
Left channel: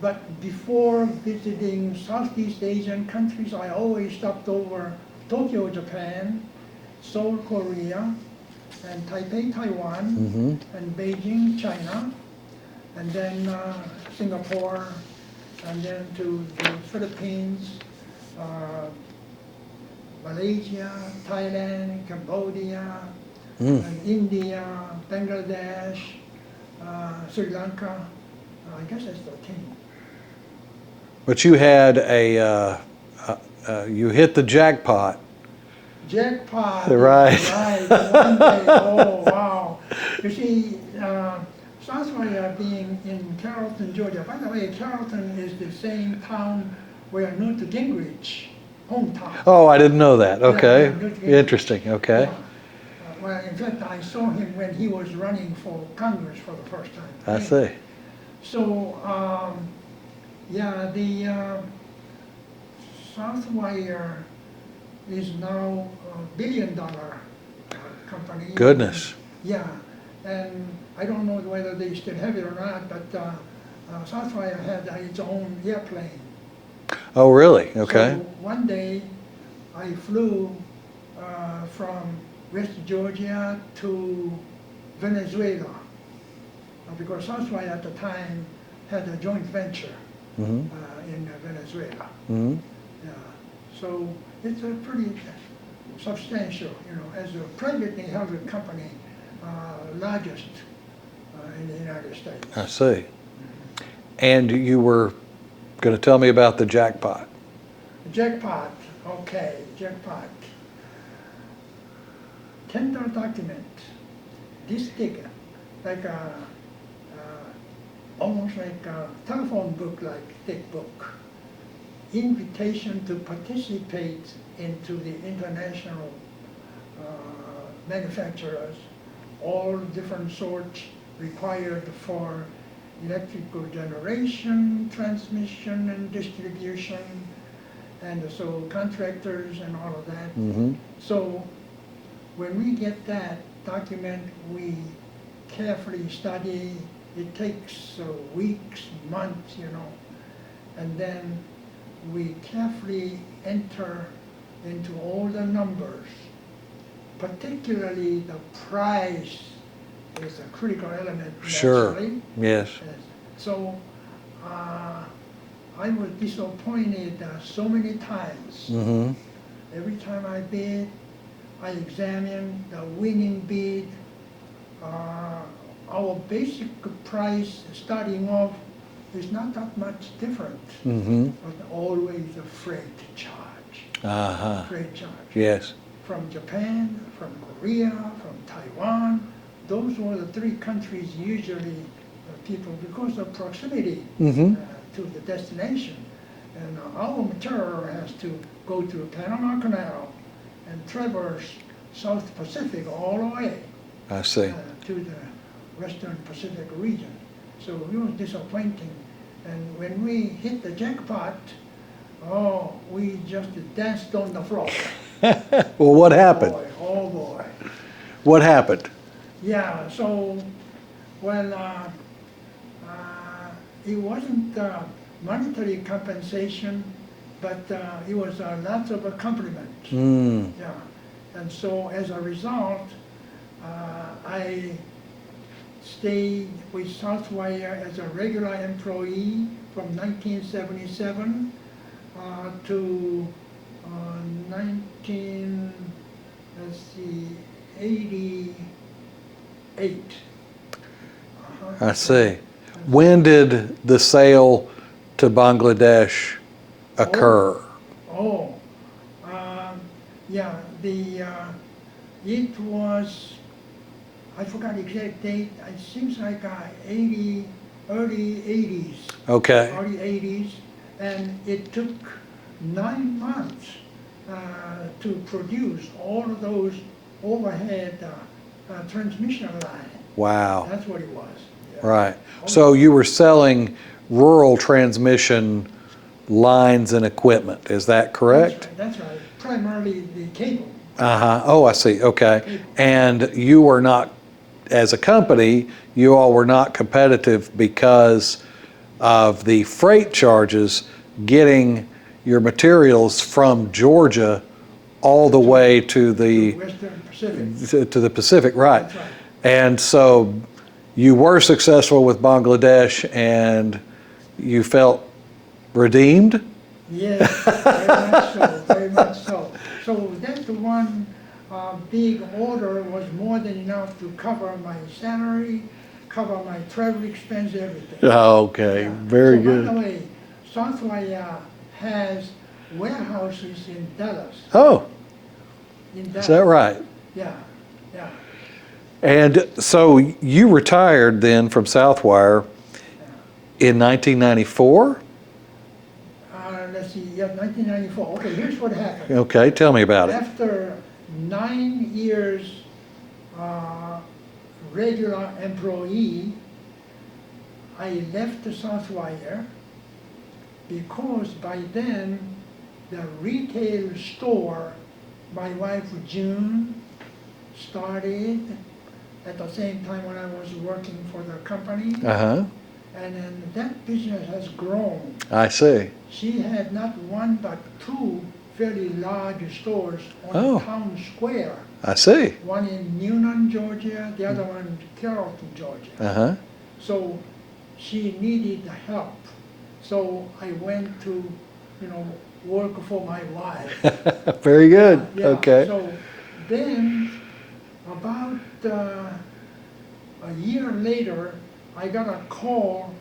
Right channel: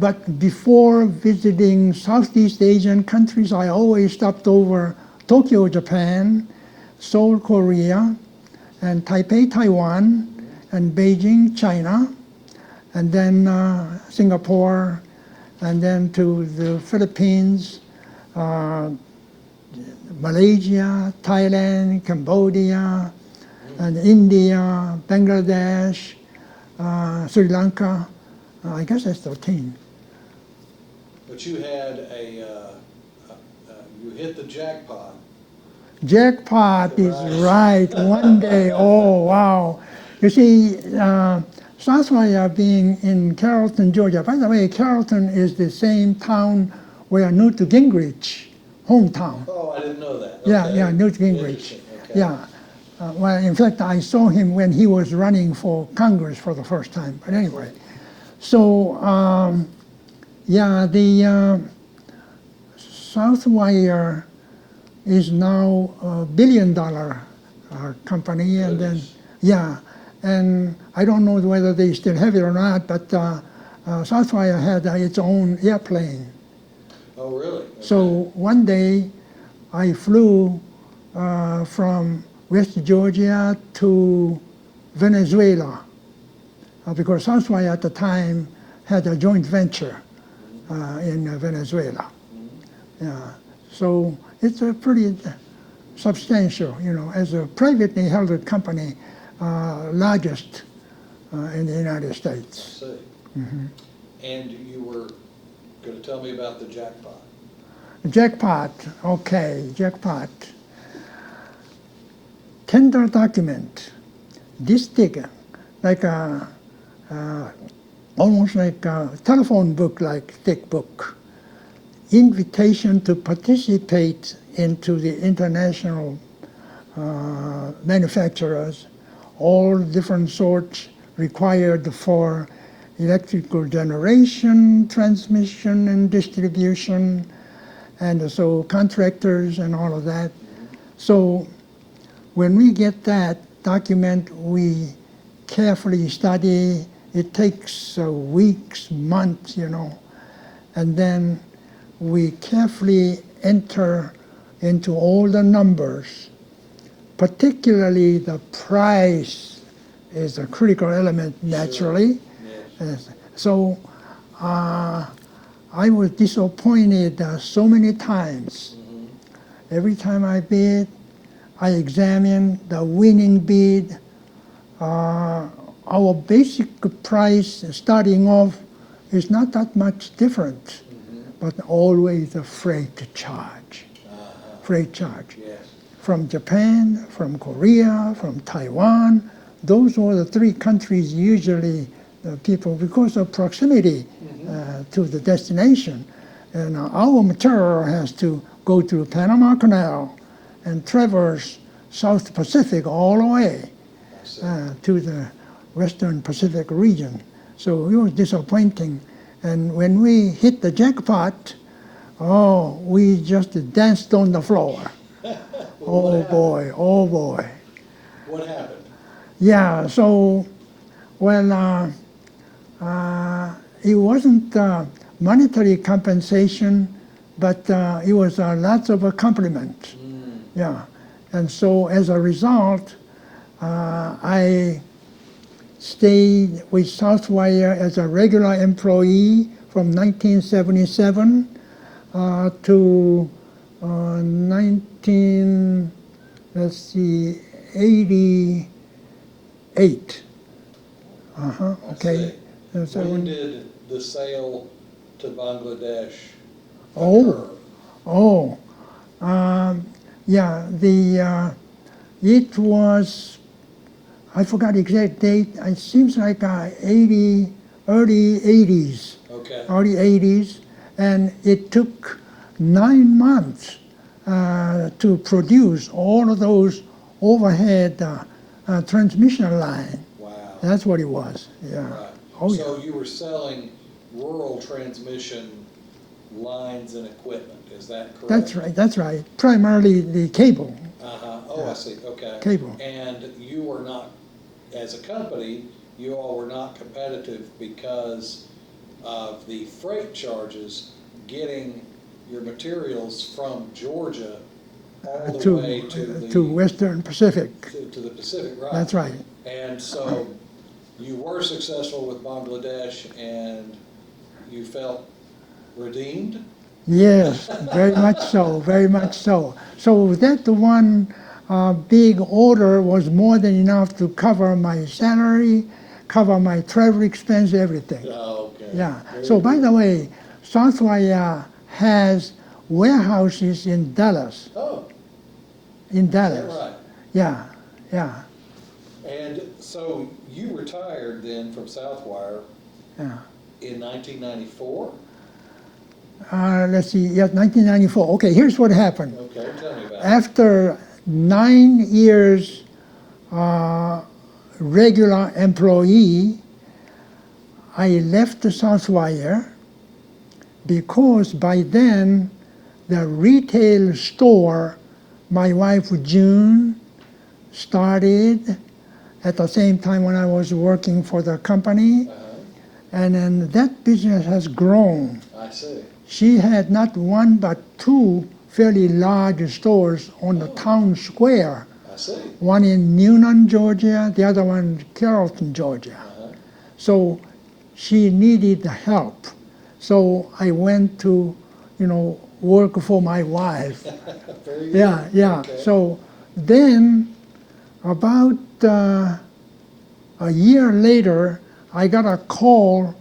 But before visiting Southeast Asian countries, I always stopped over Tokyo, Japan, Seoul, Korea, and Taipei, Taiwan, and Beijing, China, and then Singapore, and then to the Philippines, Malaysia, Thailand, Cambodia, and India, Bangladesh, Sri Lanka. I guess that's 13. But you had a you hit the jackpot. Jackpot, Right. is right, one day, oh, wow. You see, Southwire being in Carrollton, Georgia. By the way, Carrollton is the same town where Newt Gingrich, hometown. Oh, I didn't know that. Okay. Yeah, Newt Gingrich. Interesting. Okay. Yeah. Well, in fact, I saw him when he was running for Congress for the first time. I see. So, yeah, the Southwire is now a billion-dollar company. Goodness. Yeah, and I don't know whether they still have it or not, but Southwire had its own airplane. Oh, really? Okay. So one day I flew from West Georgia to Venezuela because Southwire at the time had a joint venture in Venezuela. Yeah. So it's a pretty substantial, you know, as a privately held company, largest in the United States. I see. And you were going to tell me about the jackpot. Jackpot, okay, jackpot. Tender document, this thick, like almost like a telephone book, like thick book. Invitation to participate into the international manufacturers, all different sorts required for electrical generation, transmission, and distribution, and so contractors and all of that. So when we get that document, we carefully study. It takes weeks, months, you know, and then we carefully enter into all the numbers, particularly the price is a critical element naturally. Sure. Yes. Yes. So I was disappointed so many times. Every time I bid, I examine the winning bid. Our basic price starting off is not that much different, but always a freight charge. Freight charge. Yes. From Japan, from Korea, from Taiwan, those were the three countries usually people, because of proximity to the destination. And our material has to go through Panama Canal and traverse South Pacific all the way I see. to the Western Pacific region. So it was disappointing. And when we hit the jackpot, oh, we just danced on the floor. Well, what happened? Boy, oh boy. What happened? Yeah, so, well, it wasn't monetary compensation, but it was lots of compliments. Yeah, and so as a result, I stayed with Southwire as a regular employee from 1977 to 1988. I see. When did the sale to Bangladesh occur? Yeah, it was, I forgot the exact date, it seems like early 80s. Okay. Early 80s, and it took 9 months to produce all of those overhead transmission line. Wow. That's what it was. Yeah. Right. Oh, So you were selling rural transmission lines and equipment, is that correct? That's right. That's right. Primarily the cable. Oh, I see. Okay. Cable. And you were not, as a company, you all were not competitive because of the freight charges getting your materials from Georgia all the way to the Western Pacific. to the Pacific, right? That's right. And so you were successful with Bangladesh, and you felt redeemed? Yes, very much so, very much so. So that one big order was more than enough to cover my salary, cover my travel expense, everything. Okay, Yeah. very so good. by the way, Southwire has warehouses in Dallas. Oh, In Dallas. is that right? Yeah, yeah, And so you retired then from Southwire yeah. in 1994? Let's see, yeah, 1994. Okay, here's what happened. Okay, tell me about it. After 9 years regular employee, I left the Southwire because by then the retail store my wife June started at the same time when I was working for the company, Uh-huh. and then that business has grown. I see. She had not one but two fairly large stores on Oh. the town square. I see. One in Newnan, Georgia, the other one in Carrollton, Georgia. Uh-huh. So she needed help. So I went to, work for my wife. Very good. Yeah. Okay. So then, about a year later, I got a call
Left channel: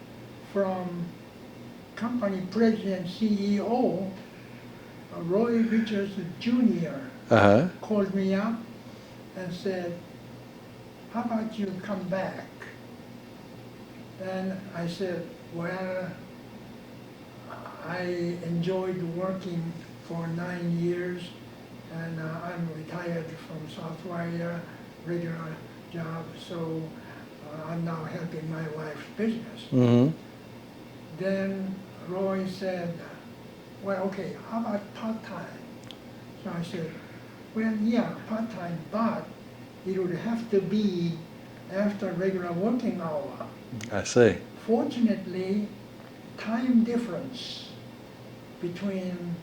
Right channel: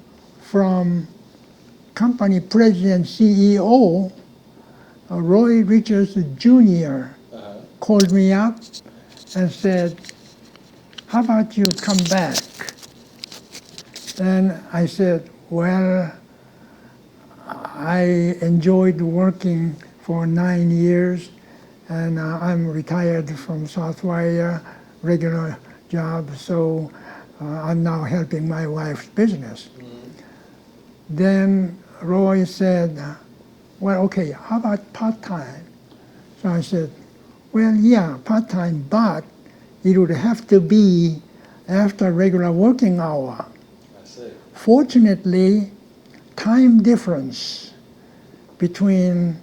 from company president CEO Roy Richards Jr. Uh-huh. called me up and said, "How about you come back?" And I said, "Well, I enjoyed working for 9 years, and I'm retired from Southwire, regular job, so I'm now helping my wife's business." Mm-hmm. Then Roy said, "Well, okay, how about part-time?" So I said, "Well, yeah, part-time, but it would have to be after regular working hour." I see. Fortunately, time difference between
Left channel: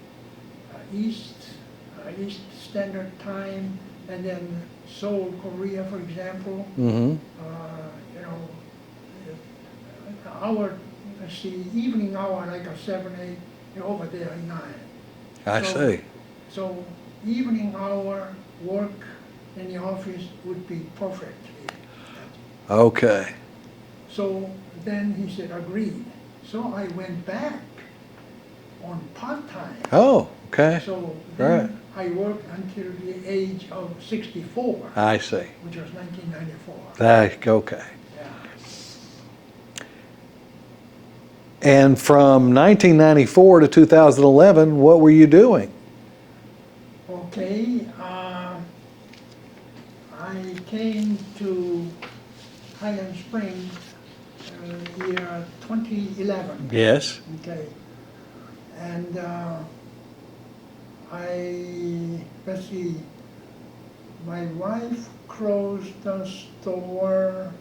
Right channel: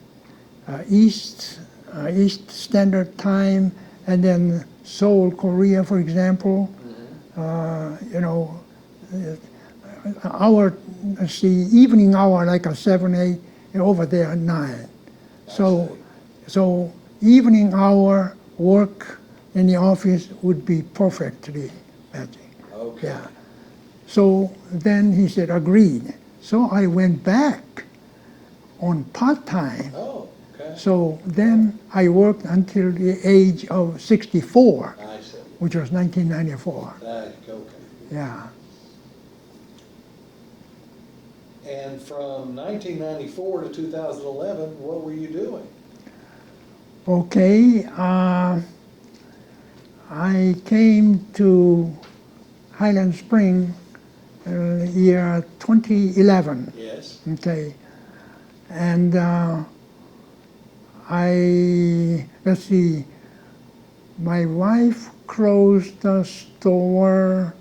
East Standard Time and then Seoul, Korea, for example, Mm-hmm. Our, let's see, evening hour like a 7, 8, over there 9. I So- see. So evening hour work in the office would be perfectly matching. Okay. So then he said, agreed. So I went back on part-time. Oh, okay. So then I worked until the age of 64, I see. which was 1994. Okay. Yeah. And from 1994 to 2011, what were you doing? Okay. I came to Highland Springs year 2011. Yes. Okay. And let's see, my wife closed the store,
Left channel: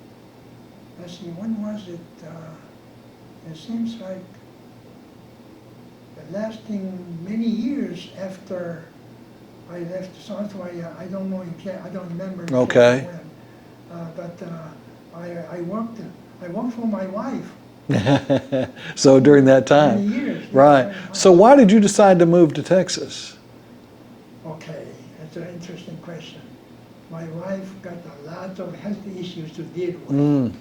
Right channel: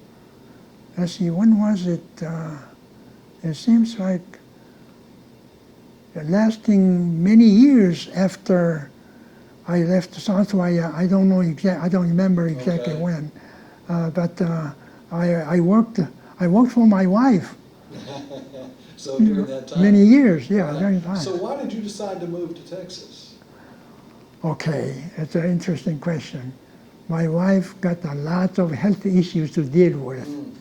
let's see, when was it? It seems like lasting many years after I left Southwire. I don't know I don't remember exactly Okay. when. But I worked for my wife. So during that time. Many years, yeah. Right. Many times. So why did you decide to move to Texas? Okay, it's an interesting question. My wife got a lot of health issues to deal with,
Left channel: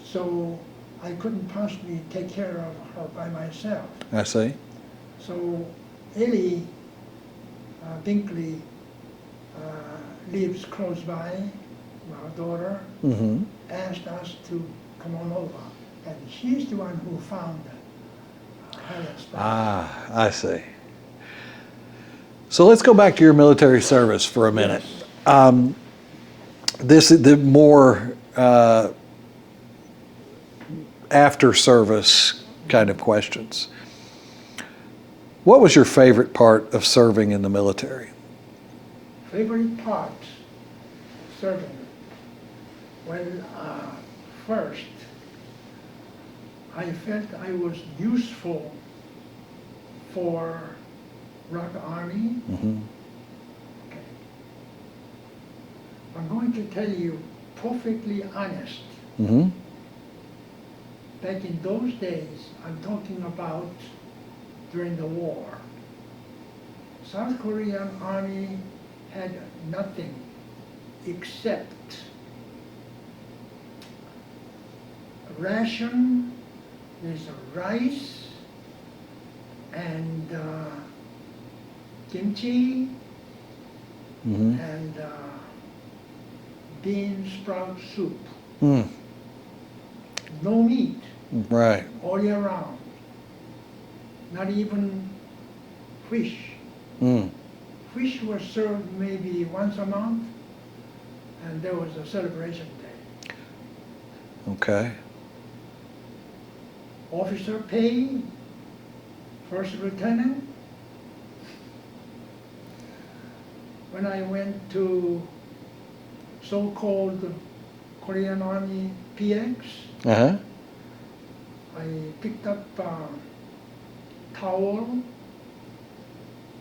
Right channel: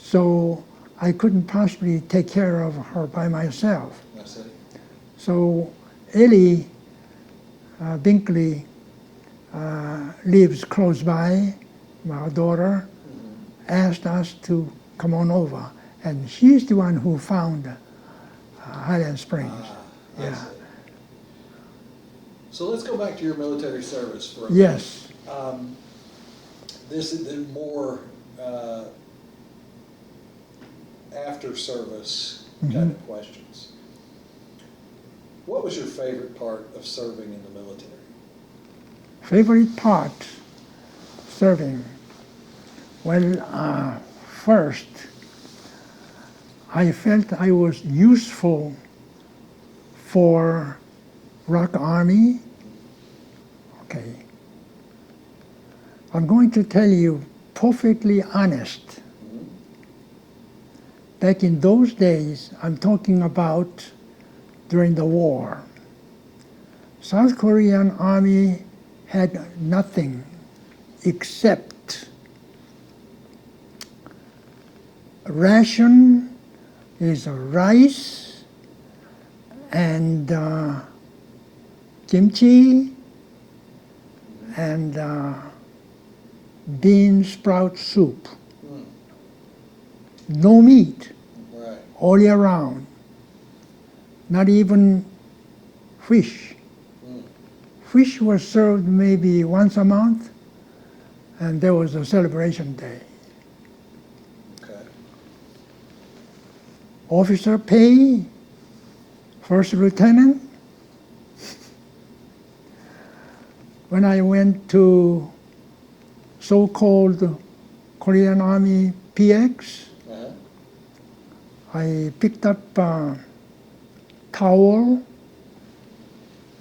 so I couldn't possibly take care of her by myself. I see. So Ellie Binkley lives close by, my daughter, Mm-hmm. asked us to come on over, and she's the one who found Highland Springs. Ah, I see. So let's go back to your military service for a minute. Yes. This is the more after service kind of questions. What was your favorite part of serving in the military? Favorite part, serving. Well, first, I felt I was useful for Rock Army. Okay. I'm going to tell you perfectly honest. Mm-hmm. Back in those days, I'm talking about during the war, South Korean Army had nothing except ration is rice and kimchi Mm-hmm. and bean sprout soup. Mm. No meat Right. all year round. Not even fish. Mm. Fish was served maybe once a month, and there was a celebration day. Okay. Officer pay, first lieutenant. When I went to so-called Korean Army PX, Uh-huh. I picked up a towel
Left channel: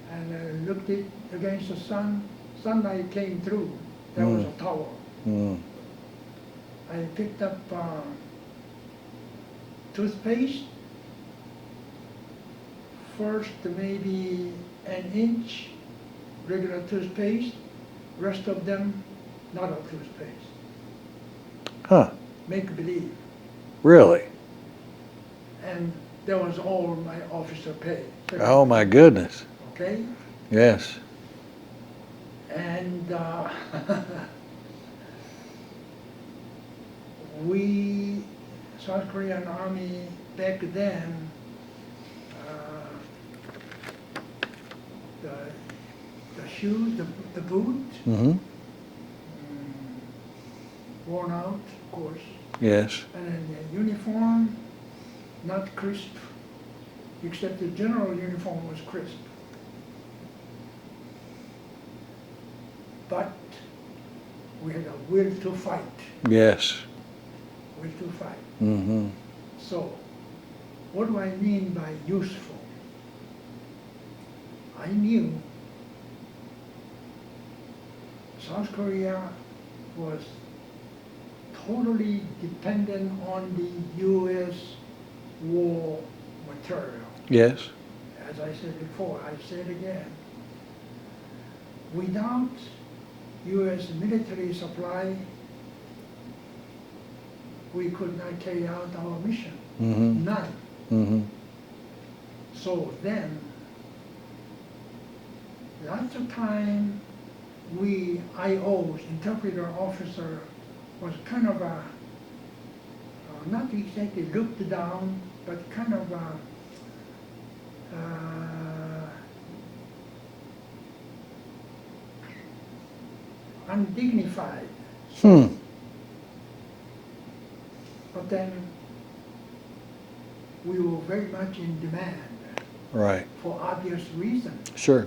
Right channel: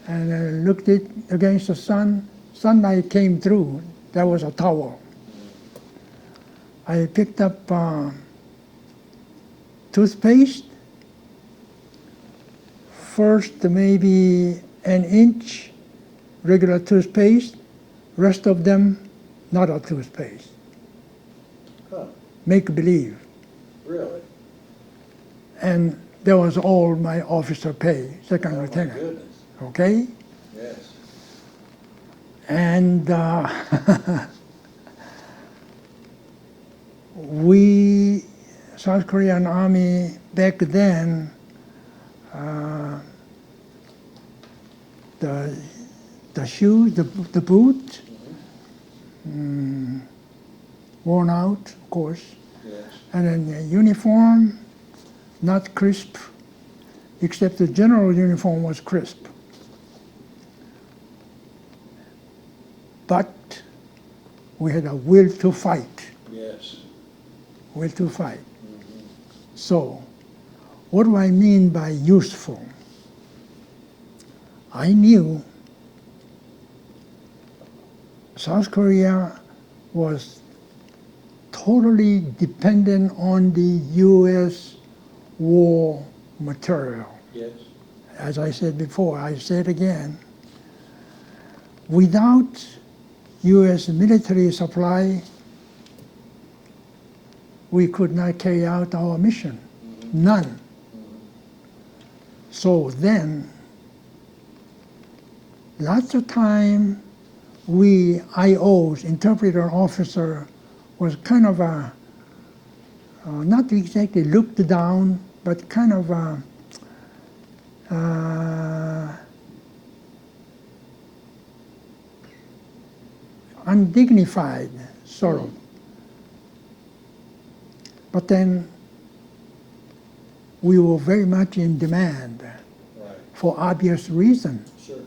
and looked it against the sun. Sunlight came through. There was a towel. Mm. I picked up toothpaste. First maybe an inch regular toothpaste, rest of them not a toothpaste. Huh. Make believe. Really? And that was all my officer pay. Second Oh, my lieutenant. goodness. Okay? Yes. And we, South Korean Army back then, the shoes, the boot, Mm-hmm. worn out, of course, Yes. and then the uniform, not crisp, except the general uniform was crisp. But we had a will to fight, Yes. will to fight. Mm-hmm. So, what do I mean by useful? I knew South Korea was totally dependent on the U.S. war material. Yes. As I said before, I say it again. Without U.S. military supply, we could not carry out our mission. Mm-hmm. None. Mm-hmm. So then, lots of time, we IOs, interpreter officer, was kind of a, not exactly looked down, but kind of a, undignified. So, but then we were very much in demand Right. for obvious reasons. Sure.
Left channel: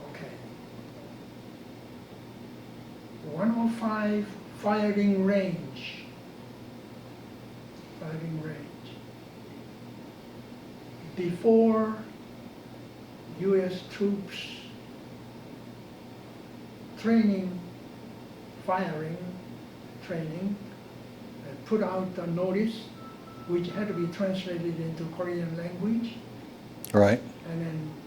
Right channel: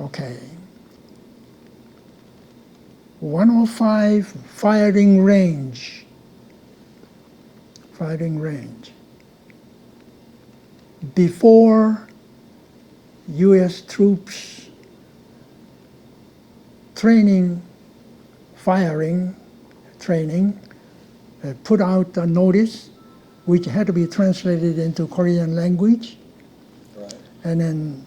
Okay. 105 firing range. Firing range. Before U.S. troops training, firing, training, put out a notice which had to be translated into Korean language Right. and then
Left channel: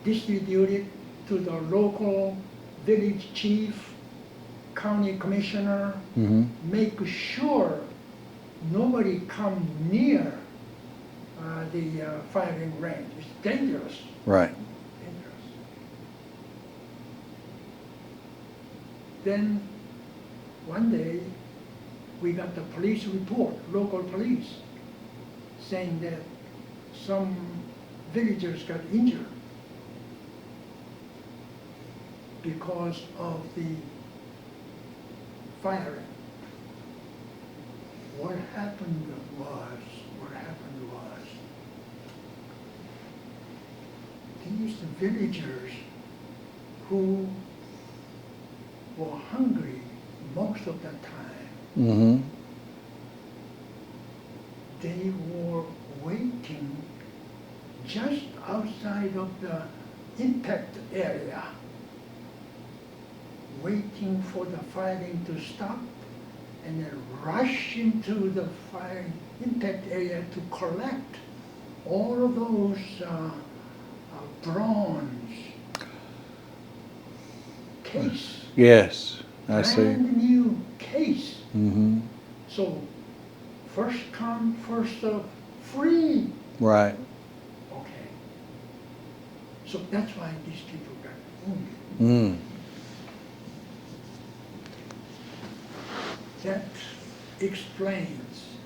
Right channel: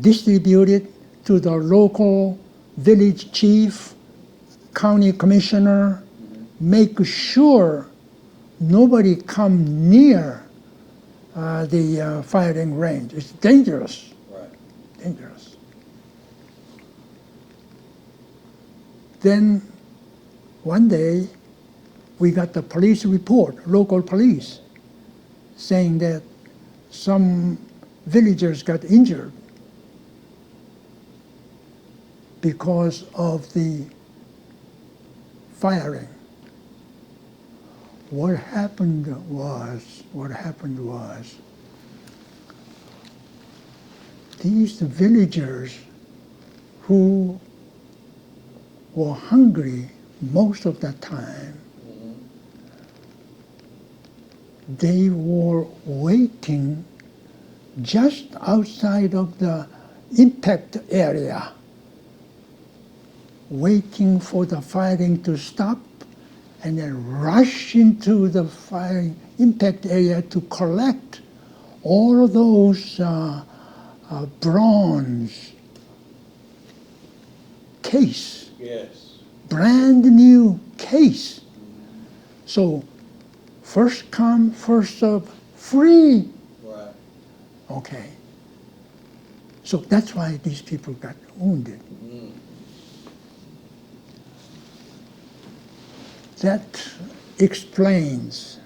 distributed to the local village chief, county commissioner, make sure nobody come near the firing range. It's dangerous, Right. dangerous. Then one day we got the police report, local police, saying that some villagers got injured because of the firing. What happened was, these villagers who were hungry most of the time, Mm-hmm. they were waiting just outside of the impact area, waiting for the firing to stop and then rush into the firing impact area to collect all of those bronze case, Yes. I brand see. new case. Mm-hmm. So first come, first serve, free. Right. Okay. So that's why these people got wounded. Mm. That explains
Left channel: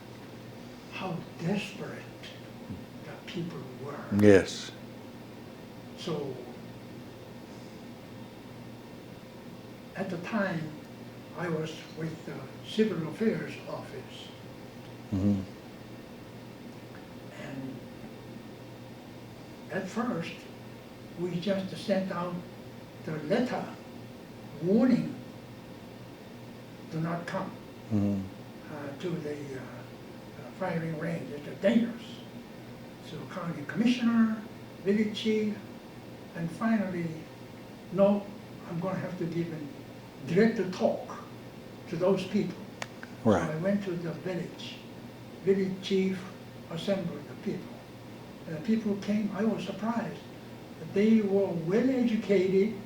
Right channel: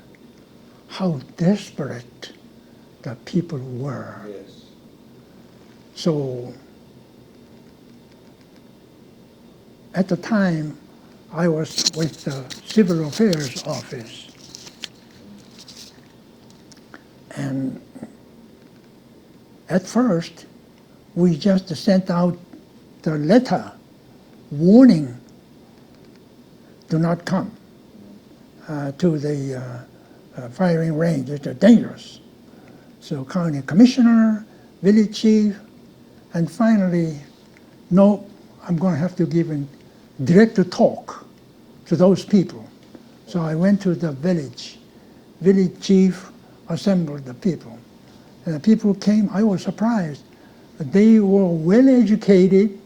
how desperate the people were. Yes. So at the time, I was with the Civil Affairs Office. And at first, we just sent out the letter warning, do not come to the firing range, it's dangerous. So county commissioner, village chief, and finally, no, I'm going to have to give a direct talk to those people. So Right. I went to the village chief assembled the people. And the people came, I was surprised. They were well educated,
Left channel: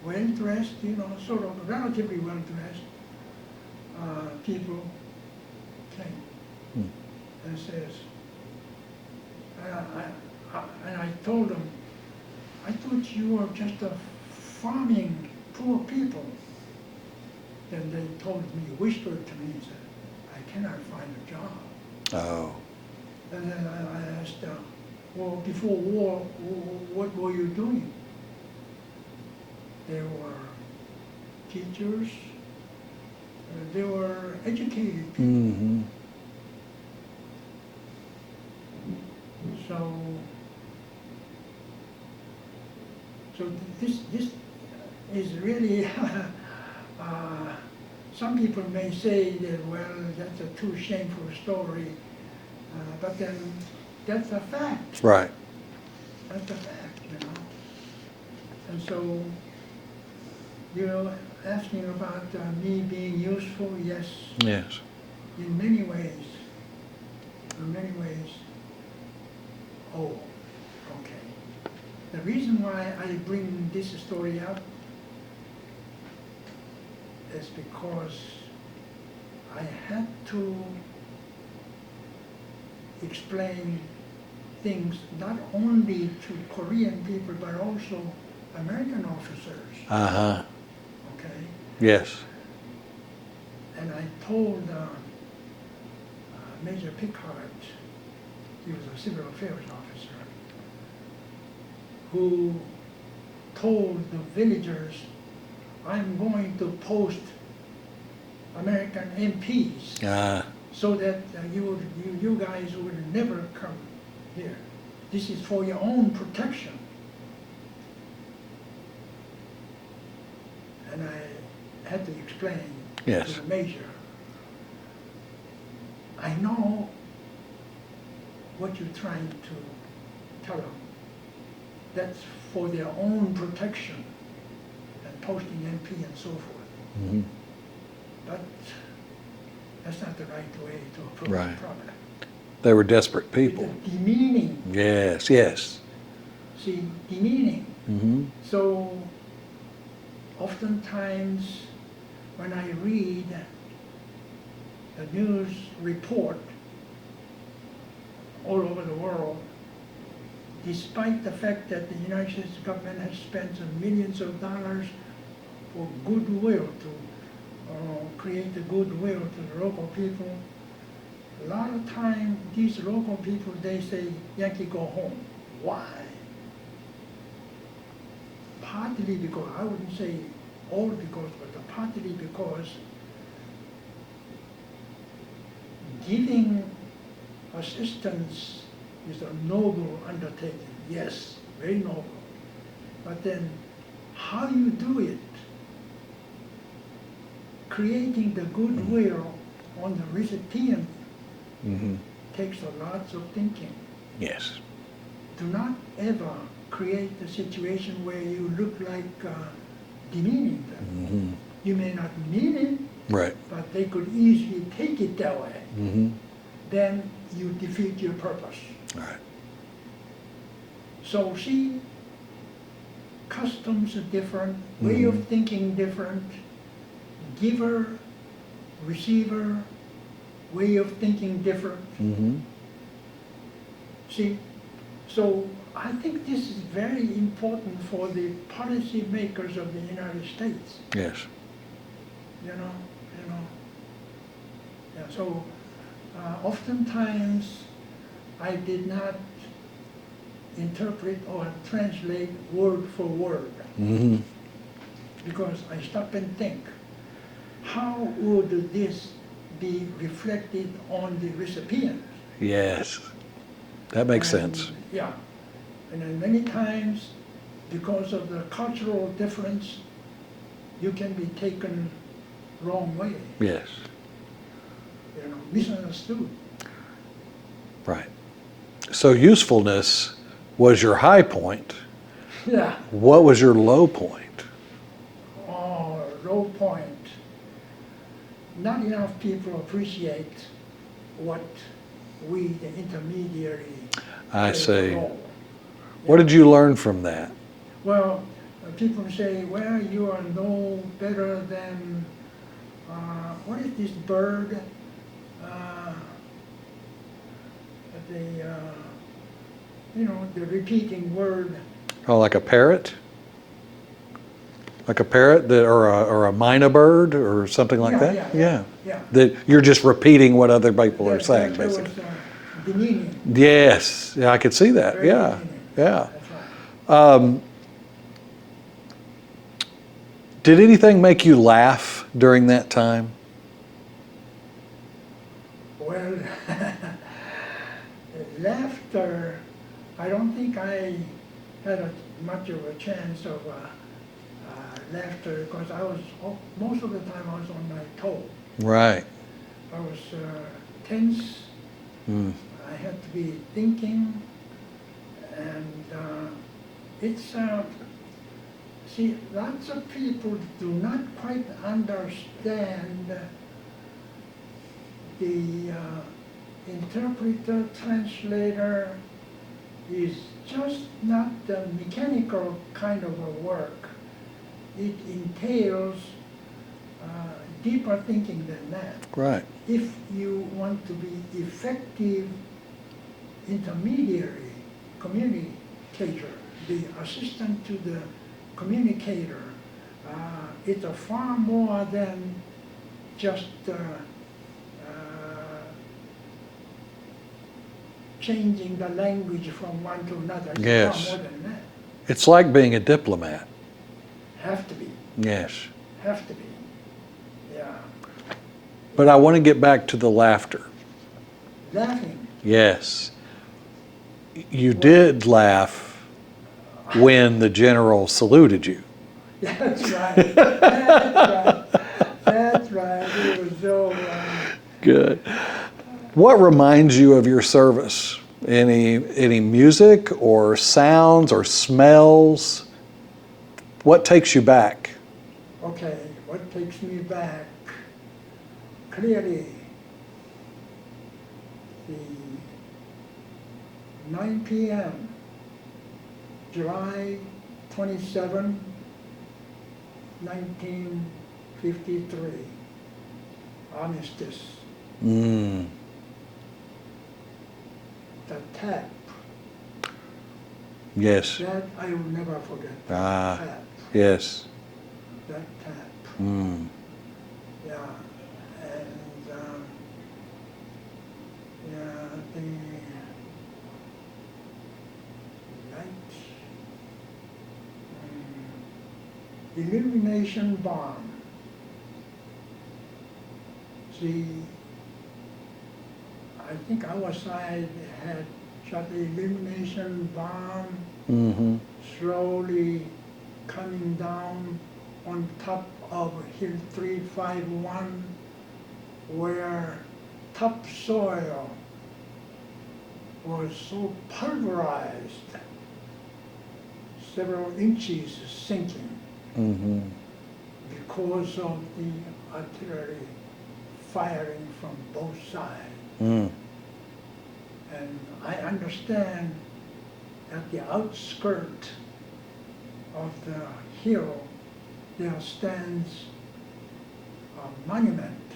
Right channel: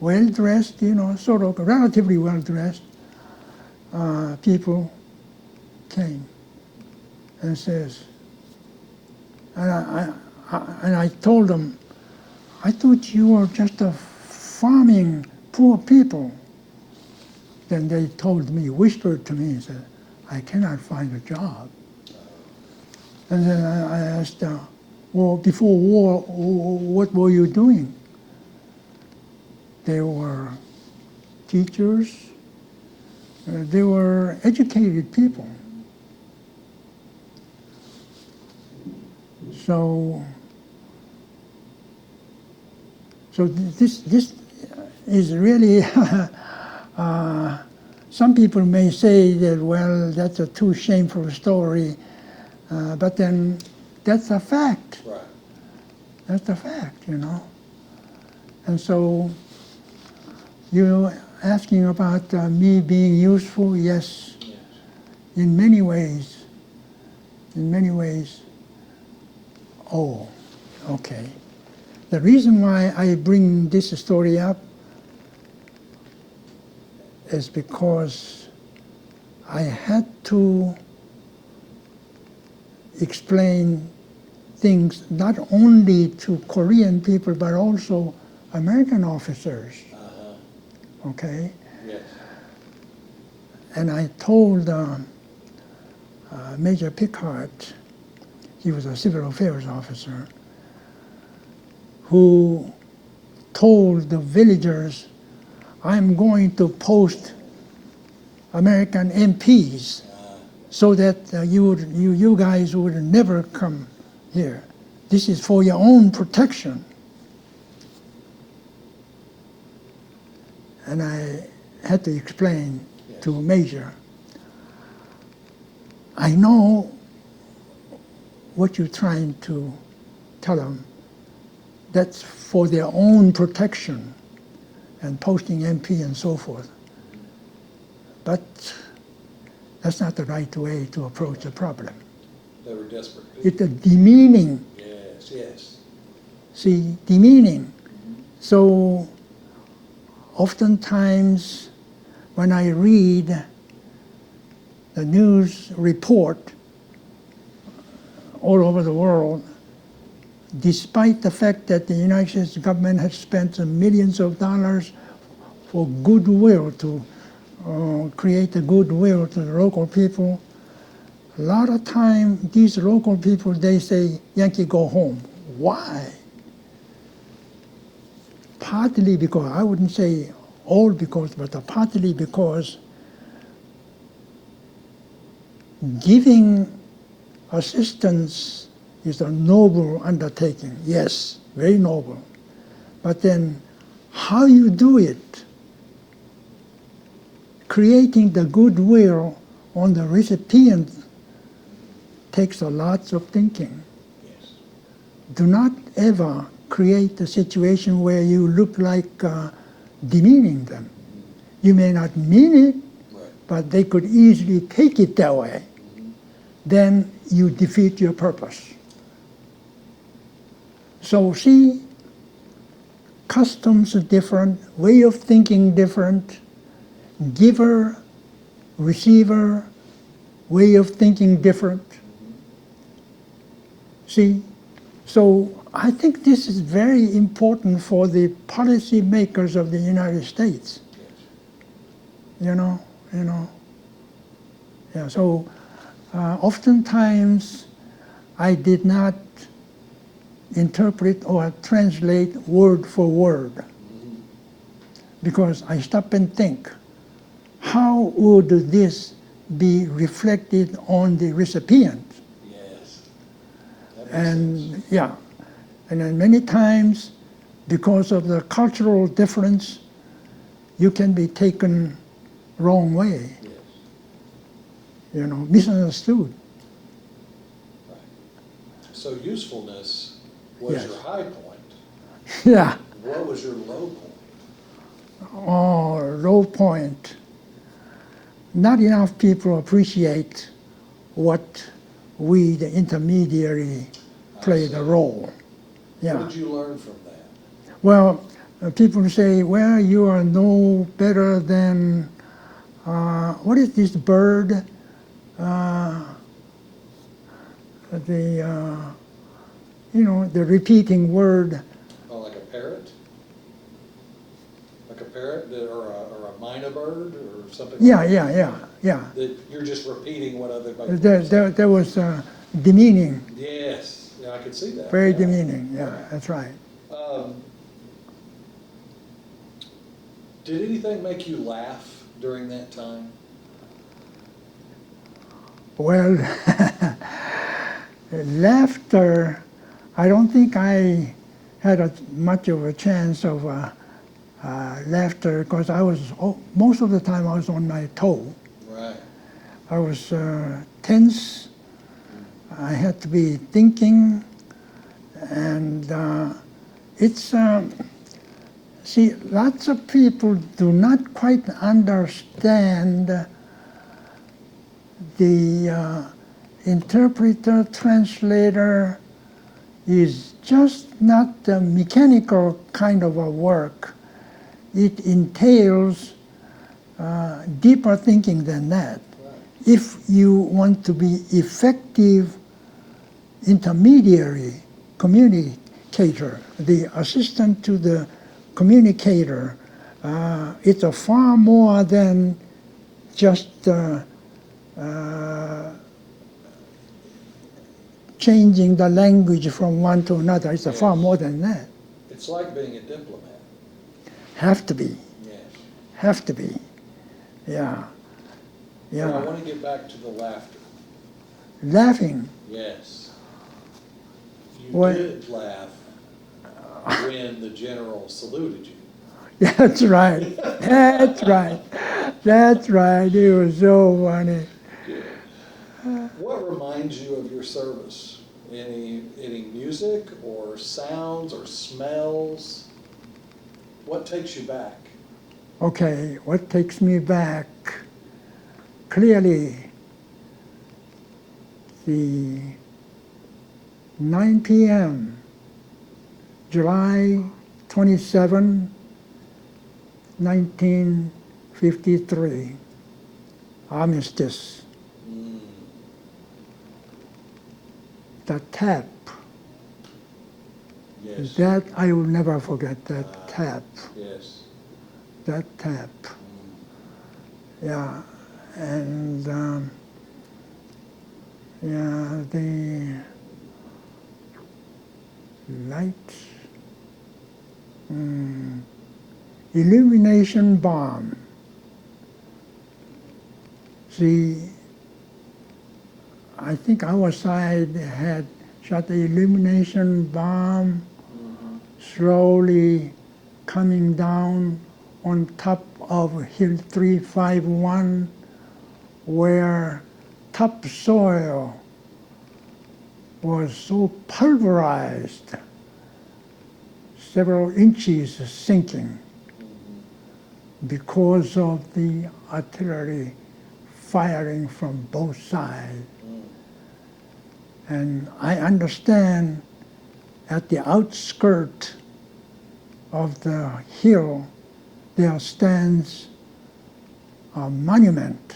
well dressed, sort of relatively well dressed people came and says, and I told them, I thought you were just a farming poor people. Then they told me, whispered to me and said, I cannot find a job. Oh. And then I asked, well, before war, what were you doing? They were teachers, they were educated people. Mm-hmm. So this is really, some people may say that, well, that's a too shameful story, but then that's a fact. Right. That's a fact, And so, asking about me being useful, yes, Yes. in many ways. Oh, okay. The reason why I bring this story up is because I had to explain things not only to Korean people but also American officers, Uh-huh. okay? Yes. And I told Major Pickard, he was a civil affairs officer, who told the villagers, I'm going to post American MPs so that you guys would never come here. This is for your own protection. And I had to explain Yes. to the Major, I know what you're trying to tell them. That's for their own protection and posting MP and so forth. Mm-hmm. But that's not the right way to approach the Right. problem. They were desperate It's people. a demeaning, Yes, yes. see, demeaning. Mm-hmm. So oftentimes when I read the news report all over the world, despite the fact that the United States government has spent millions of dollars for goodwill to create a goodwill to the local people, a lot of time these local people, they say, Yankee, go home. Why? Partly because, I wouldn't say all because, but partly because giving assistance is a noble undertaking, yes, very noble. But then how you do it, creating the goodwill on the recipient takes a lot of thinking. Yes. Do not ever create a situation where you look like demeaning them. Mm-hmm. You may not mean it, Right. but they could easily take it that way. Mm-hmm. Then you defeat your purpose. All right. So see, customs are different, way of thinking different, giver, receiver, way of thinking different. Mm-hmm. See, so I think this is very important for the policy makers of the United States. Yes. You know. Yeah. So oftentimes I did not interpret or translate word for word because I stop and think, how would this be reflected on the recipient? Yes. That makes And, sense. Yeah. And then many times, because of the cultural difference, you can be taken wrong way, Yes. misunderstood. Right. So usefulness was your high point. Yeah. What was your low point? Oh, low point. Not enough people appreciate what we, the intermediary, I play see. the role. What did you learn from that? Well, people say, well, you are no better than, what is this bird? The repeating word. Oh, like a parrot? Like a parrot that, or a mynah bird or something like that? Yeah. That you're just repeating what other people are saying. There was demeaning, Yes. Yeah, I could see that. very yeah. demeaning. Yeah. That's right. Did anything make you laugh during that time? Well, laughter, I don't think I had much of a chance of laughter because most of the time I was on my toe. Right. I was tense. I had to be thinking, and see, lots of people do not quite understand the interpreter, translator is just not a mechanical kind of a work. It entails deeper thinking than that. Right. If you want to be effective intermediary, communicator, the assistant to the communicator, it's a far more than just changing the language from one to another. It's Yes. far more than that. It's like being a diplomat. Have to be. Yes. Have to be. Yeah. But I want to get back to the laughter. Laughing. Yes. You What? did laugh when the general saluted you. That's right. That's right. That's right. It was so funny. Good. What reminds you of your service? Any music or sounds or smells? What takes you back? Okay, what takes me back? Clearly, the 9 p.m., July 27, 1953, armistice. The tap. Yes. That I will never forget, that tap. Yes. That tap. Yeah, and the light, illumination bomb. See, I think our side had shot the illumination bomb slowly coming down on top of Hill 351, where topsoil was so pulverized, several inches sinking because of the artillery firing from both sides. And I understand at the outskirt of the hill there stands a monument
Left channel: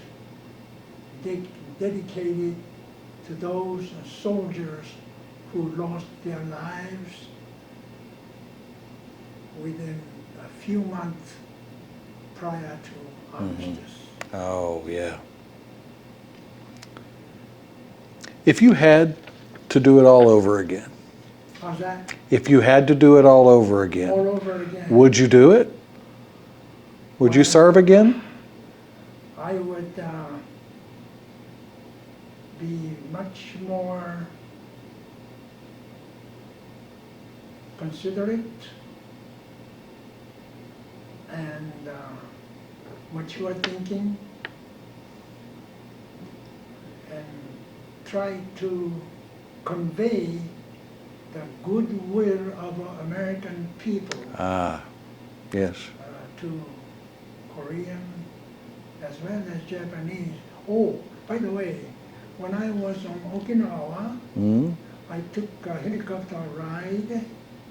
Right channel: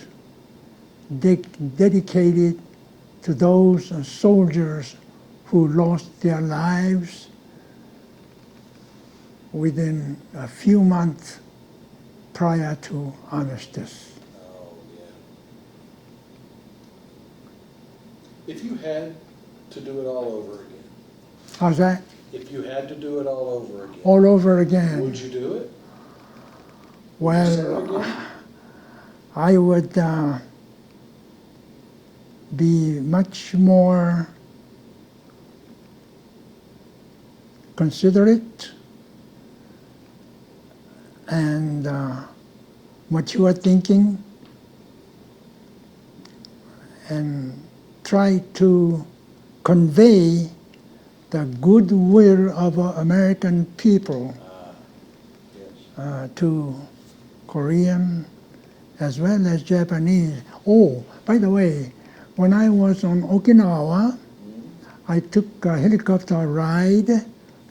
dedicated to those soldiers who lost their lives within a few months prior to armistice. Oh, yeah. If you had to do it all over again, How's that? if you had to do it all over again, All over again. would you do it? Would you Well, serve again? I would be much more considerate and mature thinking, and try to convey the goodwill of American people Ah, yes. to Korean as well as Japanese. Oh, by the way, when I was on Okinawa, I took a helicopter ride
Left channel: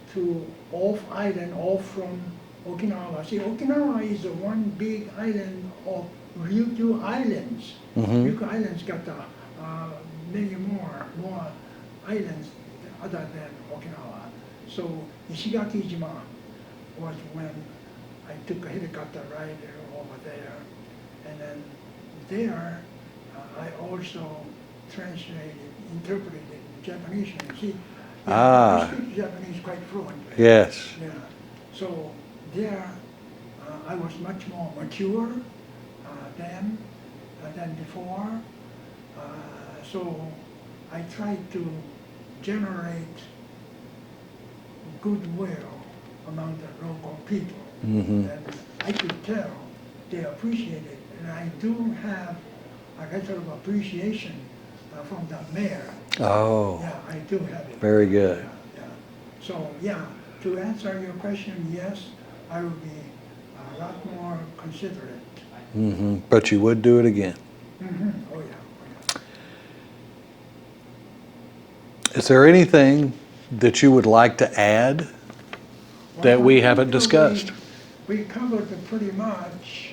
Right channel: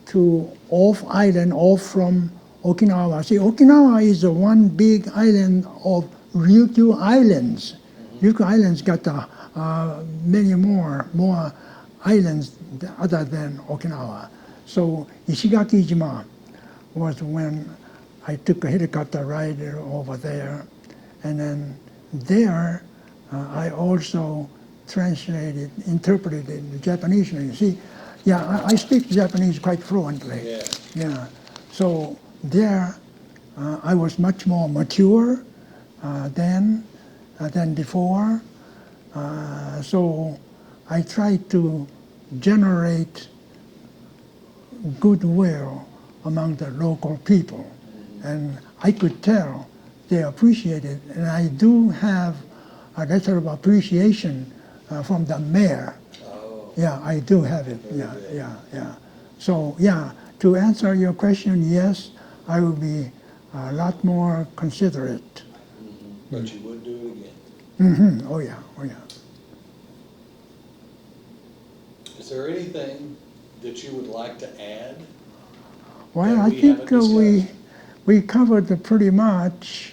to off from Okinawa. See, Okinawa is the one big island of Ryukyu Islands. Ryukyu Islands got many more islands other than Okinawa. So Ishigaki-jima was when I took a helicopter ride over there, and then there I also interpreted the Japanese. You see, yeah, I speak Japanese quite fluently. Yes. Yeah. So there, I was much more mature than before. So I tried to generate goodwill among the local people, and I could tell they appreciate it. And I do have a letter of appreciation from the mayor. Oh, Yeah, I do have it. Very Yeah, good. Yeah, yeah. So, yeah, to answer your question, yes, I would be a lot more considerate. but you would do it again. Oh, yeah, oh, yeah. Is there anything that you would like to add Well, that I we think, haven't discussed? We covered it pretty much.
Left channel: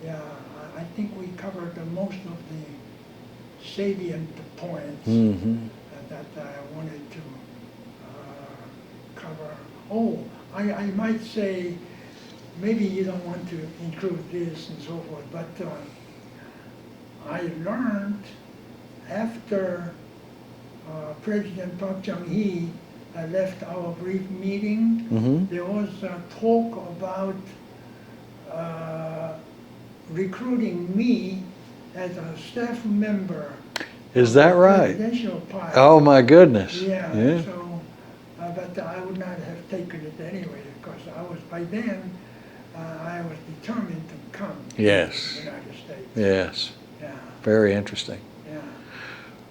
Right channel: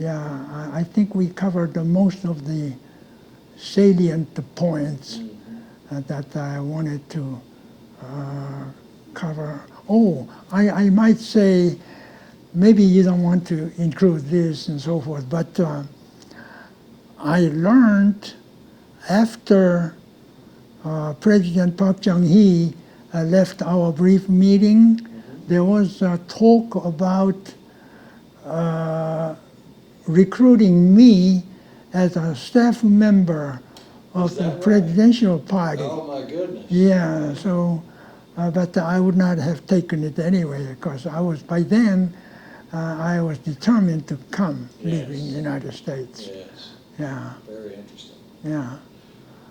Yeah, I think we covered the most of the salient points that I wanted to cover. Oh, I might say, maybe you don't want to include this and so forth, but I learned after President Park Chung-hee left our brief meeting, there was a talk about recruiting me as a staff member Is of that the right? presidential party. Oh, my goodness. Yeah, so, but I would not have taken it anyway, because I was, by then, I was determined to come to Yes. the United States. Yes. Yeah, Very interesting. yeah.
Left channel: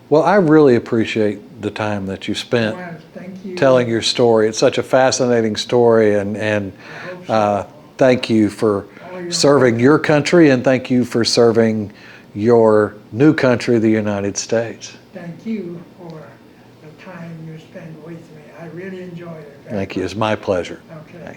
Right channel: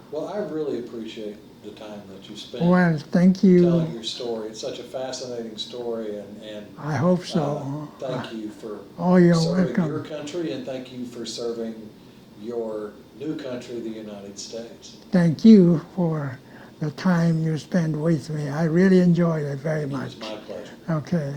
Well, I really appreciate the time that you spent Well, thank you. telling your story. It's such a fascinating story, and I hope so. thank you for Oh, you're serving welcome. your country, and thank you for serving your new country, the United States. Thank you for the time you spent with me. I really enjoyed it very Thank much. you. It's my pleasure. Okay.